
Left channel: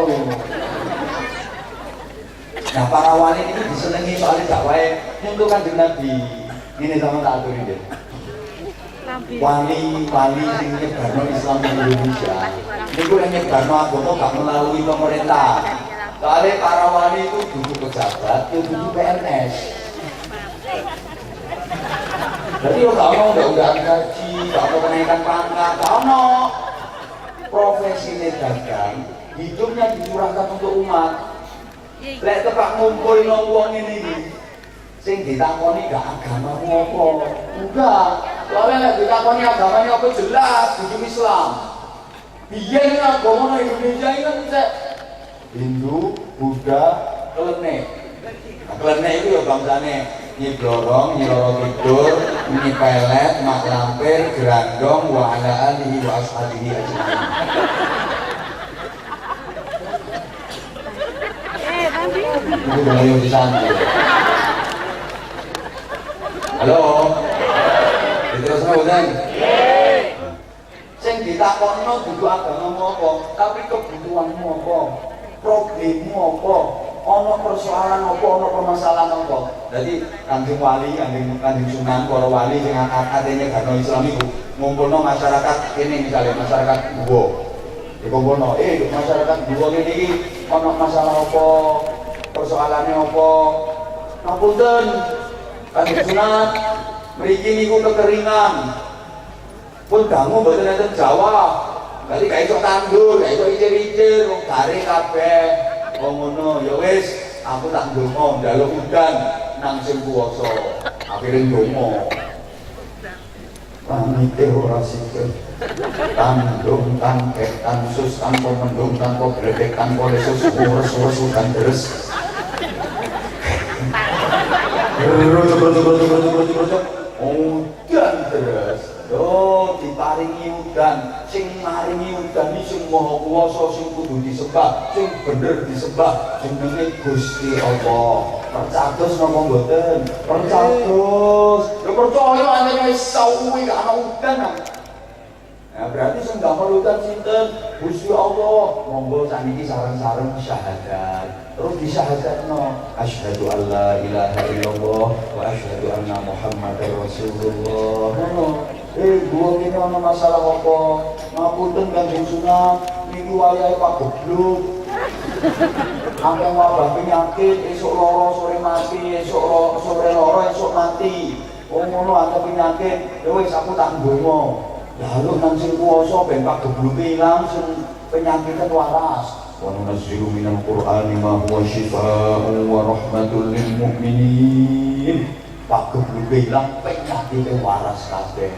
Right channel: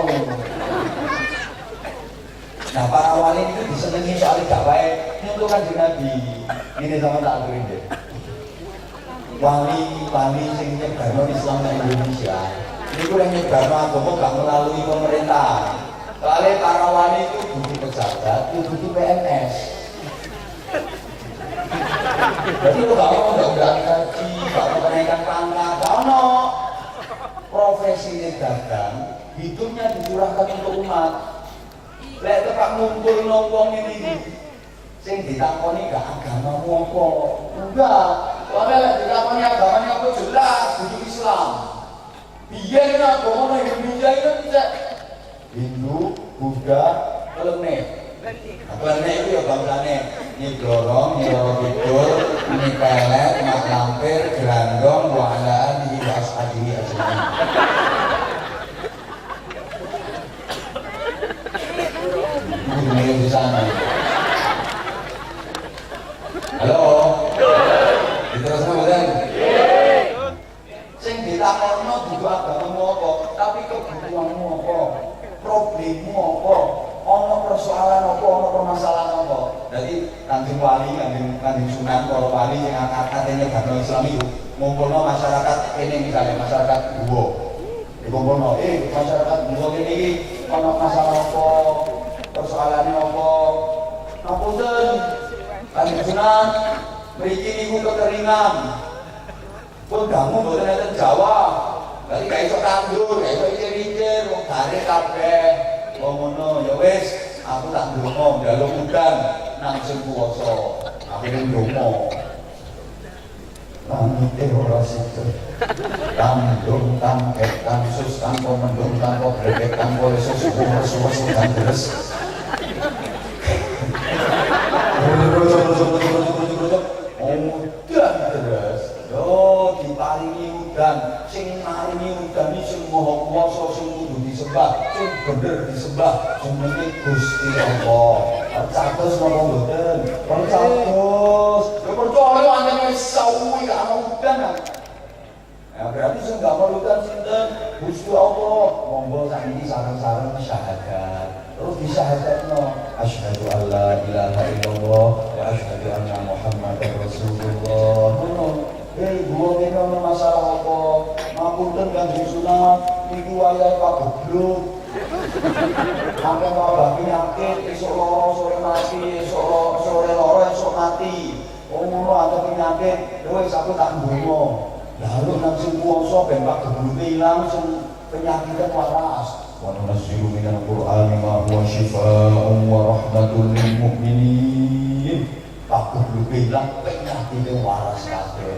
Nah, para wali ini disenangi soal dakwah untuk Kanjeng Nabi. Ini sama tak aturin deh. Wali sing nyebarno Islam di Indonesia. Ini gue nyebarno agama gak melalui pemerintah. Soalnya para wali itu butuh pejabat, butuh PNS. Jadi lo gak mau undang-undang gaji, gak mau kenaikan pangkat, gak mau. Profesi dagang, hidupnya dicurahkan untuk umat. Lek tepak ngumpulin wong ini, sing ditakoni gak agamamu apa? Enggak. Soalnya lek ditakoni agamanya apa jelas, hidup Islam. Biyen agama Indonesia itu kan Hindu, Buddha, Klenik. Klenik itu ya bangsane Nyi Blorong, Nyi Roro Kidul, Nyi Pelet, Mak Lampir, Gerandong, wa ala alihi wa ashabihi ajmain. Ini belum di sana. Halo. Diterusno boten? Sing ditakokno dudu agamamu apa, tapi kebutuhanmu apa, problemmu apa, ono persoalan apa, ono permasalahan apa. Jadi Kanjeng Wali, Kanjeng Sunan, para wali sing akad-akadene agama Islam itu ngumpulno masyarakat ini, misalnya masyarakat Guwo. Dikumpulno, masyarakat Guwo ini ono masalah apa, persoalannya apa. Ngapunten, Kanjeng Sunan, mriki niku kekeringan. Pun kamu mboten enten jawab. Berarti gak iso tandur, gak iso icir-icir, garing kabeh. Ngono ya wis, aku tak ndonga njaluk udan nang sing kuwasa. Akhire ndonga. Pamite ora sida. Tandung tangket tansus tanpa mendung tanpa grebek tanpa lesus urus udan deres. Udan deres. Yo dipari maringi udan, sing maringi udan iki sing maha kuwasa sing kudu disembah, sing bener disembah jenenge Gusti Allah. Percatus napa mboten? Percatus. Ya percaya anjen wis suwi gak ana udan. Nah, berarti sing gak perlu udan sinten? Gusti Allah. Monggo sakniki sareng-sareng syahadat. Terus disyahadatno asyhadu alla ilaha illallah wa asyhadu anna muhammadar rasulullah. Gua ini ana masalah apa? Ngapunten Kanjeng Sunan, niki wayahe Pak Goblok. Sampai wabah penyakit, esok loro sore mati, esok sore loro esok mati. Oh ngono ada penyakit, wis aku tak ndonga. Ya harus nang sing kuwasa ben Pak Goblok ilang sing penyakitnya waras. Wa nunazzilu minal Qur'ani ma huwa shifaa'un wa rahmatun lil mu'minin. Pak Goblok ilang penyakitnya waras kabeh.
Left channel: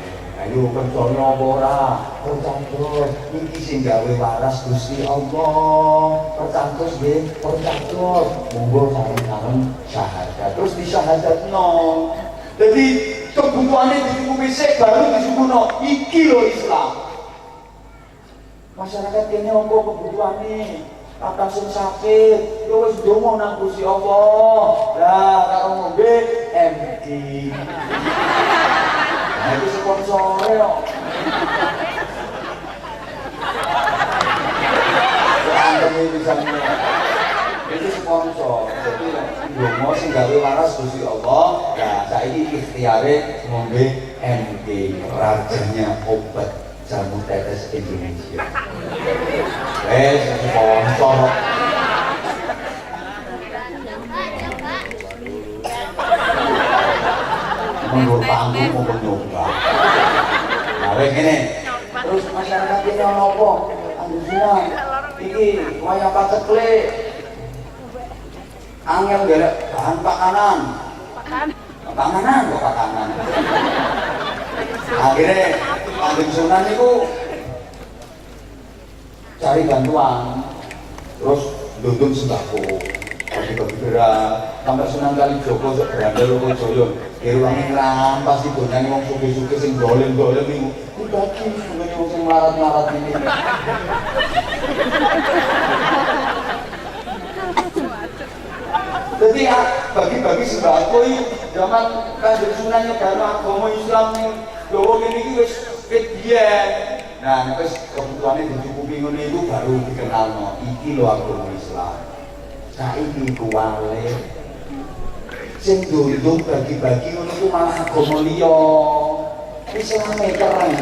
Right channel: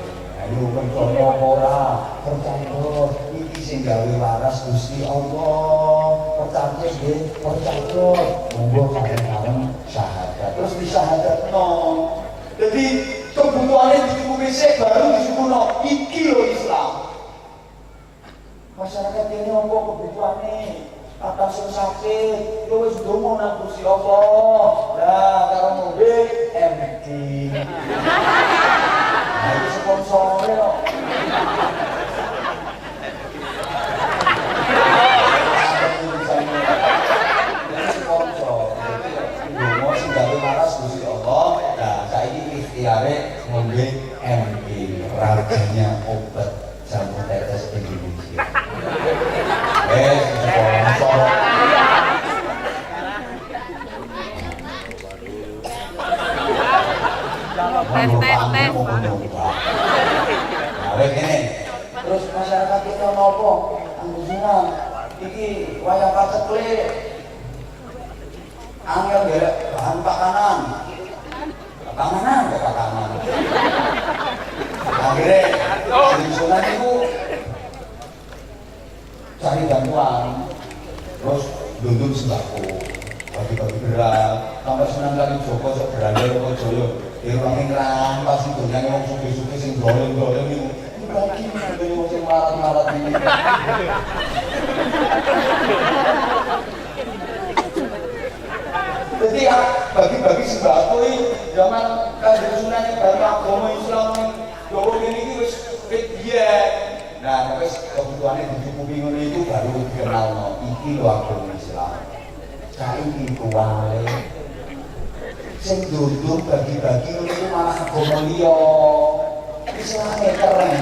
Ayo percaya apa ora? Percaya iki sing gawe waras Gusti Allah. Percaya nggih, percaya. Monggo sareng-sareng syahadat. Terus disyahadatno. Jadi kebutuhane dicukupi sik baru disukuno. Iki lho Islam. Masyarakat kene monggo kebutuhane kakak sing sakit, yo wis ndonga nang Gusti Allah. Lah karo ngombe MD. Itu sponsornya loh. Itu sponsor. Jadi mau sing gawe waras Gusti Allah. Nah, saiki ikhtiare ngombe MD, rajanya obat jamu tetes Indonesia. Sponsor. Menurutmu mau mencoba. Nah, ini. Terus masyarakat kita nopo, anggusnya, iki wayang pacekle, angel gara bahan pakanan, ke pakanan. Akhirnya, lingkungan itu cari bantuan, terus dundun sembako. Pas kegerak, sampai Sunan Kalijaga sok berandal kok Jaya. Irwange rampas itu nang wong suke-suke sing dolen-dolen niku. Bagi ngene wong sing larat-larat iki. Jadi bagi-bagi sembako iki zaman Kanjeng Sunan nyebar agama Islam ning Jawa kene iki wis biyen. Nah, wis kebutuhane dicukupi ngono itu baru dikenalno. Iki lho agama Islam. Saiki kuwale sing duduk bagi-bagi ngono iku malah agama liya. Islame keren.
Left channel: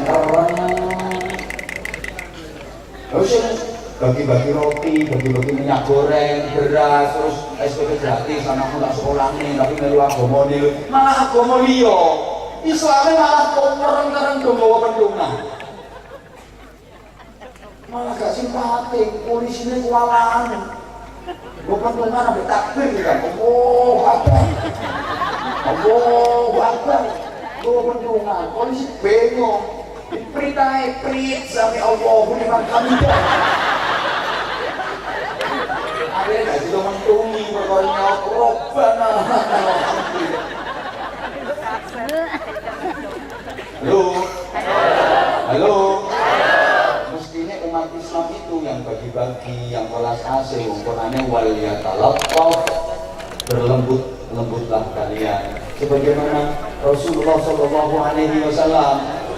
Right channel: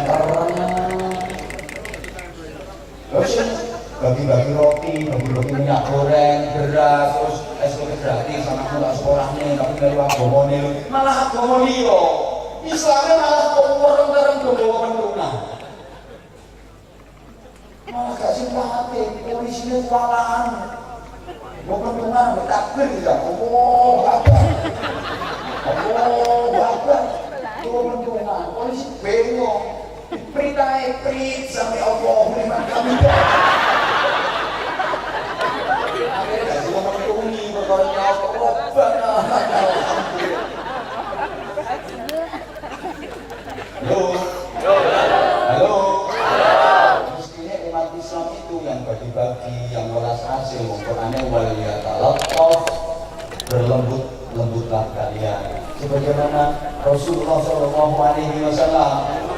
Terus bagi-bagi roti minyak goreng, beras, terus SPP gratis anakmu tak sekolahne tapi melu agamane malah agama liya. Islame malah koreng-koreng nggawa pendungan. Malah gak simpatik, polisine kualaan. Bukan dengar sampai takbir kan, Allah Akbar, itu pentungan, polisi bengong, perintahnya prit sampai Allah memang kami akhirnya gak juga mentungi berkornya Allah. Halo. Mestinya umat Islam itu yang bagi-bagi, yang welas asih, umpamanya waliyatalattaf, berlembut-lembutlah kalian. Sebagaimana Rasulullah SAW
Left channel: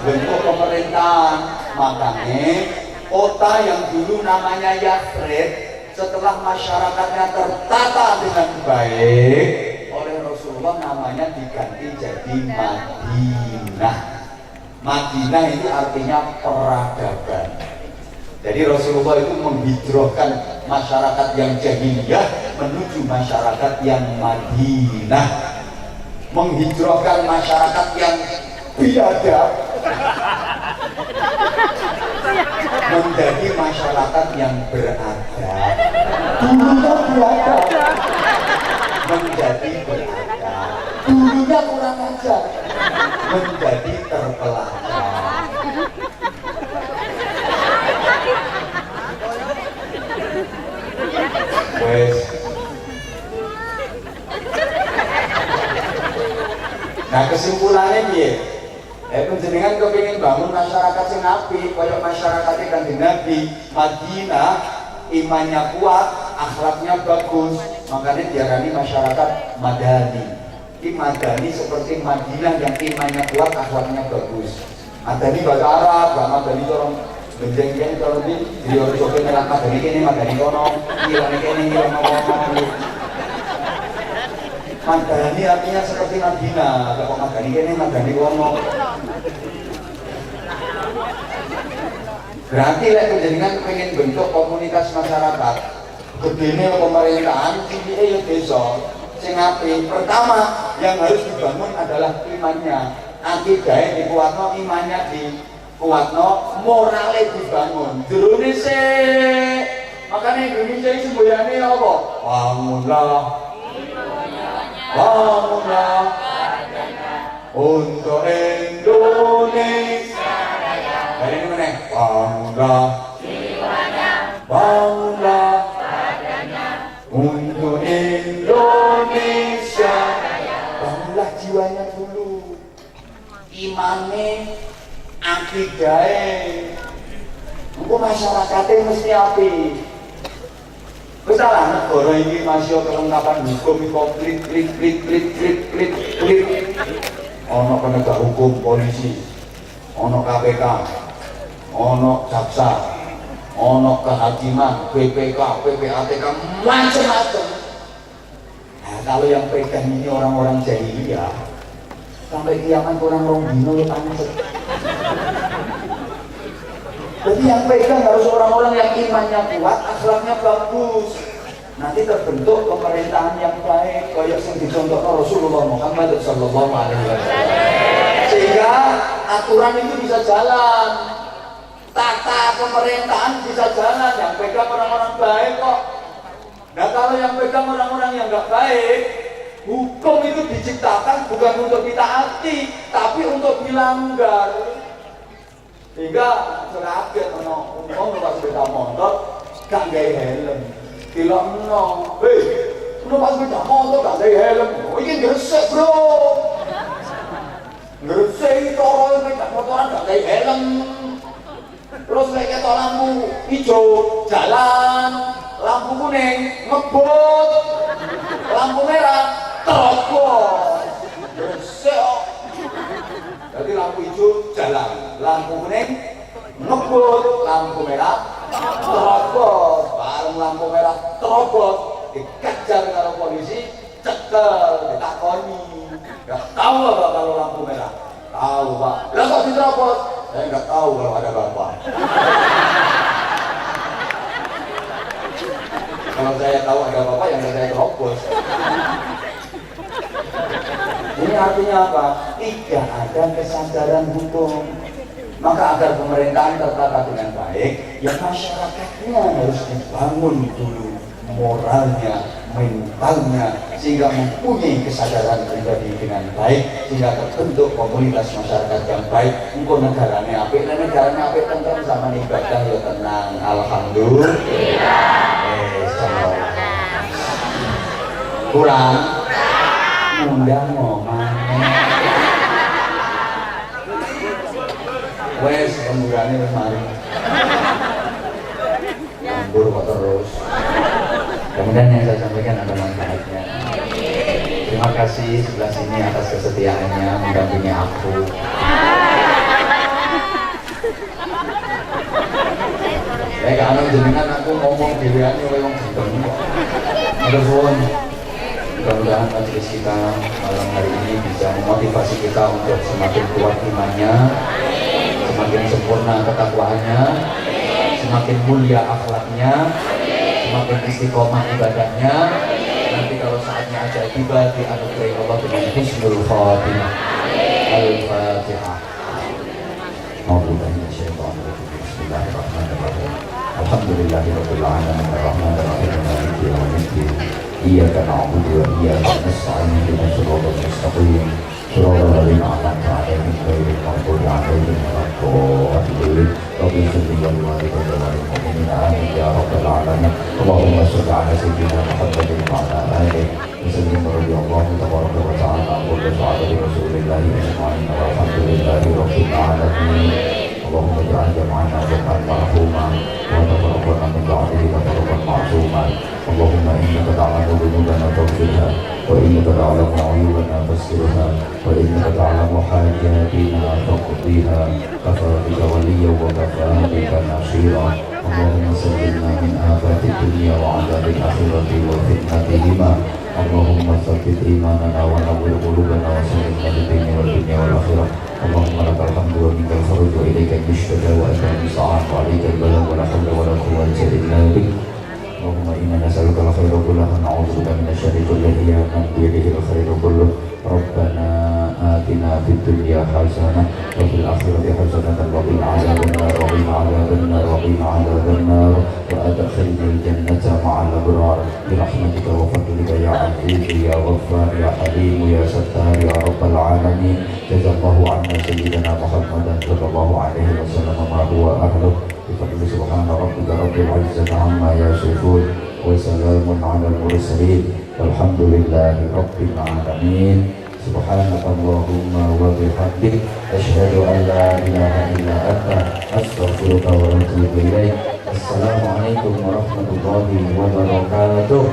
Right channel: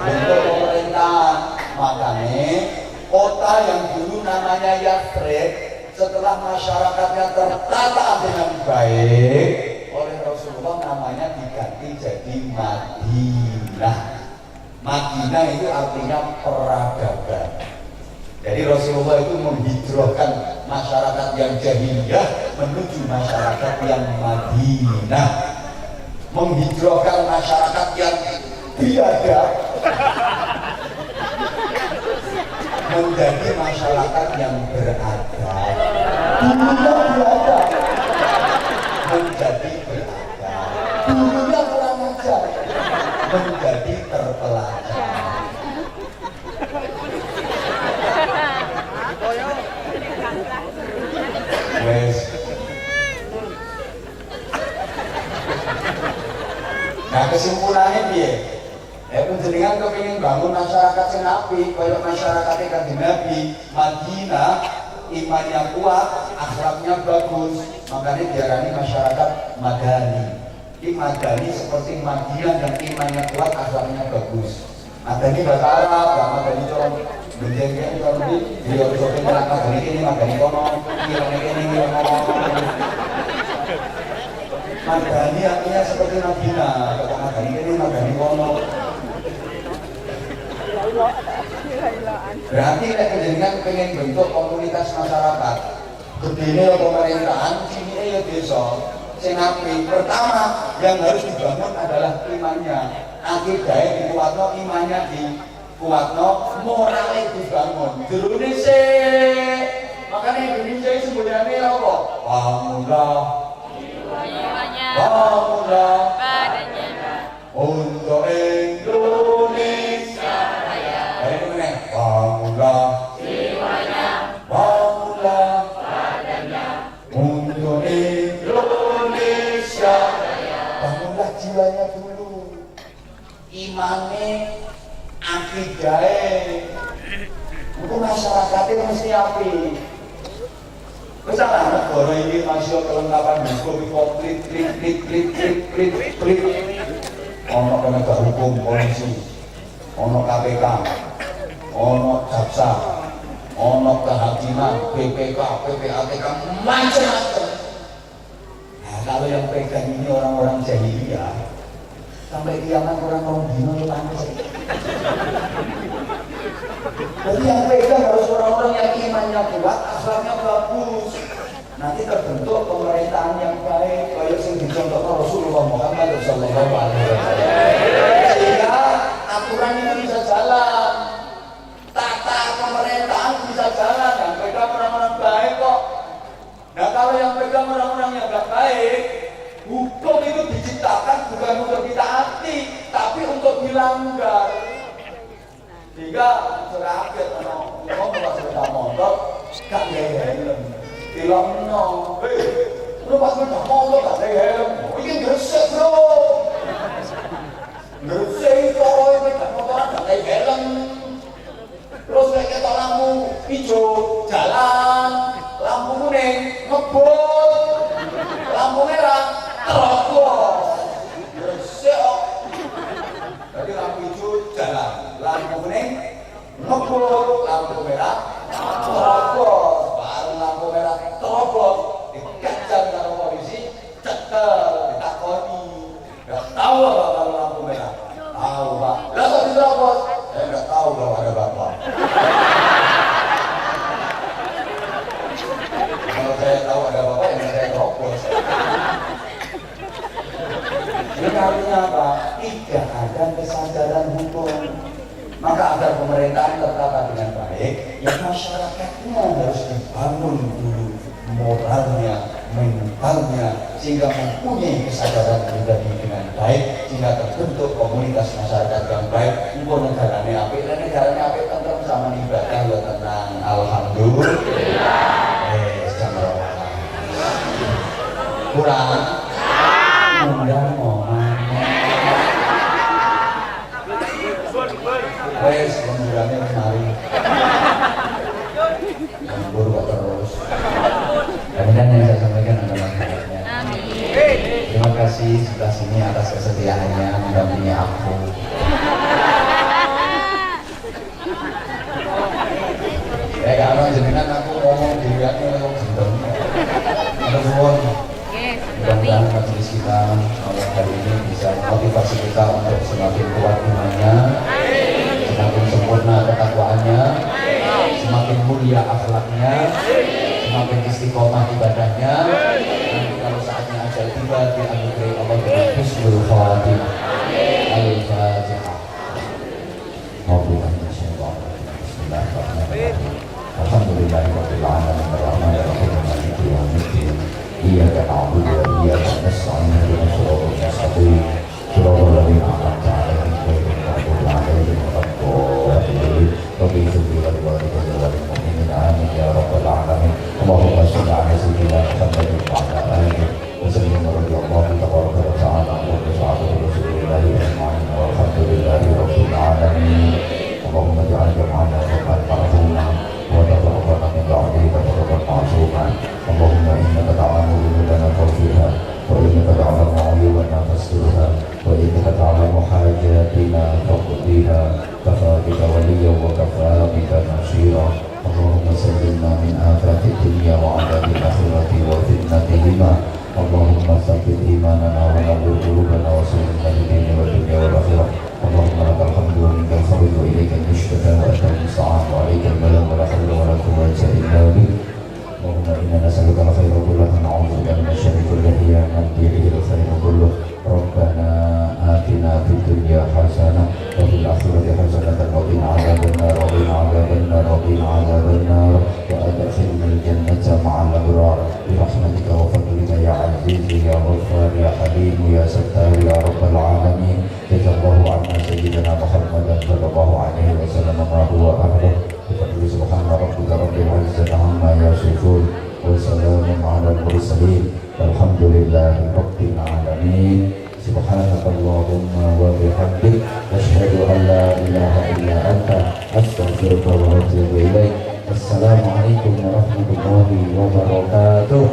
bentuk pemerintahan, makanya kota yang dulu namanya Yathrib setelah masyarakatnya tertata dengan baik oleh Rasulullah namanya diganti jadi Madinah. Madinah itu artinya peradaban. Jadi Rasulullah itu menghijrahkan masyarakat yang jahiliyah menuju masyarakat yang Madinah, menghijrahkan masyarakat yang biadab menjadi masyarakat yang beradab. Dulunya biadab menjadi beradab, dulunya kurang ajar menjadi terpelajar. Wes. Nah kesimpulannya piye? Panjenengan kepengin bangun masyarakat sing apik kaya masyarakat Kanjeng Nabi Madinah, imannya kuat, akhlaknya bagus, makanya diarani masyarakat madani. Madani seperti Madinah yang imannya kuat, akhlaknya bagus. Madani bahasa Arab, gak madani corong benjeng-benjeng corong di dia coba ngelak madani ini, madani kono ini madani artinya seperti Madinah, kalau madani ini, madani kono. Berarti lek panjenengan pengen bentuk komunitas masyarakat gedene pemerintahan, cilik desa sing apik. Pertama yang harus dibangun adalah imannya. Akidahnya dikuatno, imannya dikuatno, moralnya dibangun. Durune sik. Makanya Indonesia itu semboyane apa? Bangunlah. Bangunlah. Untuk Indonesia Raya. Hari ini meneh. Bangunlah. Jiwanya. Bangunlah. Badannya. Untuk Indonesia Raya. Bangunlah jiwanya dulu. Imane, akidahnya. Untuk masyarakatnya mesti apik. Misalnya negara ini masih kelengkapan hukum klik. Ono penegak hukum, polisi, ono KPK, ono jaksa, ono kehakiman, BPK, PPATK, macam-macam. Nah, kalau yang pegang ini orang-orang jahiliyah, sampai kiamat orang dino panas. Jadi yang pegang harus orang-orang yang imannya kuat, akhlaknya bagus. Nanti terbentuk pemerintahan yang baik, kayak yang dicontohkan Rasulullah Muhammad sallallahu alaihi wasallam. Sehingga aturan itu bisa jalan, tata pemerintahan bisa jalan, yang pegang orang-orang baik kok. Nah kalau yang pegang orang-orang yang nggak baik, hukum itu diciptakan bukan untuk ditaati, tapi untuk dilanggar. Sehingga seraget ono wong numpak sepeda motor gak gawe helm. Dilokno, numpak sepeda motor gak gawe helm. Oh, iki gresik, Bro. Gresik cara sepeda motoran gak gawe helm. Terus lek ketok lampu ijo jalan, lampu kuning ngebut, lampu merah terobos. Gresik kok. Jadi lampu hijau jalan, lampu kuning ngebut, lampu merah terobos, bareng lampu merah terobos, dikejar karo polisi, cekel, ditakoni. Nggak tahu apa kalau lampu merah? Tahu Pak. Lah kok diterobos? Saya nggak tahu kalau ada Bapak. Kalau saya tahu ada Bapak yang saya terobos. Ini artinya apa? Tidak ada kesadaran hukum. Maka agar pemerintahan tertata dengan baik, ya masyarakatnya harus dibangun dulu moralnya, mentalnya, sehingga mempunyai kesadaran pribadi dengan baik, sehingga terbentuk komunitas masyarakat yang baik. Untuk negaranya apik, dan negaranya apik tentu sama ibadah ya tenang. Alhamdulillah. Kurang. Undang ngomong. Wes pemurane wis mari. Nganggur kok terus. Kemudian yang saya sampaikan adalah manfaatnya. Terima kasih sebelah sini atas kesetiaannya mendampingi aku. Kalau jenengan aku ngomong diriannya oleh wong jendong. Ada pun. Mudah-mudahan majelis kita malam hari ini bisa memotivasi kita untuk semakin kuat imannya, semakin sempurna ketakwaannya, semakin mulia akhlaknya, semakin istiqomah ibadahnya. Nanti kalau saatnya aja tiba dianugerahi Allah dengan husnul khatimah. Al-Fatihah. Bismillahirrahmanirrahim. Alhamdulillahirabbil alamin arrahmanir rahim maliki yaumiddin. Iyyaka na'budu wa iyyaka nasta'in ihdinas siratal mustaqim siratal ladzina an'amta 'alaihim ghairil maghdubi 'alaihim waladdallin. Rabbi ighfir li wa li mu'minin amin ya rabbal alamin. Allahumma shalli 'ala sayyidina Muhammadin wa 'ala alihi wa sallim radhiyallahu tabaraka wa ta'ala wa bi sa'ati rasulillahi ajma'in walhamdulillahi rabbil واجعلنا ربا مرحوما وتقبلنا من بعده وتقبل معصوما اللهم انك تعلم ذنوبنا تغفرها وانك تعلم عيوبنا تسترها وانك تعلم حاجاتنا تقضيها كفى بك وليا وكفى بك نصيرا اللهم سلمنا من آفات الدنيا وعذاب الآخرة وفتنتهما اللهم ثبت إيماننا ونور قلوبنا وسلمنا للدين والدنيا والآخرة اللهم لك الحمد ومنك الفضل وإليك المشتكى وأنت المستعان وعليك البلاغ ولا حول ولا قوة إلا بك اللهم إنا نسألك الخير كله ونعوذ بك من الشر كله يا من بيده الخير كله ربنا آتنا في الدنيا حسنة وفي الآخرة حسنة وقنا عذاب النار وقنا عذاب النار وقنا عذاب النار وأدخلنا الجنة مع الأبرار برحمتك وفضلك يا عزيز يا غفار يا حليم يا ستار يا رب العالمين جزا الله عنا سيدنا محمدا صلى الله عليه وسلم ما هو أهله بفضل سبحان ربك رب العزة عما يصفون وسلام على المرسلين والحمد لله رب العالمين سبحانك اللهم وبحمدك أشهد أن لا إله إلا أنت أستغفرك وأتوب إليك السلام عليكم ورحمة الله وبركاته